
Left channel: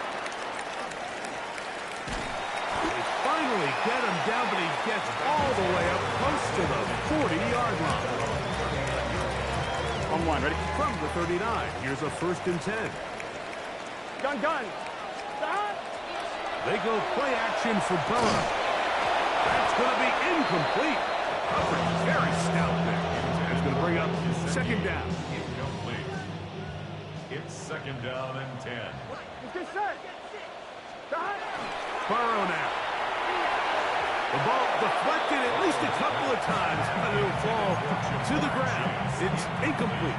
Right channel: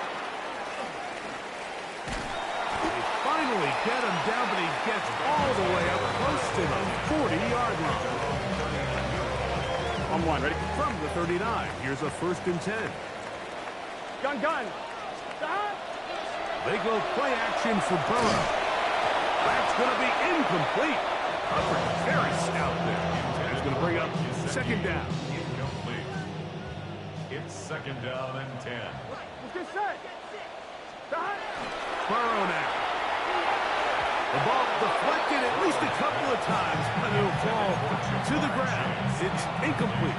They finally get him down, but he gets all the way up close to the 40-yard line. On 1, ready? From the 39, here's a 1st and 10. Gun. Stop. They go play action for Burrow. That's going to be incomplete. Coverage very stout there. It's going to bring up 2nd down. Incomplete. It's 2nd down and 10. Get set. Stop. Burrow now. The ball deflected at least a couple of times, but it'll fall to the ground. It's incomplete.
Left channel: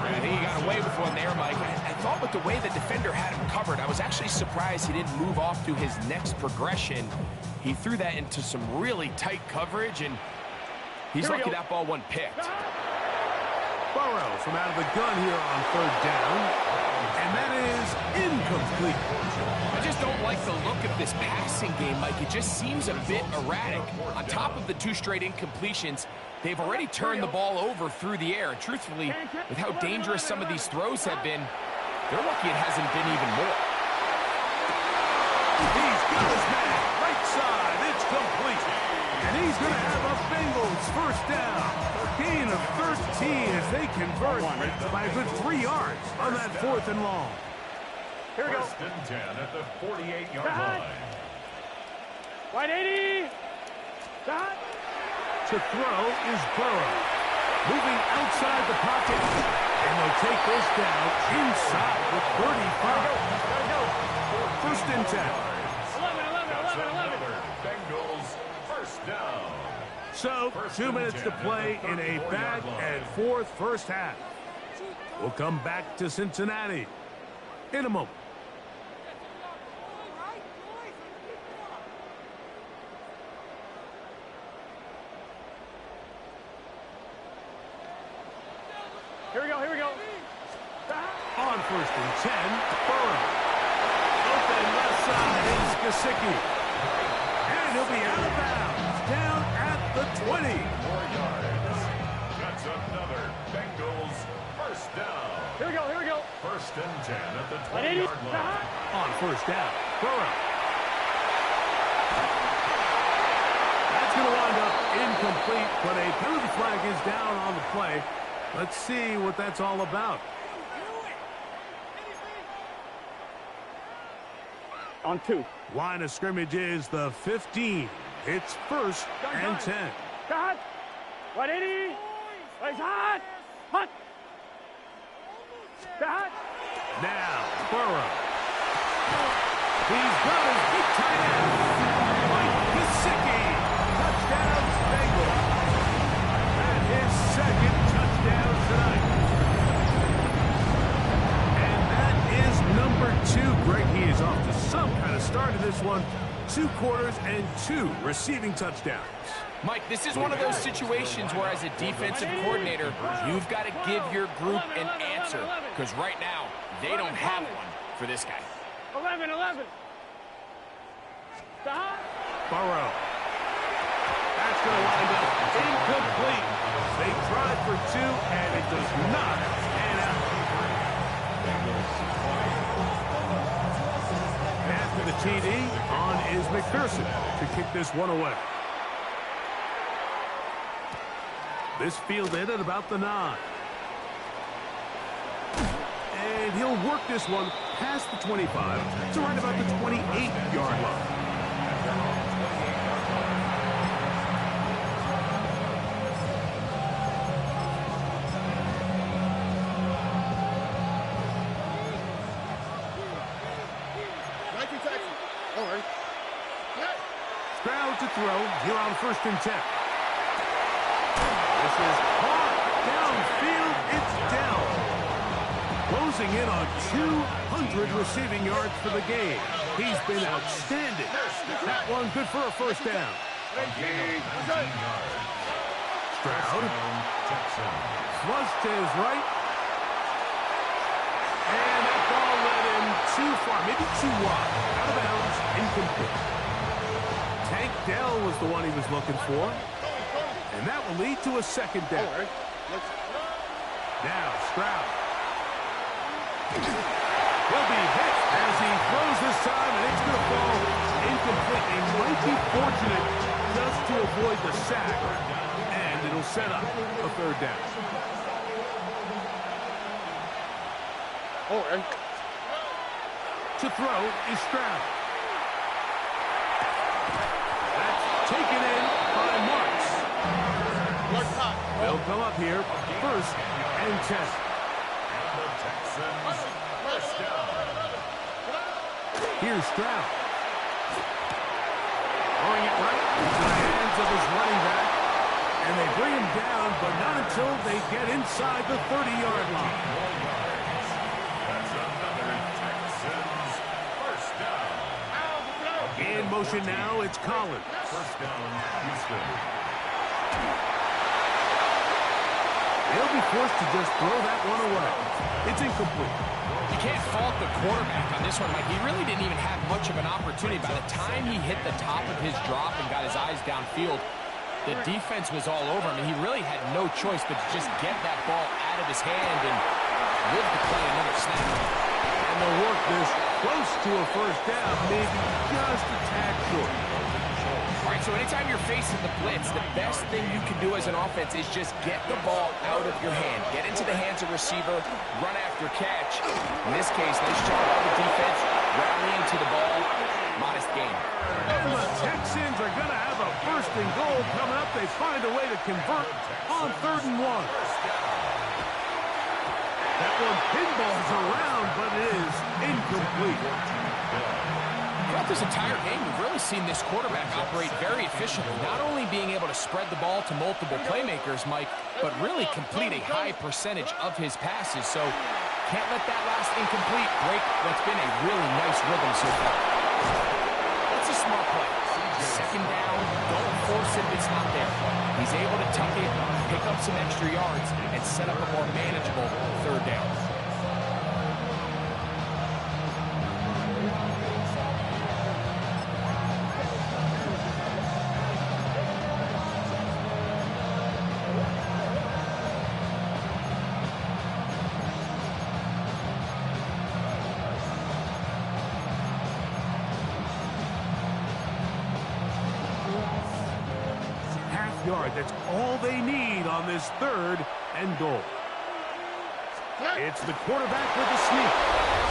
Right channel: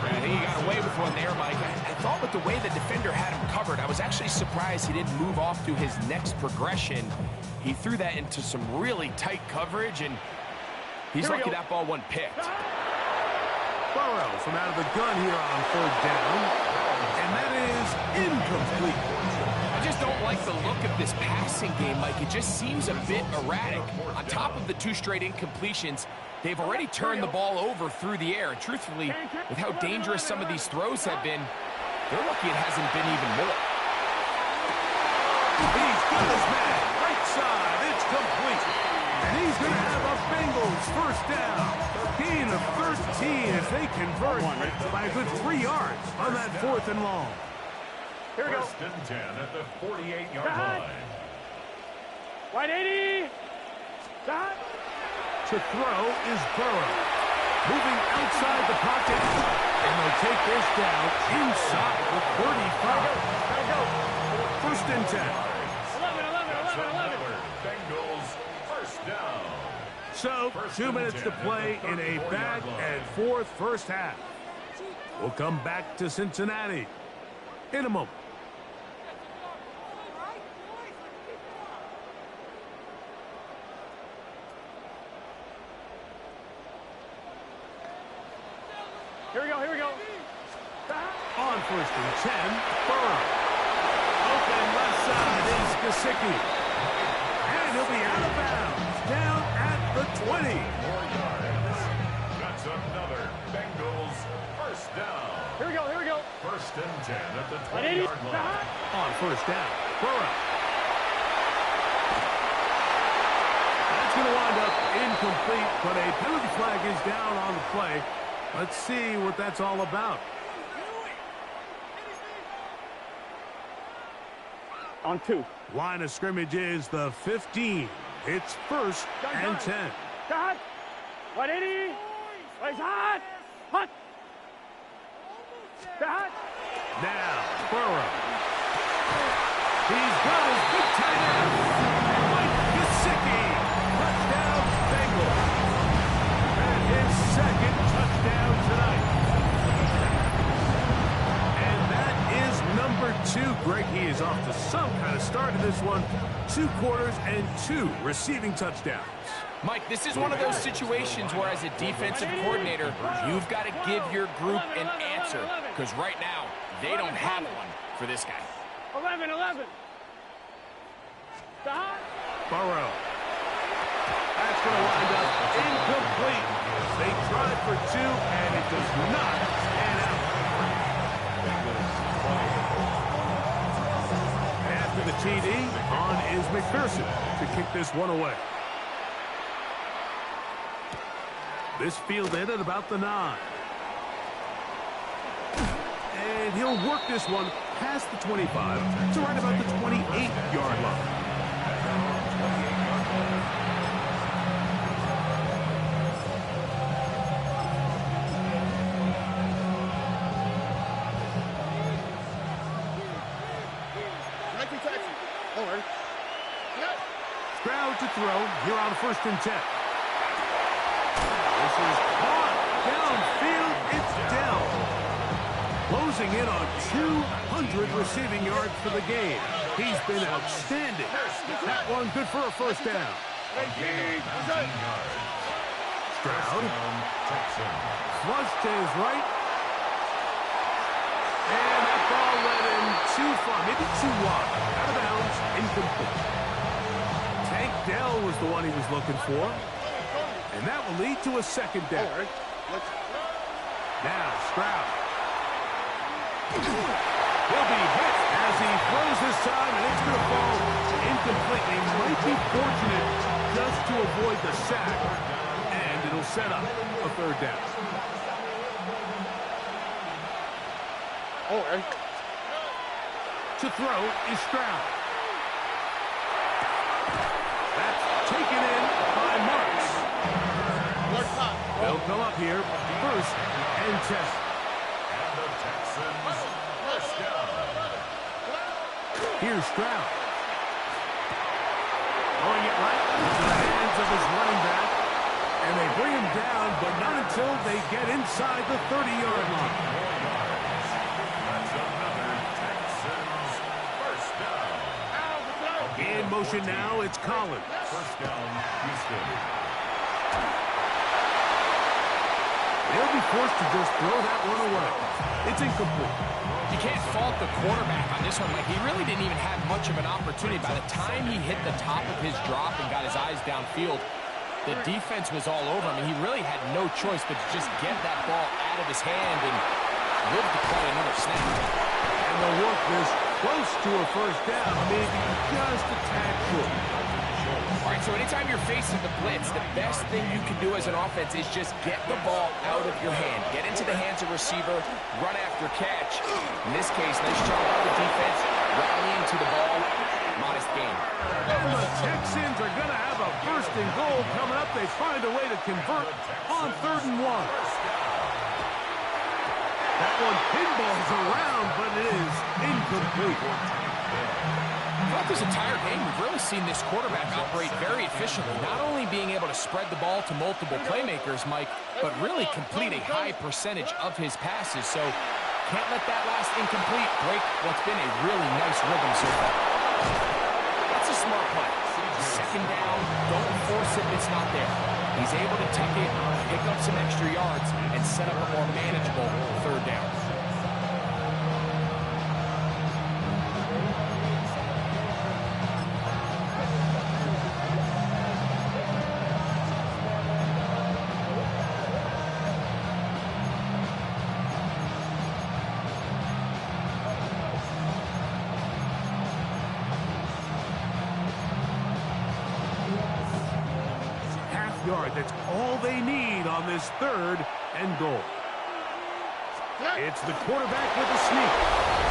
I think he got away with one there, Mike. I thought with the way the defender had him covered, I was actually surprised he didn't move off to his next progression. He threw that into some really tight coverage, and He's lucky that ball wasn't picked. Burrow from out of the gun here on third down. And that is incomplete. I just don't like the look of this passing game, Mike. It just seems a bit erratic. On top of the 2 straight incompletions, they've already turned the ball over through the air. And truthfully, with how dangerous some of these throws have been, they're lucky it hasn't been even more. He's got his man. Right side. It's complete. And he's going to have a Bengals first down. Gain of 13 as they convert by a good 3 yards on that 4th and long. Here we go. First and 10 at the 48-yard line. Wide 80. Shot. To throw is Burrow. Moving outside the pocket. And they'll take this down inside the 35. Gotta go. First and 10. 11. Bengals first down. So, 2 minutes to play in a back and forth first half. We'll come back to Cincinnati in a moment. Here we go. On first and 10, Burrow. Open left side is Gesicki. And he'll be out of bounds, down at the 20. 4 yards. That's another Bengals first down. Here we go. First and 10 at the 180. 20-yard line. On first down, Burrow. That's going to wind up incomplete, but a penalty flag is down on the play. Let's see what that's all about. On 2. Line of scrimmage is the 15. It's first and 10. Shot. 180. Hot. Shot. Now, Burrow. He's got his big tight end, Mike Gesicki. Touchdown, Bengals. That is second touchdown tonight. And that is number 2. Greg, he is off to some kind of start in this one. 2 quarters and 2 receiving touchdowns. Mike, this is one of those situations where as a defensive coordinator, you've got to give your group an answer. Because right now, they don't have one for this guy. 11. Shot. Burrow. That's going to wind up incomplete. They tried for 2, and it does not pan out. After the TD, on is McPherson to kick this one away. This fielded at about the 9. And he'll work this one past the 25 to right about the 28-yard line. Stroud to throw here on first and 10. This is caught downfield. It's Dell. Closing in on 200 receiving yards for the game. He's been outstanding. That one good for a first down. Stroud. Flush to his right. And that ball led him too far, maybe too wide. Out of bounds, incomplete. Tank Dell was the one he was looking for. And that will lead to a second down. Now, Stroud. He'll be hit as he throws this time, and it's going to fall incomplete. He might be fortunate just to avoid the sack, and it'll set up a third down. To throw is Stroud. That's taken in by Marks. They'll come up here, first and 10. And the Texans first down. Here's Stroud. Throwing it right into the hands of his running back. And they bring him down, but not until they get inside the 30-yard line. 4 yards. That's another Texans first down. In motion now, it's Collins. First down, Houston. They'll be forced to just throw that one away. It's incomplete. You can't fault the quarterback on this one, Mike. He really didn't even have much of an opportunity. By the time he hit the top of his drop and got his eyes downfield, the defense was all over him, and he really had no choice but to just get that ball out of his hand and live to play another snap. And they'll work this close to a first down, maybe just a tad short. All right, so anytime you're facing the blitz, the best thing you can do as an offense is just get the ball out of your hand. Get into the hands of receiver, run after catch. In this case, nice job by the defense, rallying to the ball. Modest gain. And the Texans are going to have a first and goal coming up. They find a way to convert on 3rd and 1. That one pinballs around, but it is incomplete. Throughout this entire game, we've really seen this quarterback operate very efficiently, not only being able to spread the ball to multiple playmakers, Mike, but really complete a high percentage of his passes. So can't let that last incomplete break what's been a really nice rhythm so far. That's a smart play. 2nd down, don't force it if it's not there. He's able to tuck it, pick up some extra yards, and set up a more manageable 3rd down. Yard. That's all they need on this 3rd and goal. It's the quarterback with the sneak,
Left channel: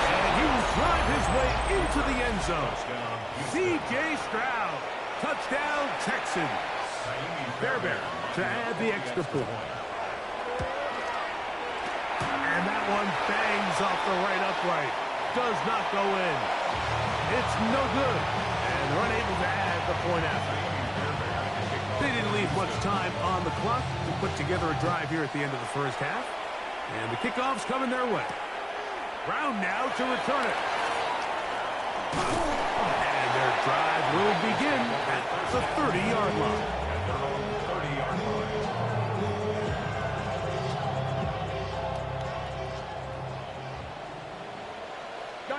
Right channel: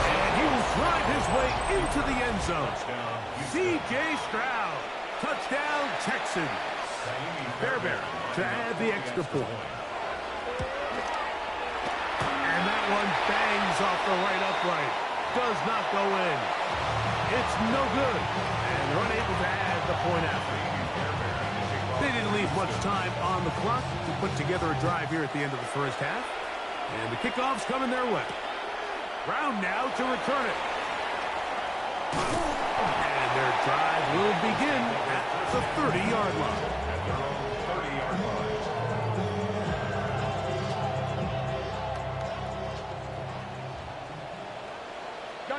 and he will drive his way into the end zone. C.J. Stroud, touchdown Texans. Fairbairn to add the extra point. And that one bangs off the right upright. Does not go in. It's no good, and they're unable to add the point after. They didn't leave much time on the clock to put together a drive here at the end of the first half. And the kickoff's coming their way. Brown now to return it. And their drive will begin at the 30-yard line. At their own 30-yard line.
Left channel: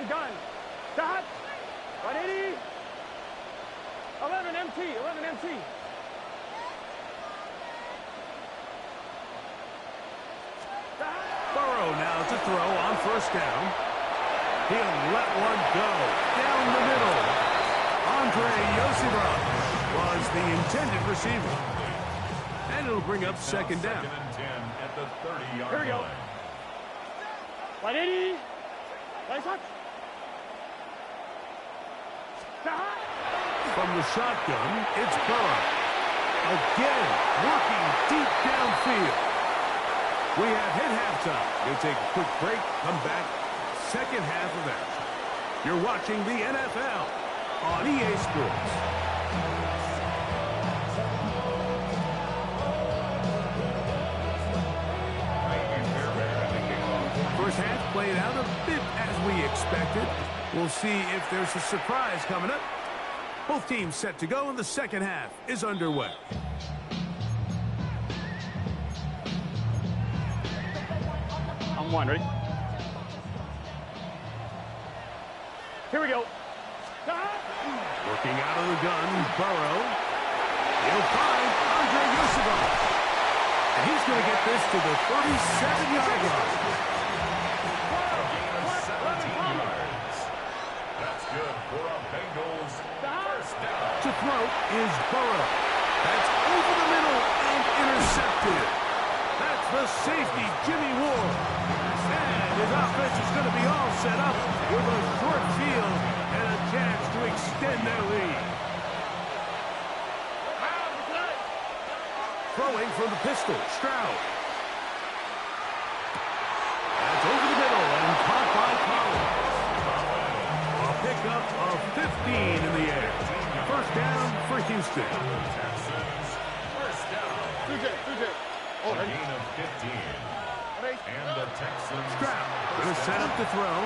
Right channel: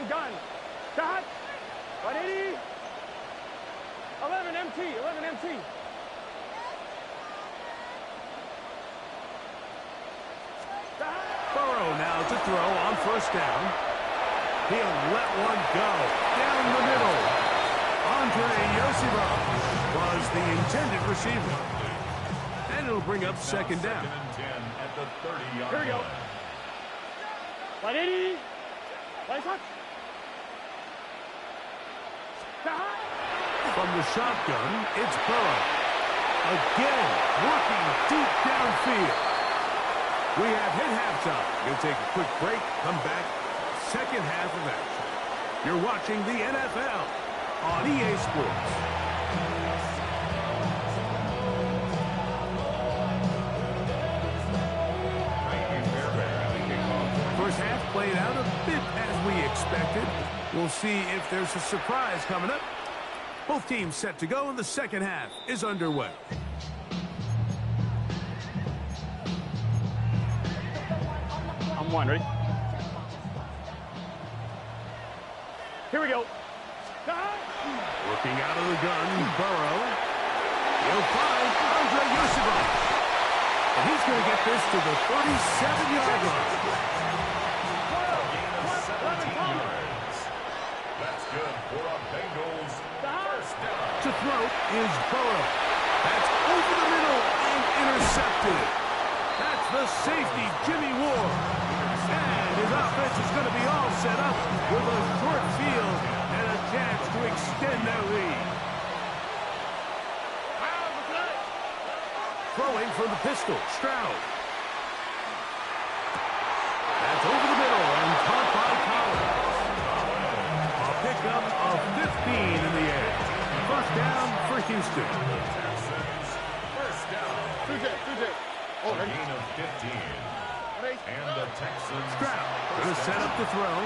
Gun. Start. 180. 11 MT. Burrow now to throw on 1st down. He'll let one go down the middle. Andre Yosibach was the intended receiver. And it'll bring up 2nd down. 2nd and 10 at the 30-yard line. Here we go. 180. Lights out. From the shotgun, it's Burrow. Again, working deep downfield. We have hit halftime. Going to take a quick break, come back, 2nd half of action. You're watching the NFL on EA Sports. First half played out a bit as we expected. We'll see if there's a surprise coming up. Both teams set to go, and the 2nd half is underway. I'm 1, ready? Here we go. Working out of the gun, Burrow. He'll find Andre Yosibach. And he's going to get this to the 37-yard line. A gain of 17 yards. That's good for a Bengals 1st down. To throw is Burrow. That's over the middle and intercepted. That's the safety, Jimmy Ward. And his offense is going to be all set up with a short field and a chance to extend their lead. Throwing from the pistol, Stroud. That's over the middle and caught by Collins. A pickup of 15 in the air. 1st down for Houston. Texans 1st down. 2J. A gain of 15. And the Texans Stroud going to set up to throw.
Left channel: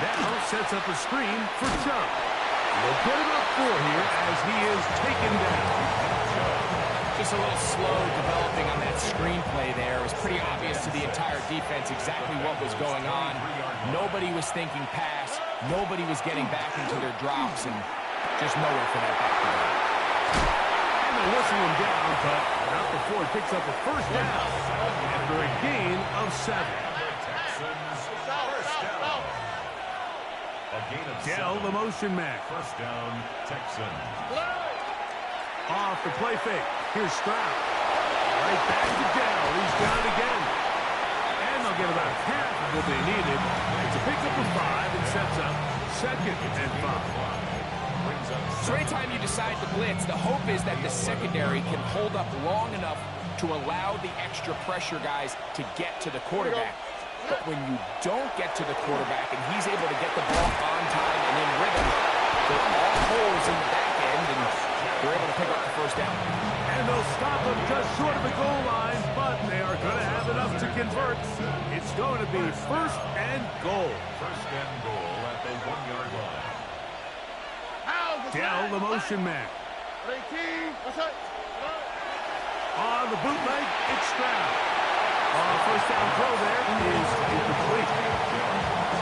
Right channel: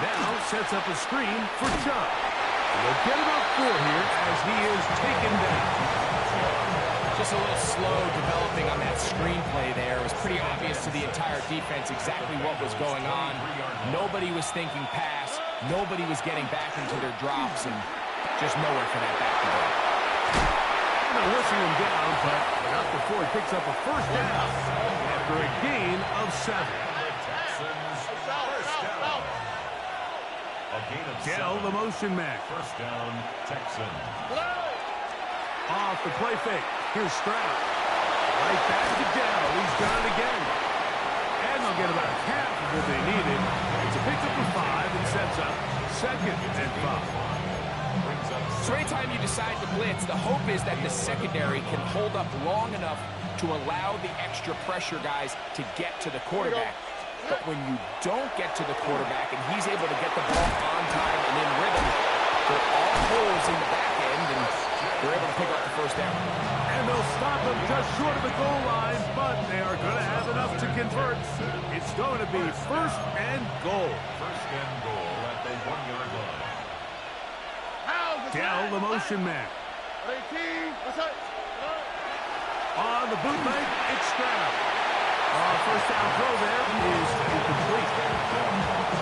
Now sets up a screen for Chubb. They'll get about 4 here as he is taken down. Just a little slow developing on that screenplay there. It was pretty obvious to the entire defense exactly what was going on. Nobody was thinking pass. Nobody was getting back into their drops, and just nowhere for that back to go. And they'll whistle him down, but not before he picks up a first down after a gain of 7. A gain of Dell, 7. the motion man. First down, Texans. Off the play fake. Here's Stroud. Right back to Dell. He's done it again. And they'll get about half of what they needed. It's a pickup of 5 and sets up 2nd and 5. So anytime you decide to blitz, the hope is that the secondary can hold up long enough to allow the extra pressure guys to get to the quarterback. But when you don't get to the quarterback and he's able to get the ball on time and in rhythm, there are all holes in the back end, and they're able to pick up the first down. And they'll stop him just short of the goal line, but they are going to have enough to convert. It's going to be 1st and goal. 1st and goal at the 1-yard line. Dell, the motion man. On the bootleg, it's Stroud. First down throw there is incomplete.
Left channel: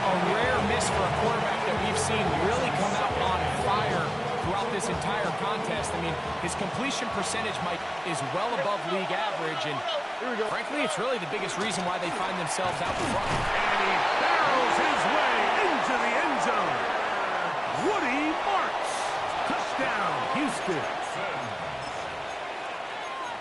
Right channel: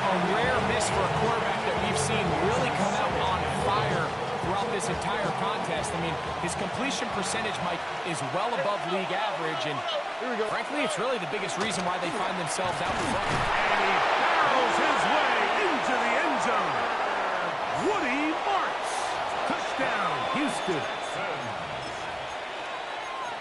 A rare miss for a quarterback that we've seen really come out on fire throughout this entire contest. I mean, his completion percentage, Mike, is well above league average, and frankly, it's really the biggest reason why they find themselves out in front. And he barrels his way into the end zone. Woody Marks. Touchdown, Houston.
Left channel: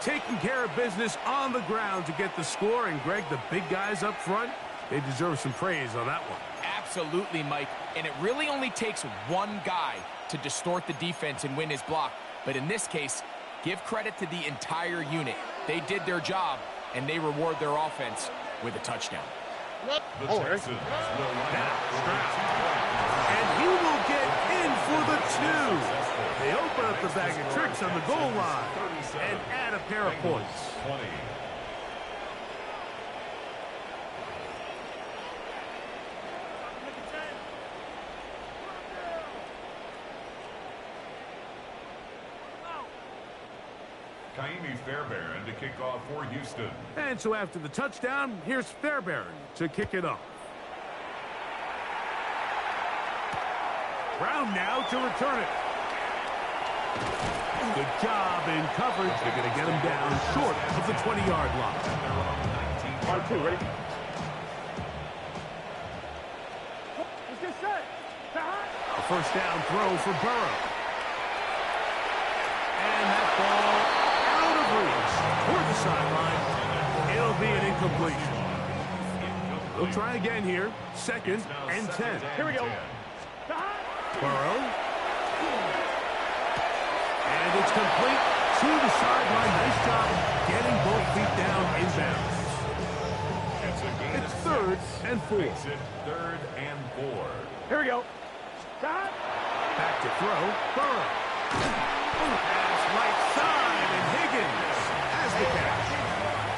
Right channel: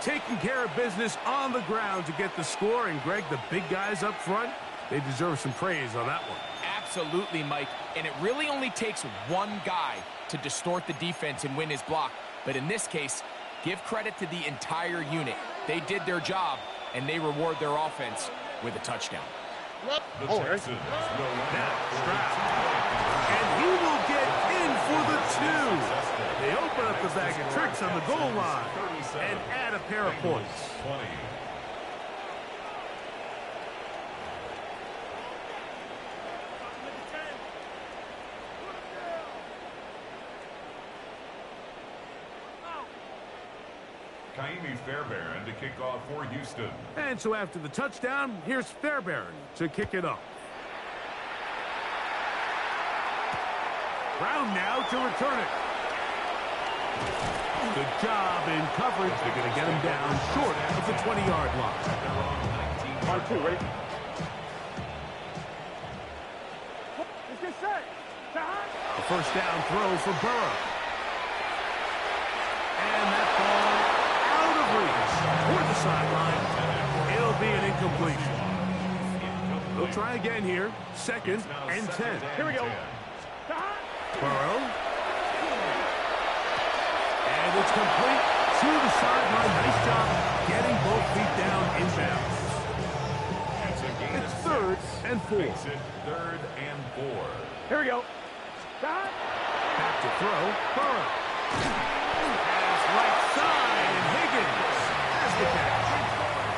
Taking care of business on the ground to get the score. And, Greg, the big guys up front, they deserve some praise on that one. Absolutely, Mike. And it really only takes one guy to distort the defense and win his block. But in this case, give credit to the entire unit. They did their job, and they reward their offense with a touchdown. The Texans will line Now, up for Stroud. a 2-point conversion. And he will get in for the 2. They open up the bag of tricks on the goal line and add a pair of points. 20. Kaimi Fairbairn to kick off for Houston. And so after the touchdown, here's Fairbairn to kick it off. Brown now to return it. Good job in coverage. They're going to get him down short of the 20-yard line. At their own 19-yard line. Ready? Let's get set. A first down throw for Burrow. And that ball out of reach toward the sideline. It'll be an incompletion. They'll try again here. 2nd and 10. Here we go. Burrow. And it's complete to the sideline. Nice job getting both feet down inbounds. It's a gain It's of 3rd 6. and 4. Makes it 3rd and 4. Here we go. Back to throw. Burrow. Pass right side, and Higgins has the catch.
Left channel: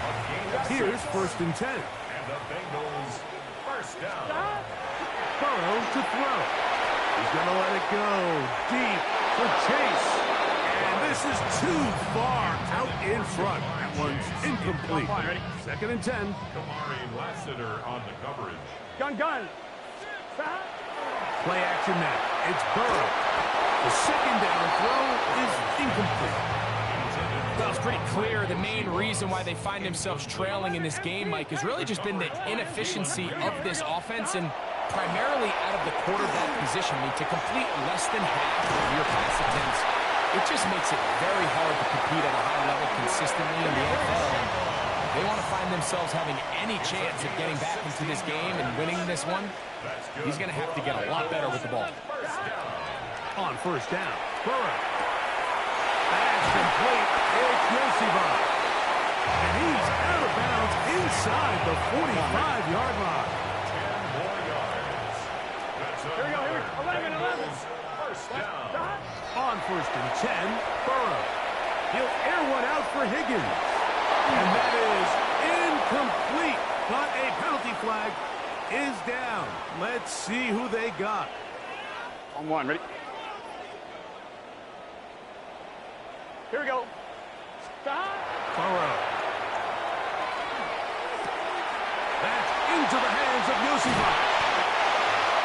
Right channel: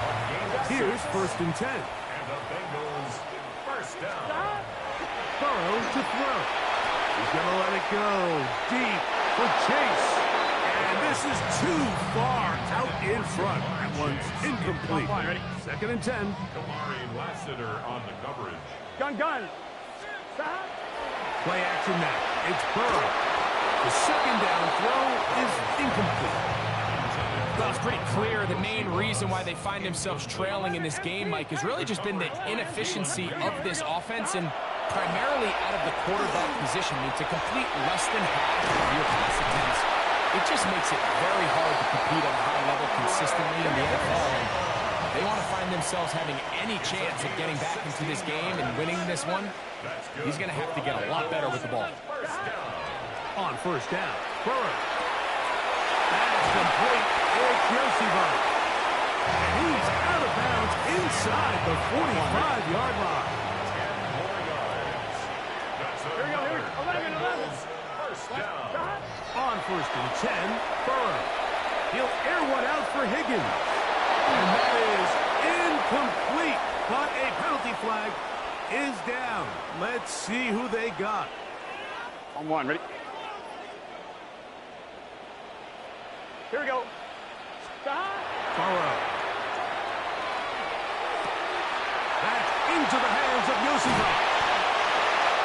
A gain of 6. Here's 1st and 10. And the Bengals first down. Burrow to throw. He's going to let it go deep for Chase. And this is too far out in front. That one's incomplete. 2nd and 10. Kamari Lassiter on the coverage. Gun. Play action now. It's Burrow. The 2nd down throw is incomplete. Well, it's pretty clear the main reason why they find themselves trailing in this game, Mike, has really just been the inefficiency of this offense and primarily out of the quarterback position. I mean, to complete less than half of your pass attempts, it just makes it very hard to compete at a high level consistently in the NFL. And they want to find themselves having any chance of getting back into this game and winning this one. He's going to have to get a lot better with the ball. On first down, Burrow. That's complete. It's Yosibov. And he's out of bounds inside the 45-yard line. 10 more yards. That's Here we go. another 11. Bengals first down. On 1st and 10, Burrow. He'll air one out for Higgins. And that is incomplete. But a penalty flag is down. Let's see who they got. On 1, ready? Here we go. Burrow. That's into the hands of Yosifov.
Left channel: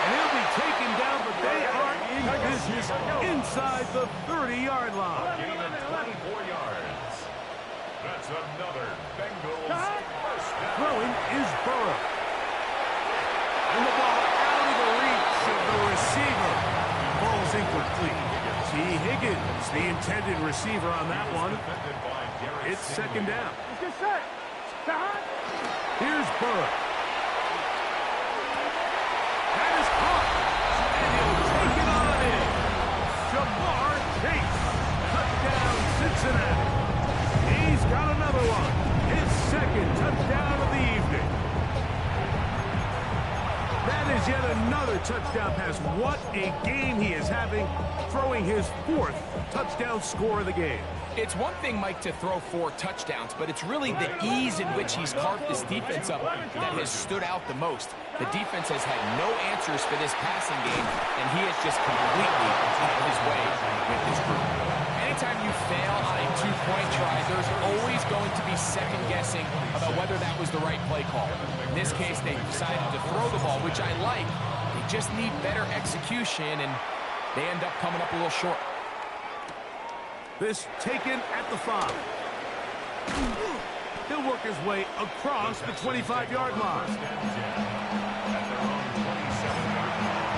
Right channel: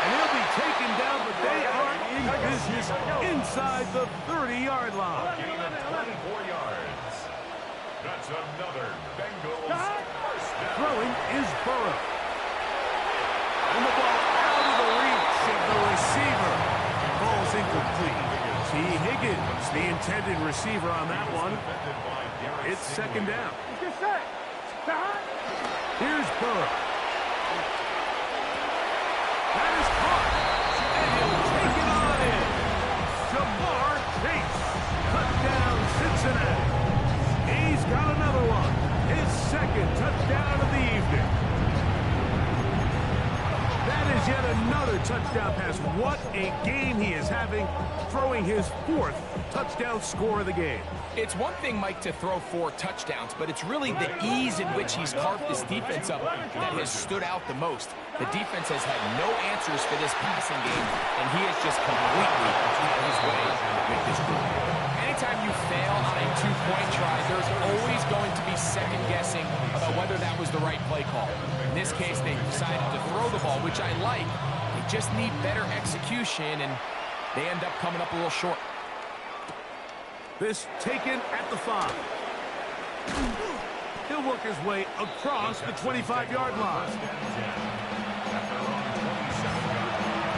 And he'll be taken down, but they are in business inside the 30-yard line. Gain of 24 yards. That's another Bengals first down. Throwing is Burrow. And the ball out of the reach of the receiver. Ball's incomplete. T. Higgins, the intended receiver on that one. It's second down. Here's Burrow. That is caught. And he'll take it on in. Jamar Chase. Touchdown, Cincinnati. He's got another one. His second touchdown of the evening. That is yet another touchdown pass. What a game he is having, throwing his 4th touchdown score of the game. It's one thing, Mike, to throw 4 touchdowns, but it's really the ease in which he's carved this defense up that has stood out the most. The defense has had no answers for this passing game, and he has just completely had his way with this group. Anytime you fail on a 2-point try, there's always going to be second-guessing about whether that was the right play call. In this case, they decided to throw the ball, which I like. They just need better execution, and they end up coming up a little short. This taken at the 5. He'll work his way across the 25-yard line. At their own 27-yard line.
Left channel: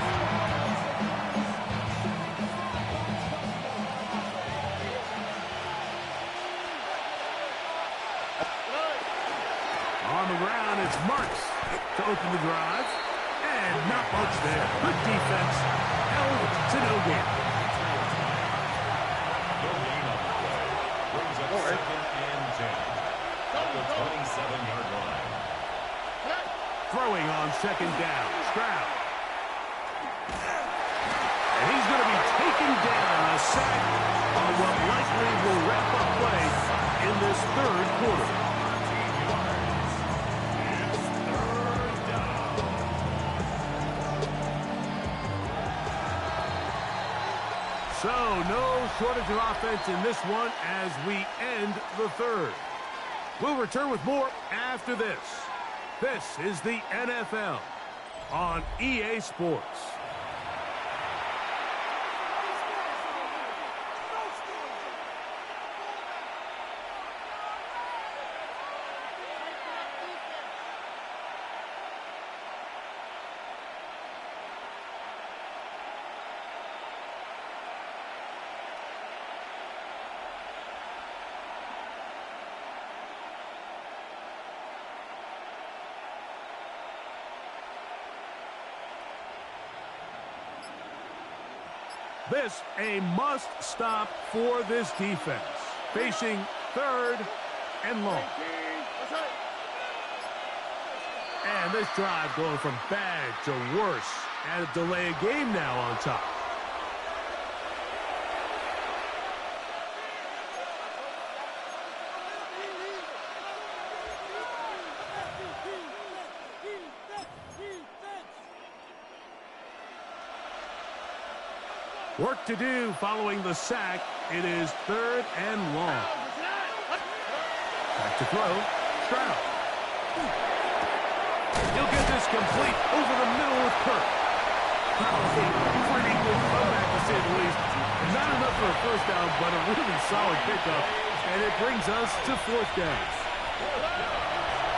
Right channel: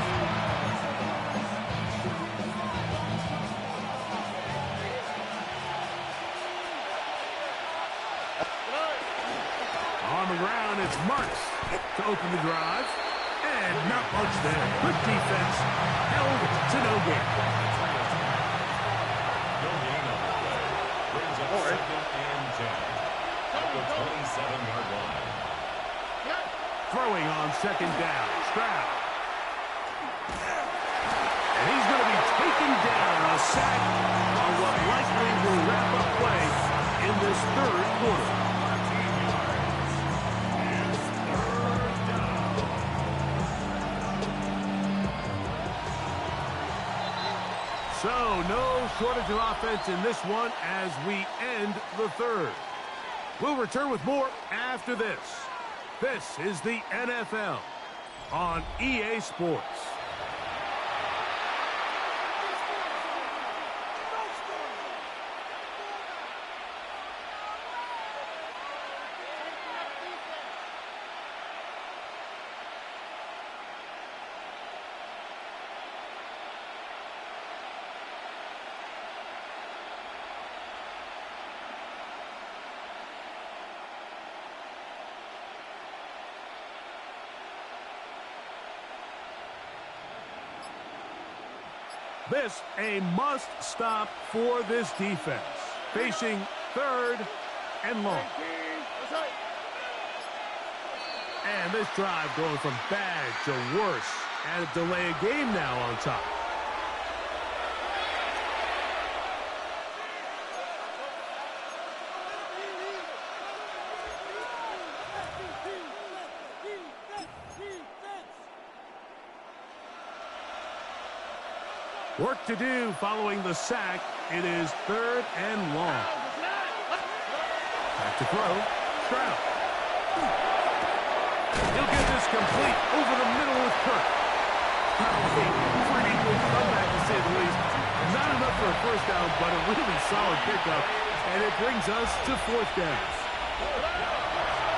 On the ground, it's Marks to open the drive. And not much there. Good defense. Held to no gain. No gain on the play. Brings up second and 10. At the 27-yard line. Throwing on second down. Stroud. And he's going to be taken down. A sack on what likely will wrap up play in this 3rd quarter. 14 yards. It's 3rd down. So, no shortage of offense in this one as we end the 3rd. We'll return with more after this. This is the NFL on EA Sports. This a must-stop for this defense. Facing 3rd and long. And this drive going from bad to worse. And a delay of game now on top. Work to do following the sack. It is 3rd and long. Back to throw. Stroud. He'll get this complete over the middle with Kirk. Pretty good comeback to say the least. Not enough for a first down, but a really solid pickup. And it brings us to 4th down.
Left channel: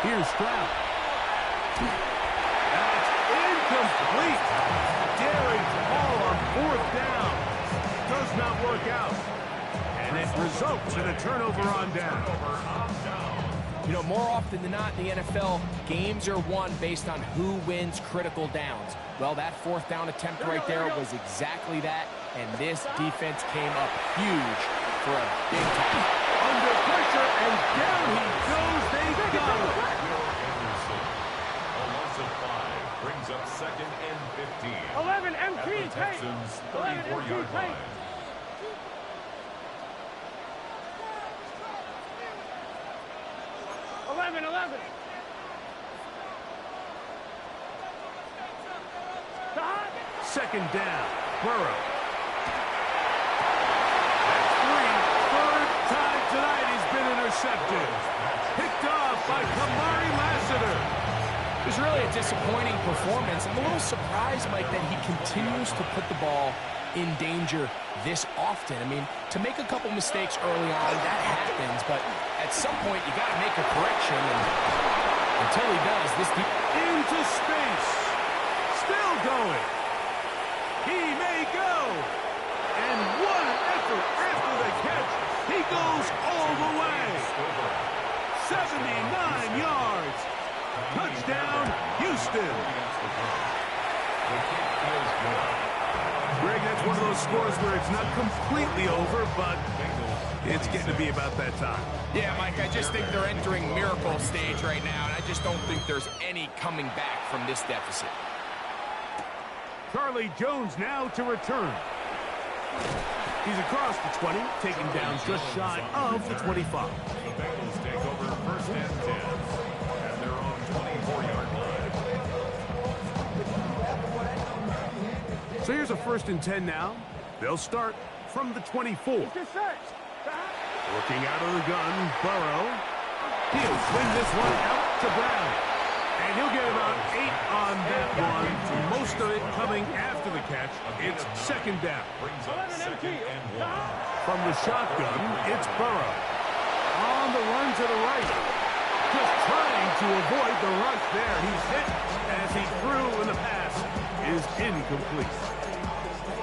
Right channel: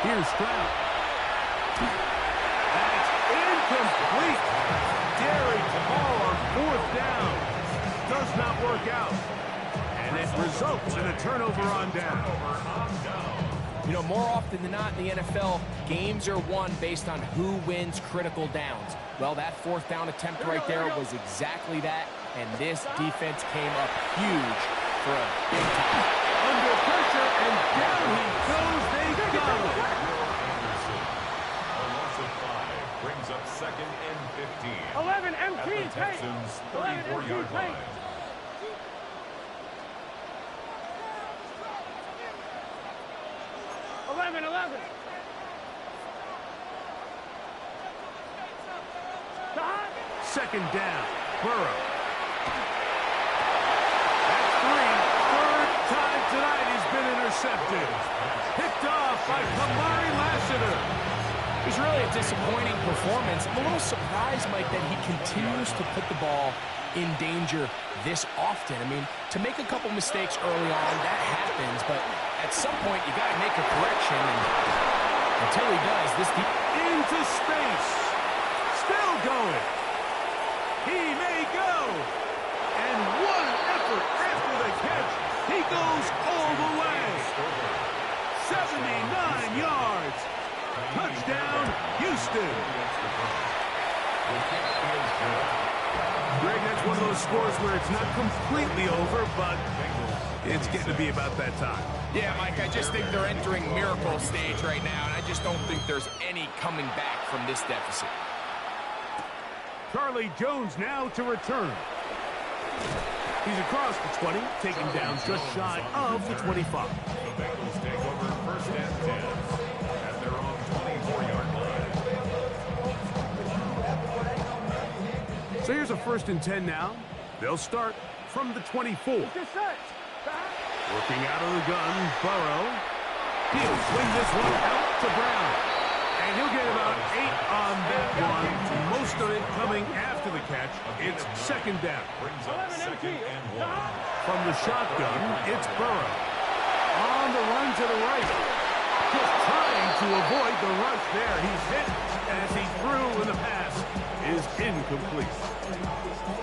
Here's Stroud. That's incomplete. Daring Hall on 4th down. Does not work out. And it results in a turnover on down. You know, more often than not in the NFL, games are won based on who wins critical downs. Well, that 4th down attempt right there was exactly that, and this defense came up huge for a big time. Under pressure, and down he goes. They got him. A loss of 5 brings up 2nd and 15. 11 At MT the Texans' 34-yard line. Second down. Burrow. That's 3. 3rd time tonight he's been intercepted. Picked off by Kamari Lassiter. It was really a disappointing performance. I'm a little surprised, Mike, that he continues to put the ball in danger this often. I mean, to make a couple mistakes early on, that happens, but at some point you got to make a correction, and until he does, this into space. Still going. He may go. And what an effort after the catch. He goes all the way. 79 yards. Touchdown, Houston. Greg, that's one of those scores where it's not completely over, but it's getting to be about that time. Yeah, Mike, I just think they're entering miracle stage right now, and I just don't think there's any coming back from this deficit. Charlie Jones now to return. He's across the 20, taken down just shy of the 25. The Bengals take over first and 10 at their own 24-yard line. So here's a first and 10 now. They'll start from the 24. Working out of the gun, Burrow. He'll swing this one out to Brown. And he'll get about 8 on that one. Most of it coming after the catch. It's second down. Brings up second and 1. From the shotgun, it's Burrow. On the run to the right. Just trying to avoid the rush there. He's hit as he threw, and the pass is incomplete.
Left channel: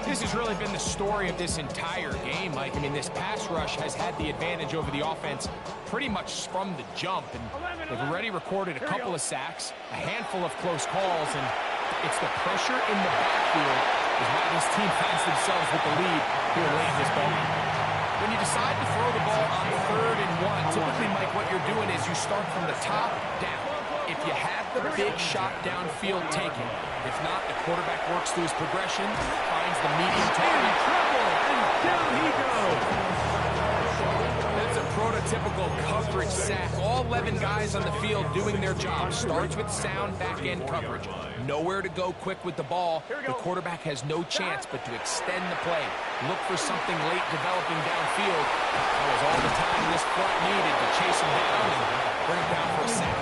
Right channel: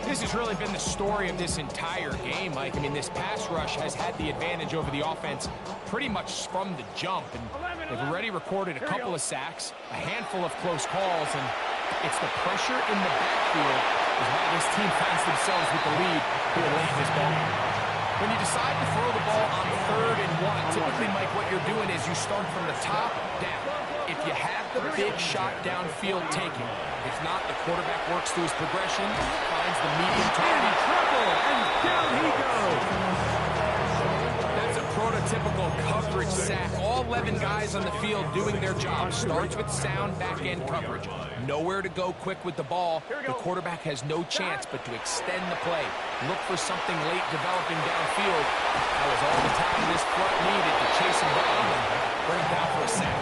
This has really been the story of this entire game, Mike. I mean, this pass rush has had the advantage over the offense pretty much from the jump, and they've already recorded a couple of sacks, a handful of close calls, and it's the pressure in the backfield is why this team finds themselves with the lead here late in this ballgame. When you decide to throw the ball on 3rd and 1, typically, Mike, what you're doing is you start from the top down. If you have the big shot downfield taken, if not, the quarterback works through his progression, finds the medium target. In trouble, and down he goes. That's a prototypical coverage sack. All 11 guys on the field doing their job. Starts with sound back-end coverage. Nowhere to go quick with the ball. The quarterback has no chance but to extend the play. Look for something late developing downfield. That was all the time this front needed to chase him down and bring him down for a sack.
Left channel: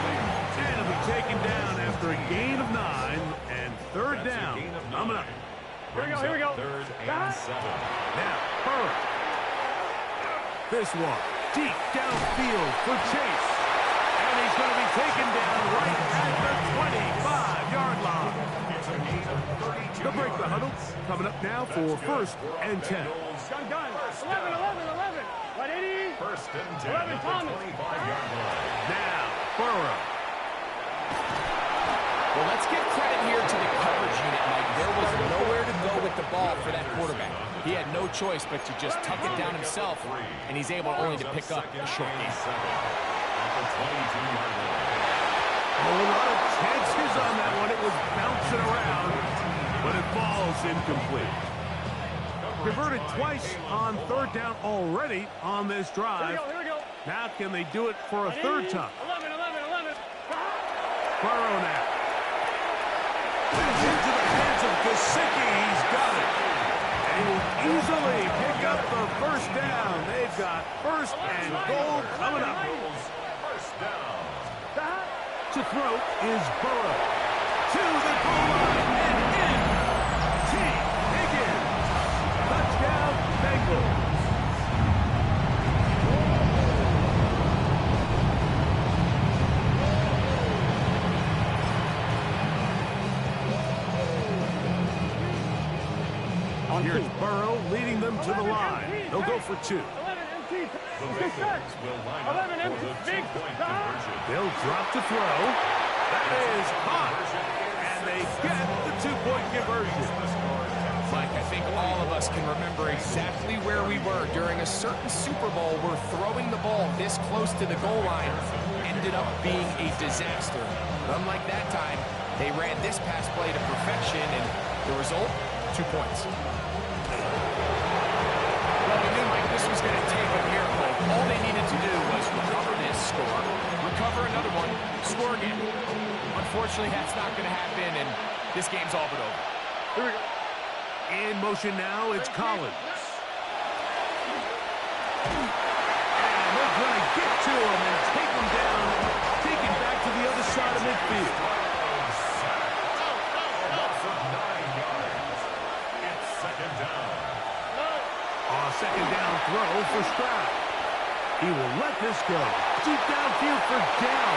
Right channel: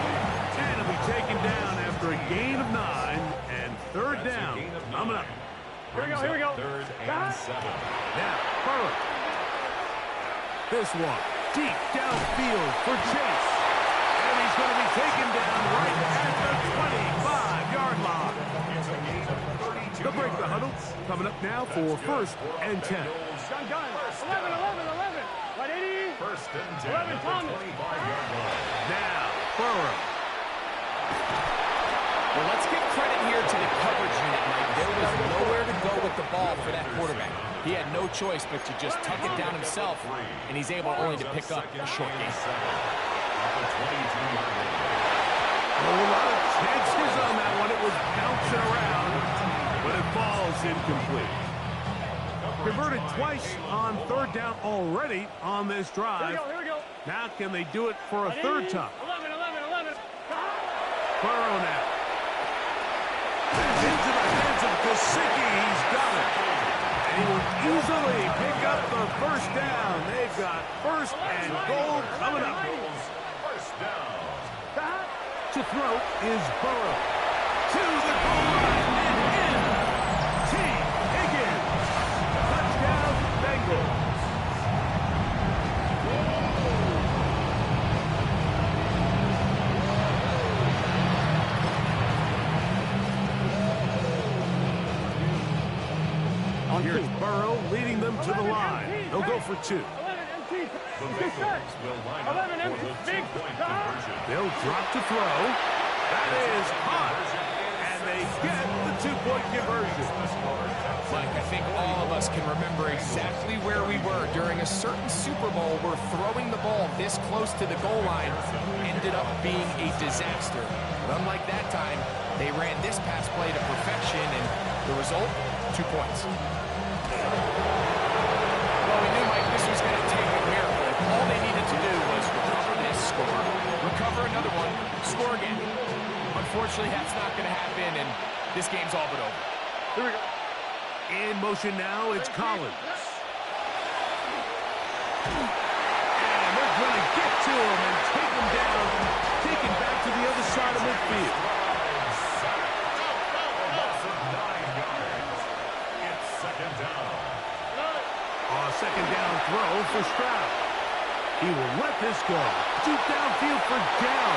And he'll be taken down after a gain of 9 and 3rd down. Coming up. Here we go. 3rd and 7. Now, Burrow. This one, deep downfield for Chase. And he's going to be taken down right at the 25-yard line. It's a gain of 32 They'll break the huddle. Coming up now for first and 10. Gun. 11. 180. First and 10 11, at the Thomas. 25-yard line. Now, Burrow. Well, let's give credit here to the coverage unit, Mike. There was nowhere to go with the ball for that quarterback. He had no choice but to just tuck it down himself, and he's able only to pick up a short gain. At the 22-yard line. Oh, a lot of chances on that one. It was bouncing around, but it falls incomplete. Converted twice on 3rd down already on this drive. Here we go. Now can they do it for a 3rd time? 11. Burrow now. Into the hands of Gesicki. He's got it. And he will easily pick up the first down. They've got first and goal coming up. First down. To throw is Burrow. To the goal line and in. T. Higgins. Touchdown, Bengals. Here's Burrow leading them to the line. They'll go for 2. 11 empty. The Bengals will line up 11 for empty. the Big two-point stop. conversion. They'll drop to throw. That is caught. And they get the 2-point conversion. Mike, I think all of us can remember exactly where we were during a certain Super Bowl where throwing the ball this close to the goal line ended up being a disaster. But unlike that time, they ran this pass play to perfection, and the result, 2 points. Well, we knew, Mike, this was going to take a miracle. All they needed to do was recover this, score, recover another one, score again. Unfortunately, that's not going to happen, and this game's all but over. Here we go. In motion now, it's Collins. And they're going to get to him and take him down, take him back to the other side of midfield. A loss of 9 yards. It's second down. A second down throw for Stroud. He will let this go. Deep downfield for Dell.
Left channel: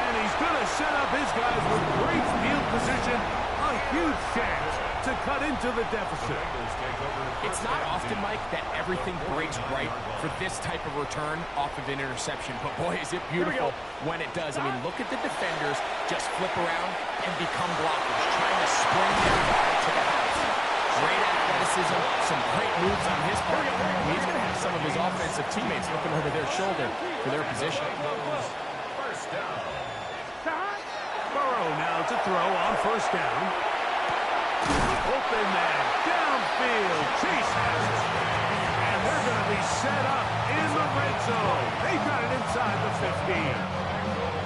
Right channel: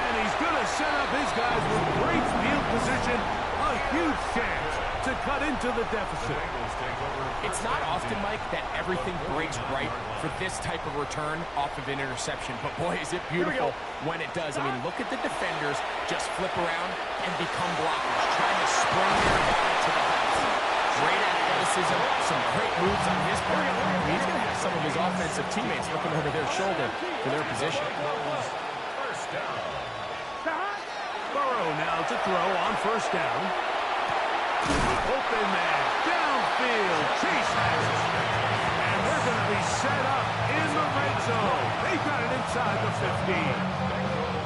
And he's going to set up his guys with great field position. A huge chance to cut into the deficit. It's not often, Mike, that everything breaks right for this type of return off of an interception. But, boy, is it beautiful when it does. I mean, look at the defenders just flip around and become blockers, trying to spring their guy to the house. Great athleticism, some great moves on his part. I mean, he's going to have some of his offensive teammates looking over their shoulder for their position. First down. Burrow now to throw on first down. Open man, downfield. Chase has it. And they're going to be set up in the red zone. They got it inside the 15.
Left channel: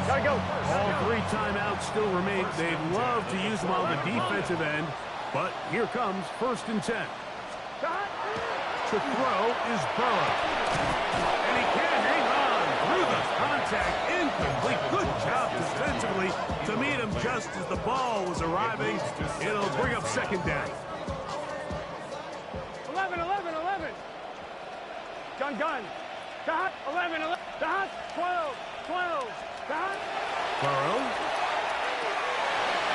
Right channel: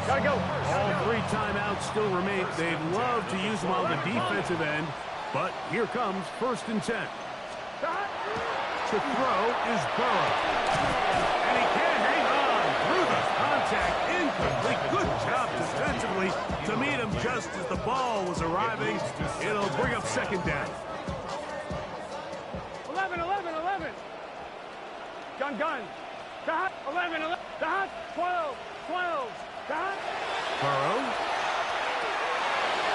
Gotta go. All 3 timeouts still remain. They'd love to use them on the defensive end, but here comes 1st and 10. To throw is Burrow. And he can't hang on through the contact. Incomplete. Good job defensively to meet him just as the ball was arriving. It'll bring up second down. 11. Gun. Dot. 11. Dot. 12. Dot. Burrow.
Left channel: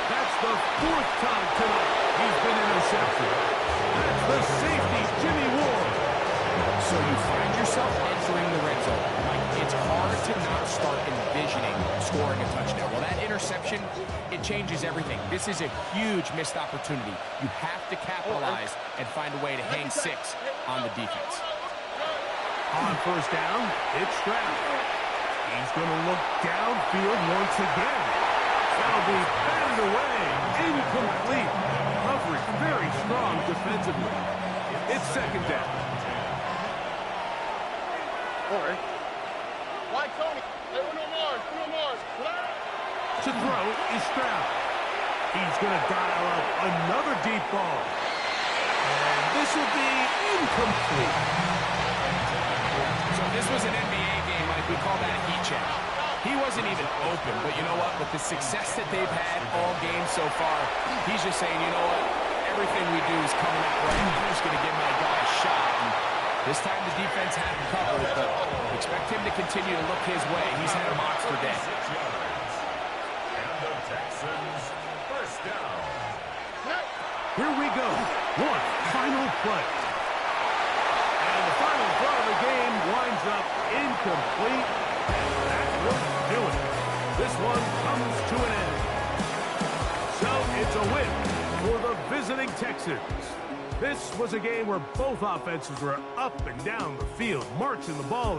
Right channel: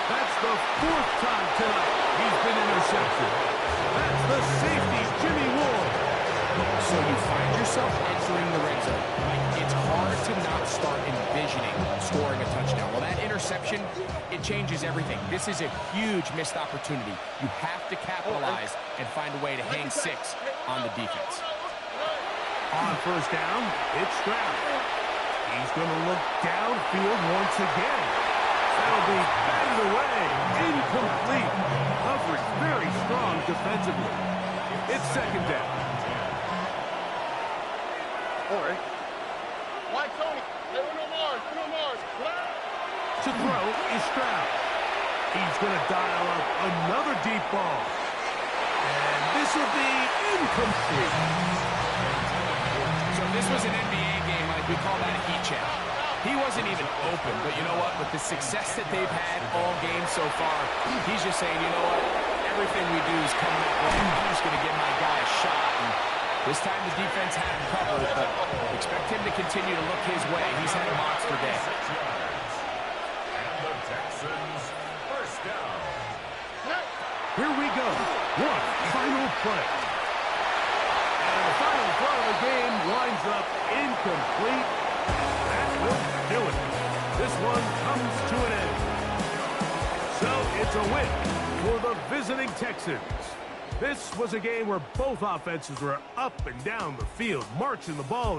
That's the 4th time tonight he's been intercepted. That's the safety, Jimmy Ward. So you find yourself entering the red zone. Like, it's hard to not start envisioning scoring a touchdown. Well, that interception, it changes everything. This is a huge missed opportunity. You have to capitalize and find a way to hang 6 on the defense. On first down, it's Stroud. He's going to look downfield once again. That'll be batted away. Incomplete. Coverage very strong defensively. It's second down. All right. Why, Tony? Hey, Uno Mars. To throw is Stroud. He's going to dial up another deep ball. And this will be incomplete. So this was an NBA game, like we call that a heat check. He wasn't even open, but you know what? With the success that they've had all game so far, he's just saying, you know what? Everything we do is coming up right. I'm just going to give my guy a shot. And this time the defense had him covered, but expect him to continue to look his way. He's had a monster day. 6 yards. And the Texans, first down. Here we go. One final play. And the final throw of the game winds up incomplete. And that will do it. This one comes to an end. So it's a win for the visiting Texans. This was a game where both offenses were up and down the field, marching the ball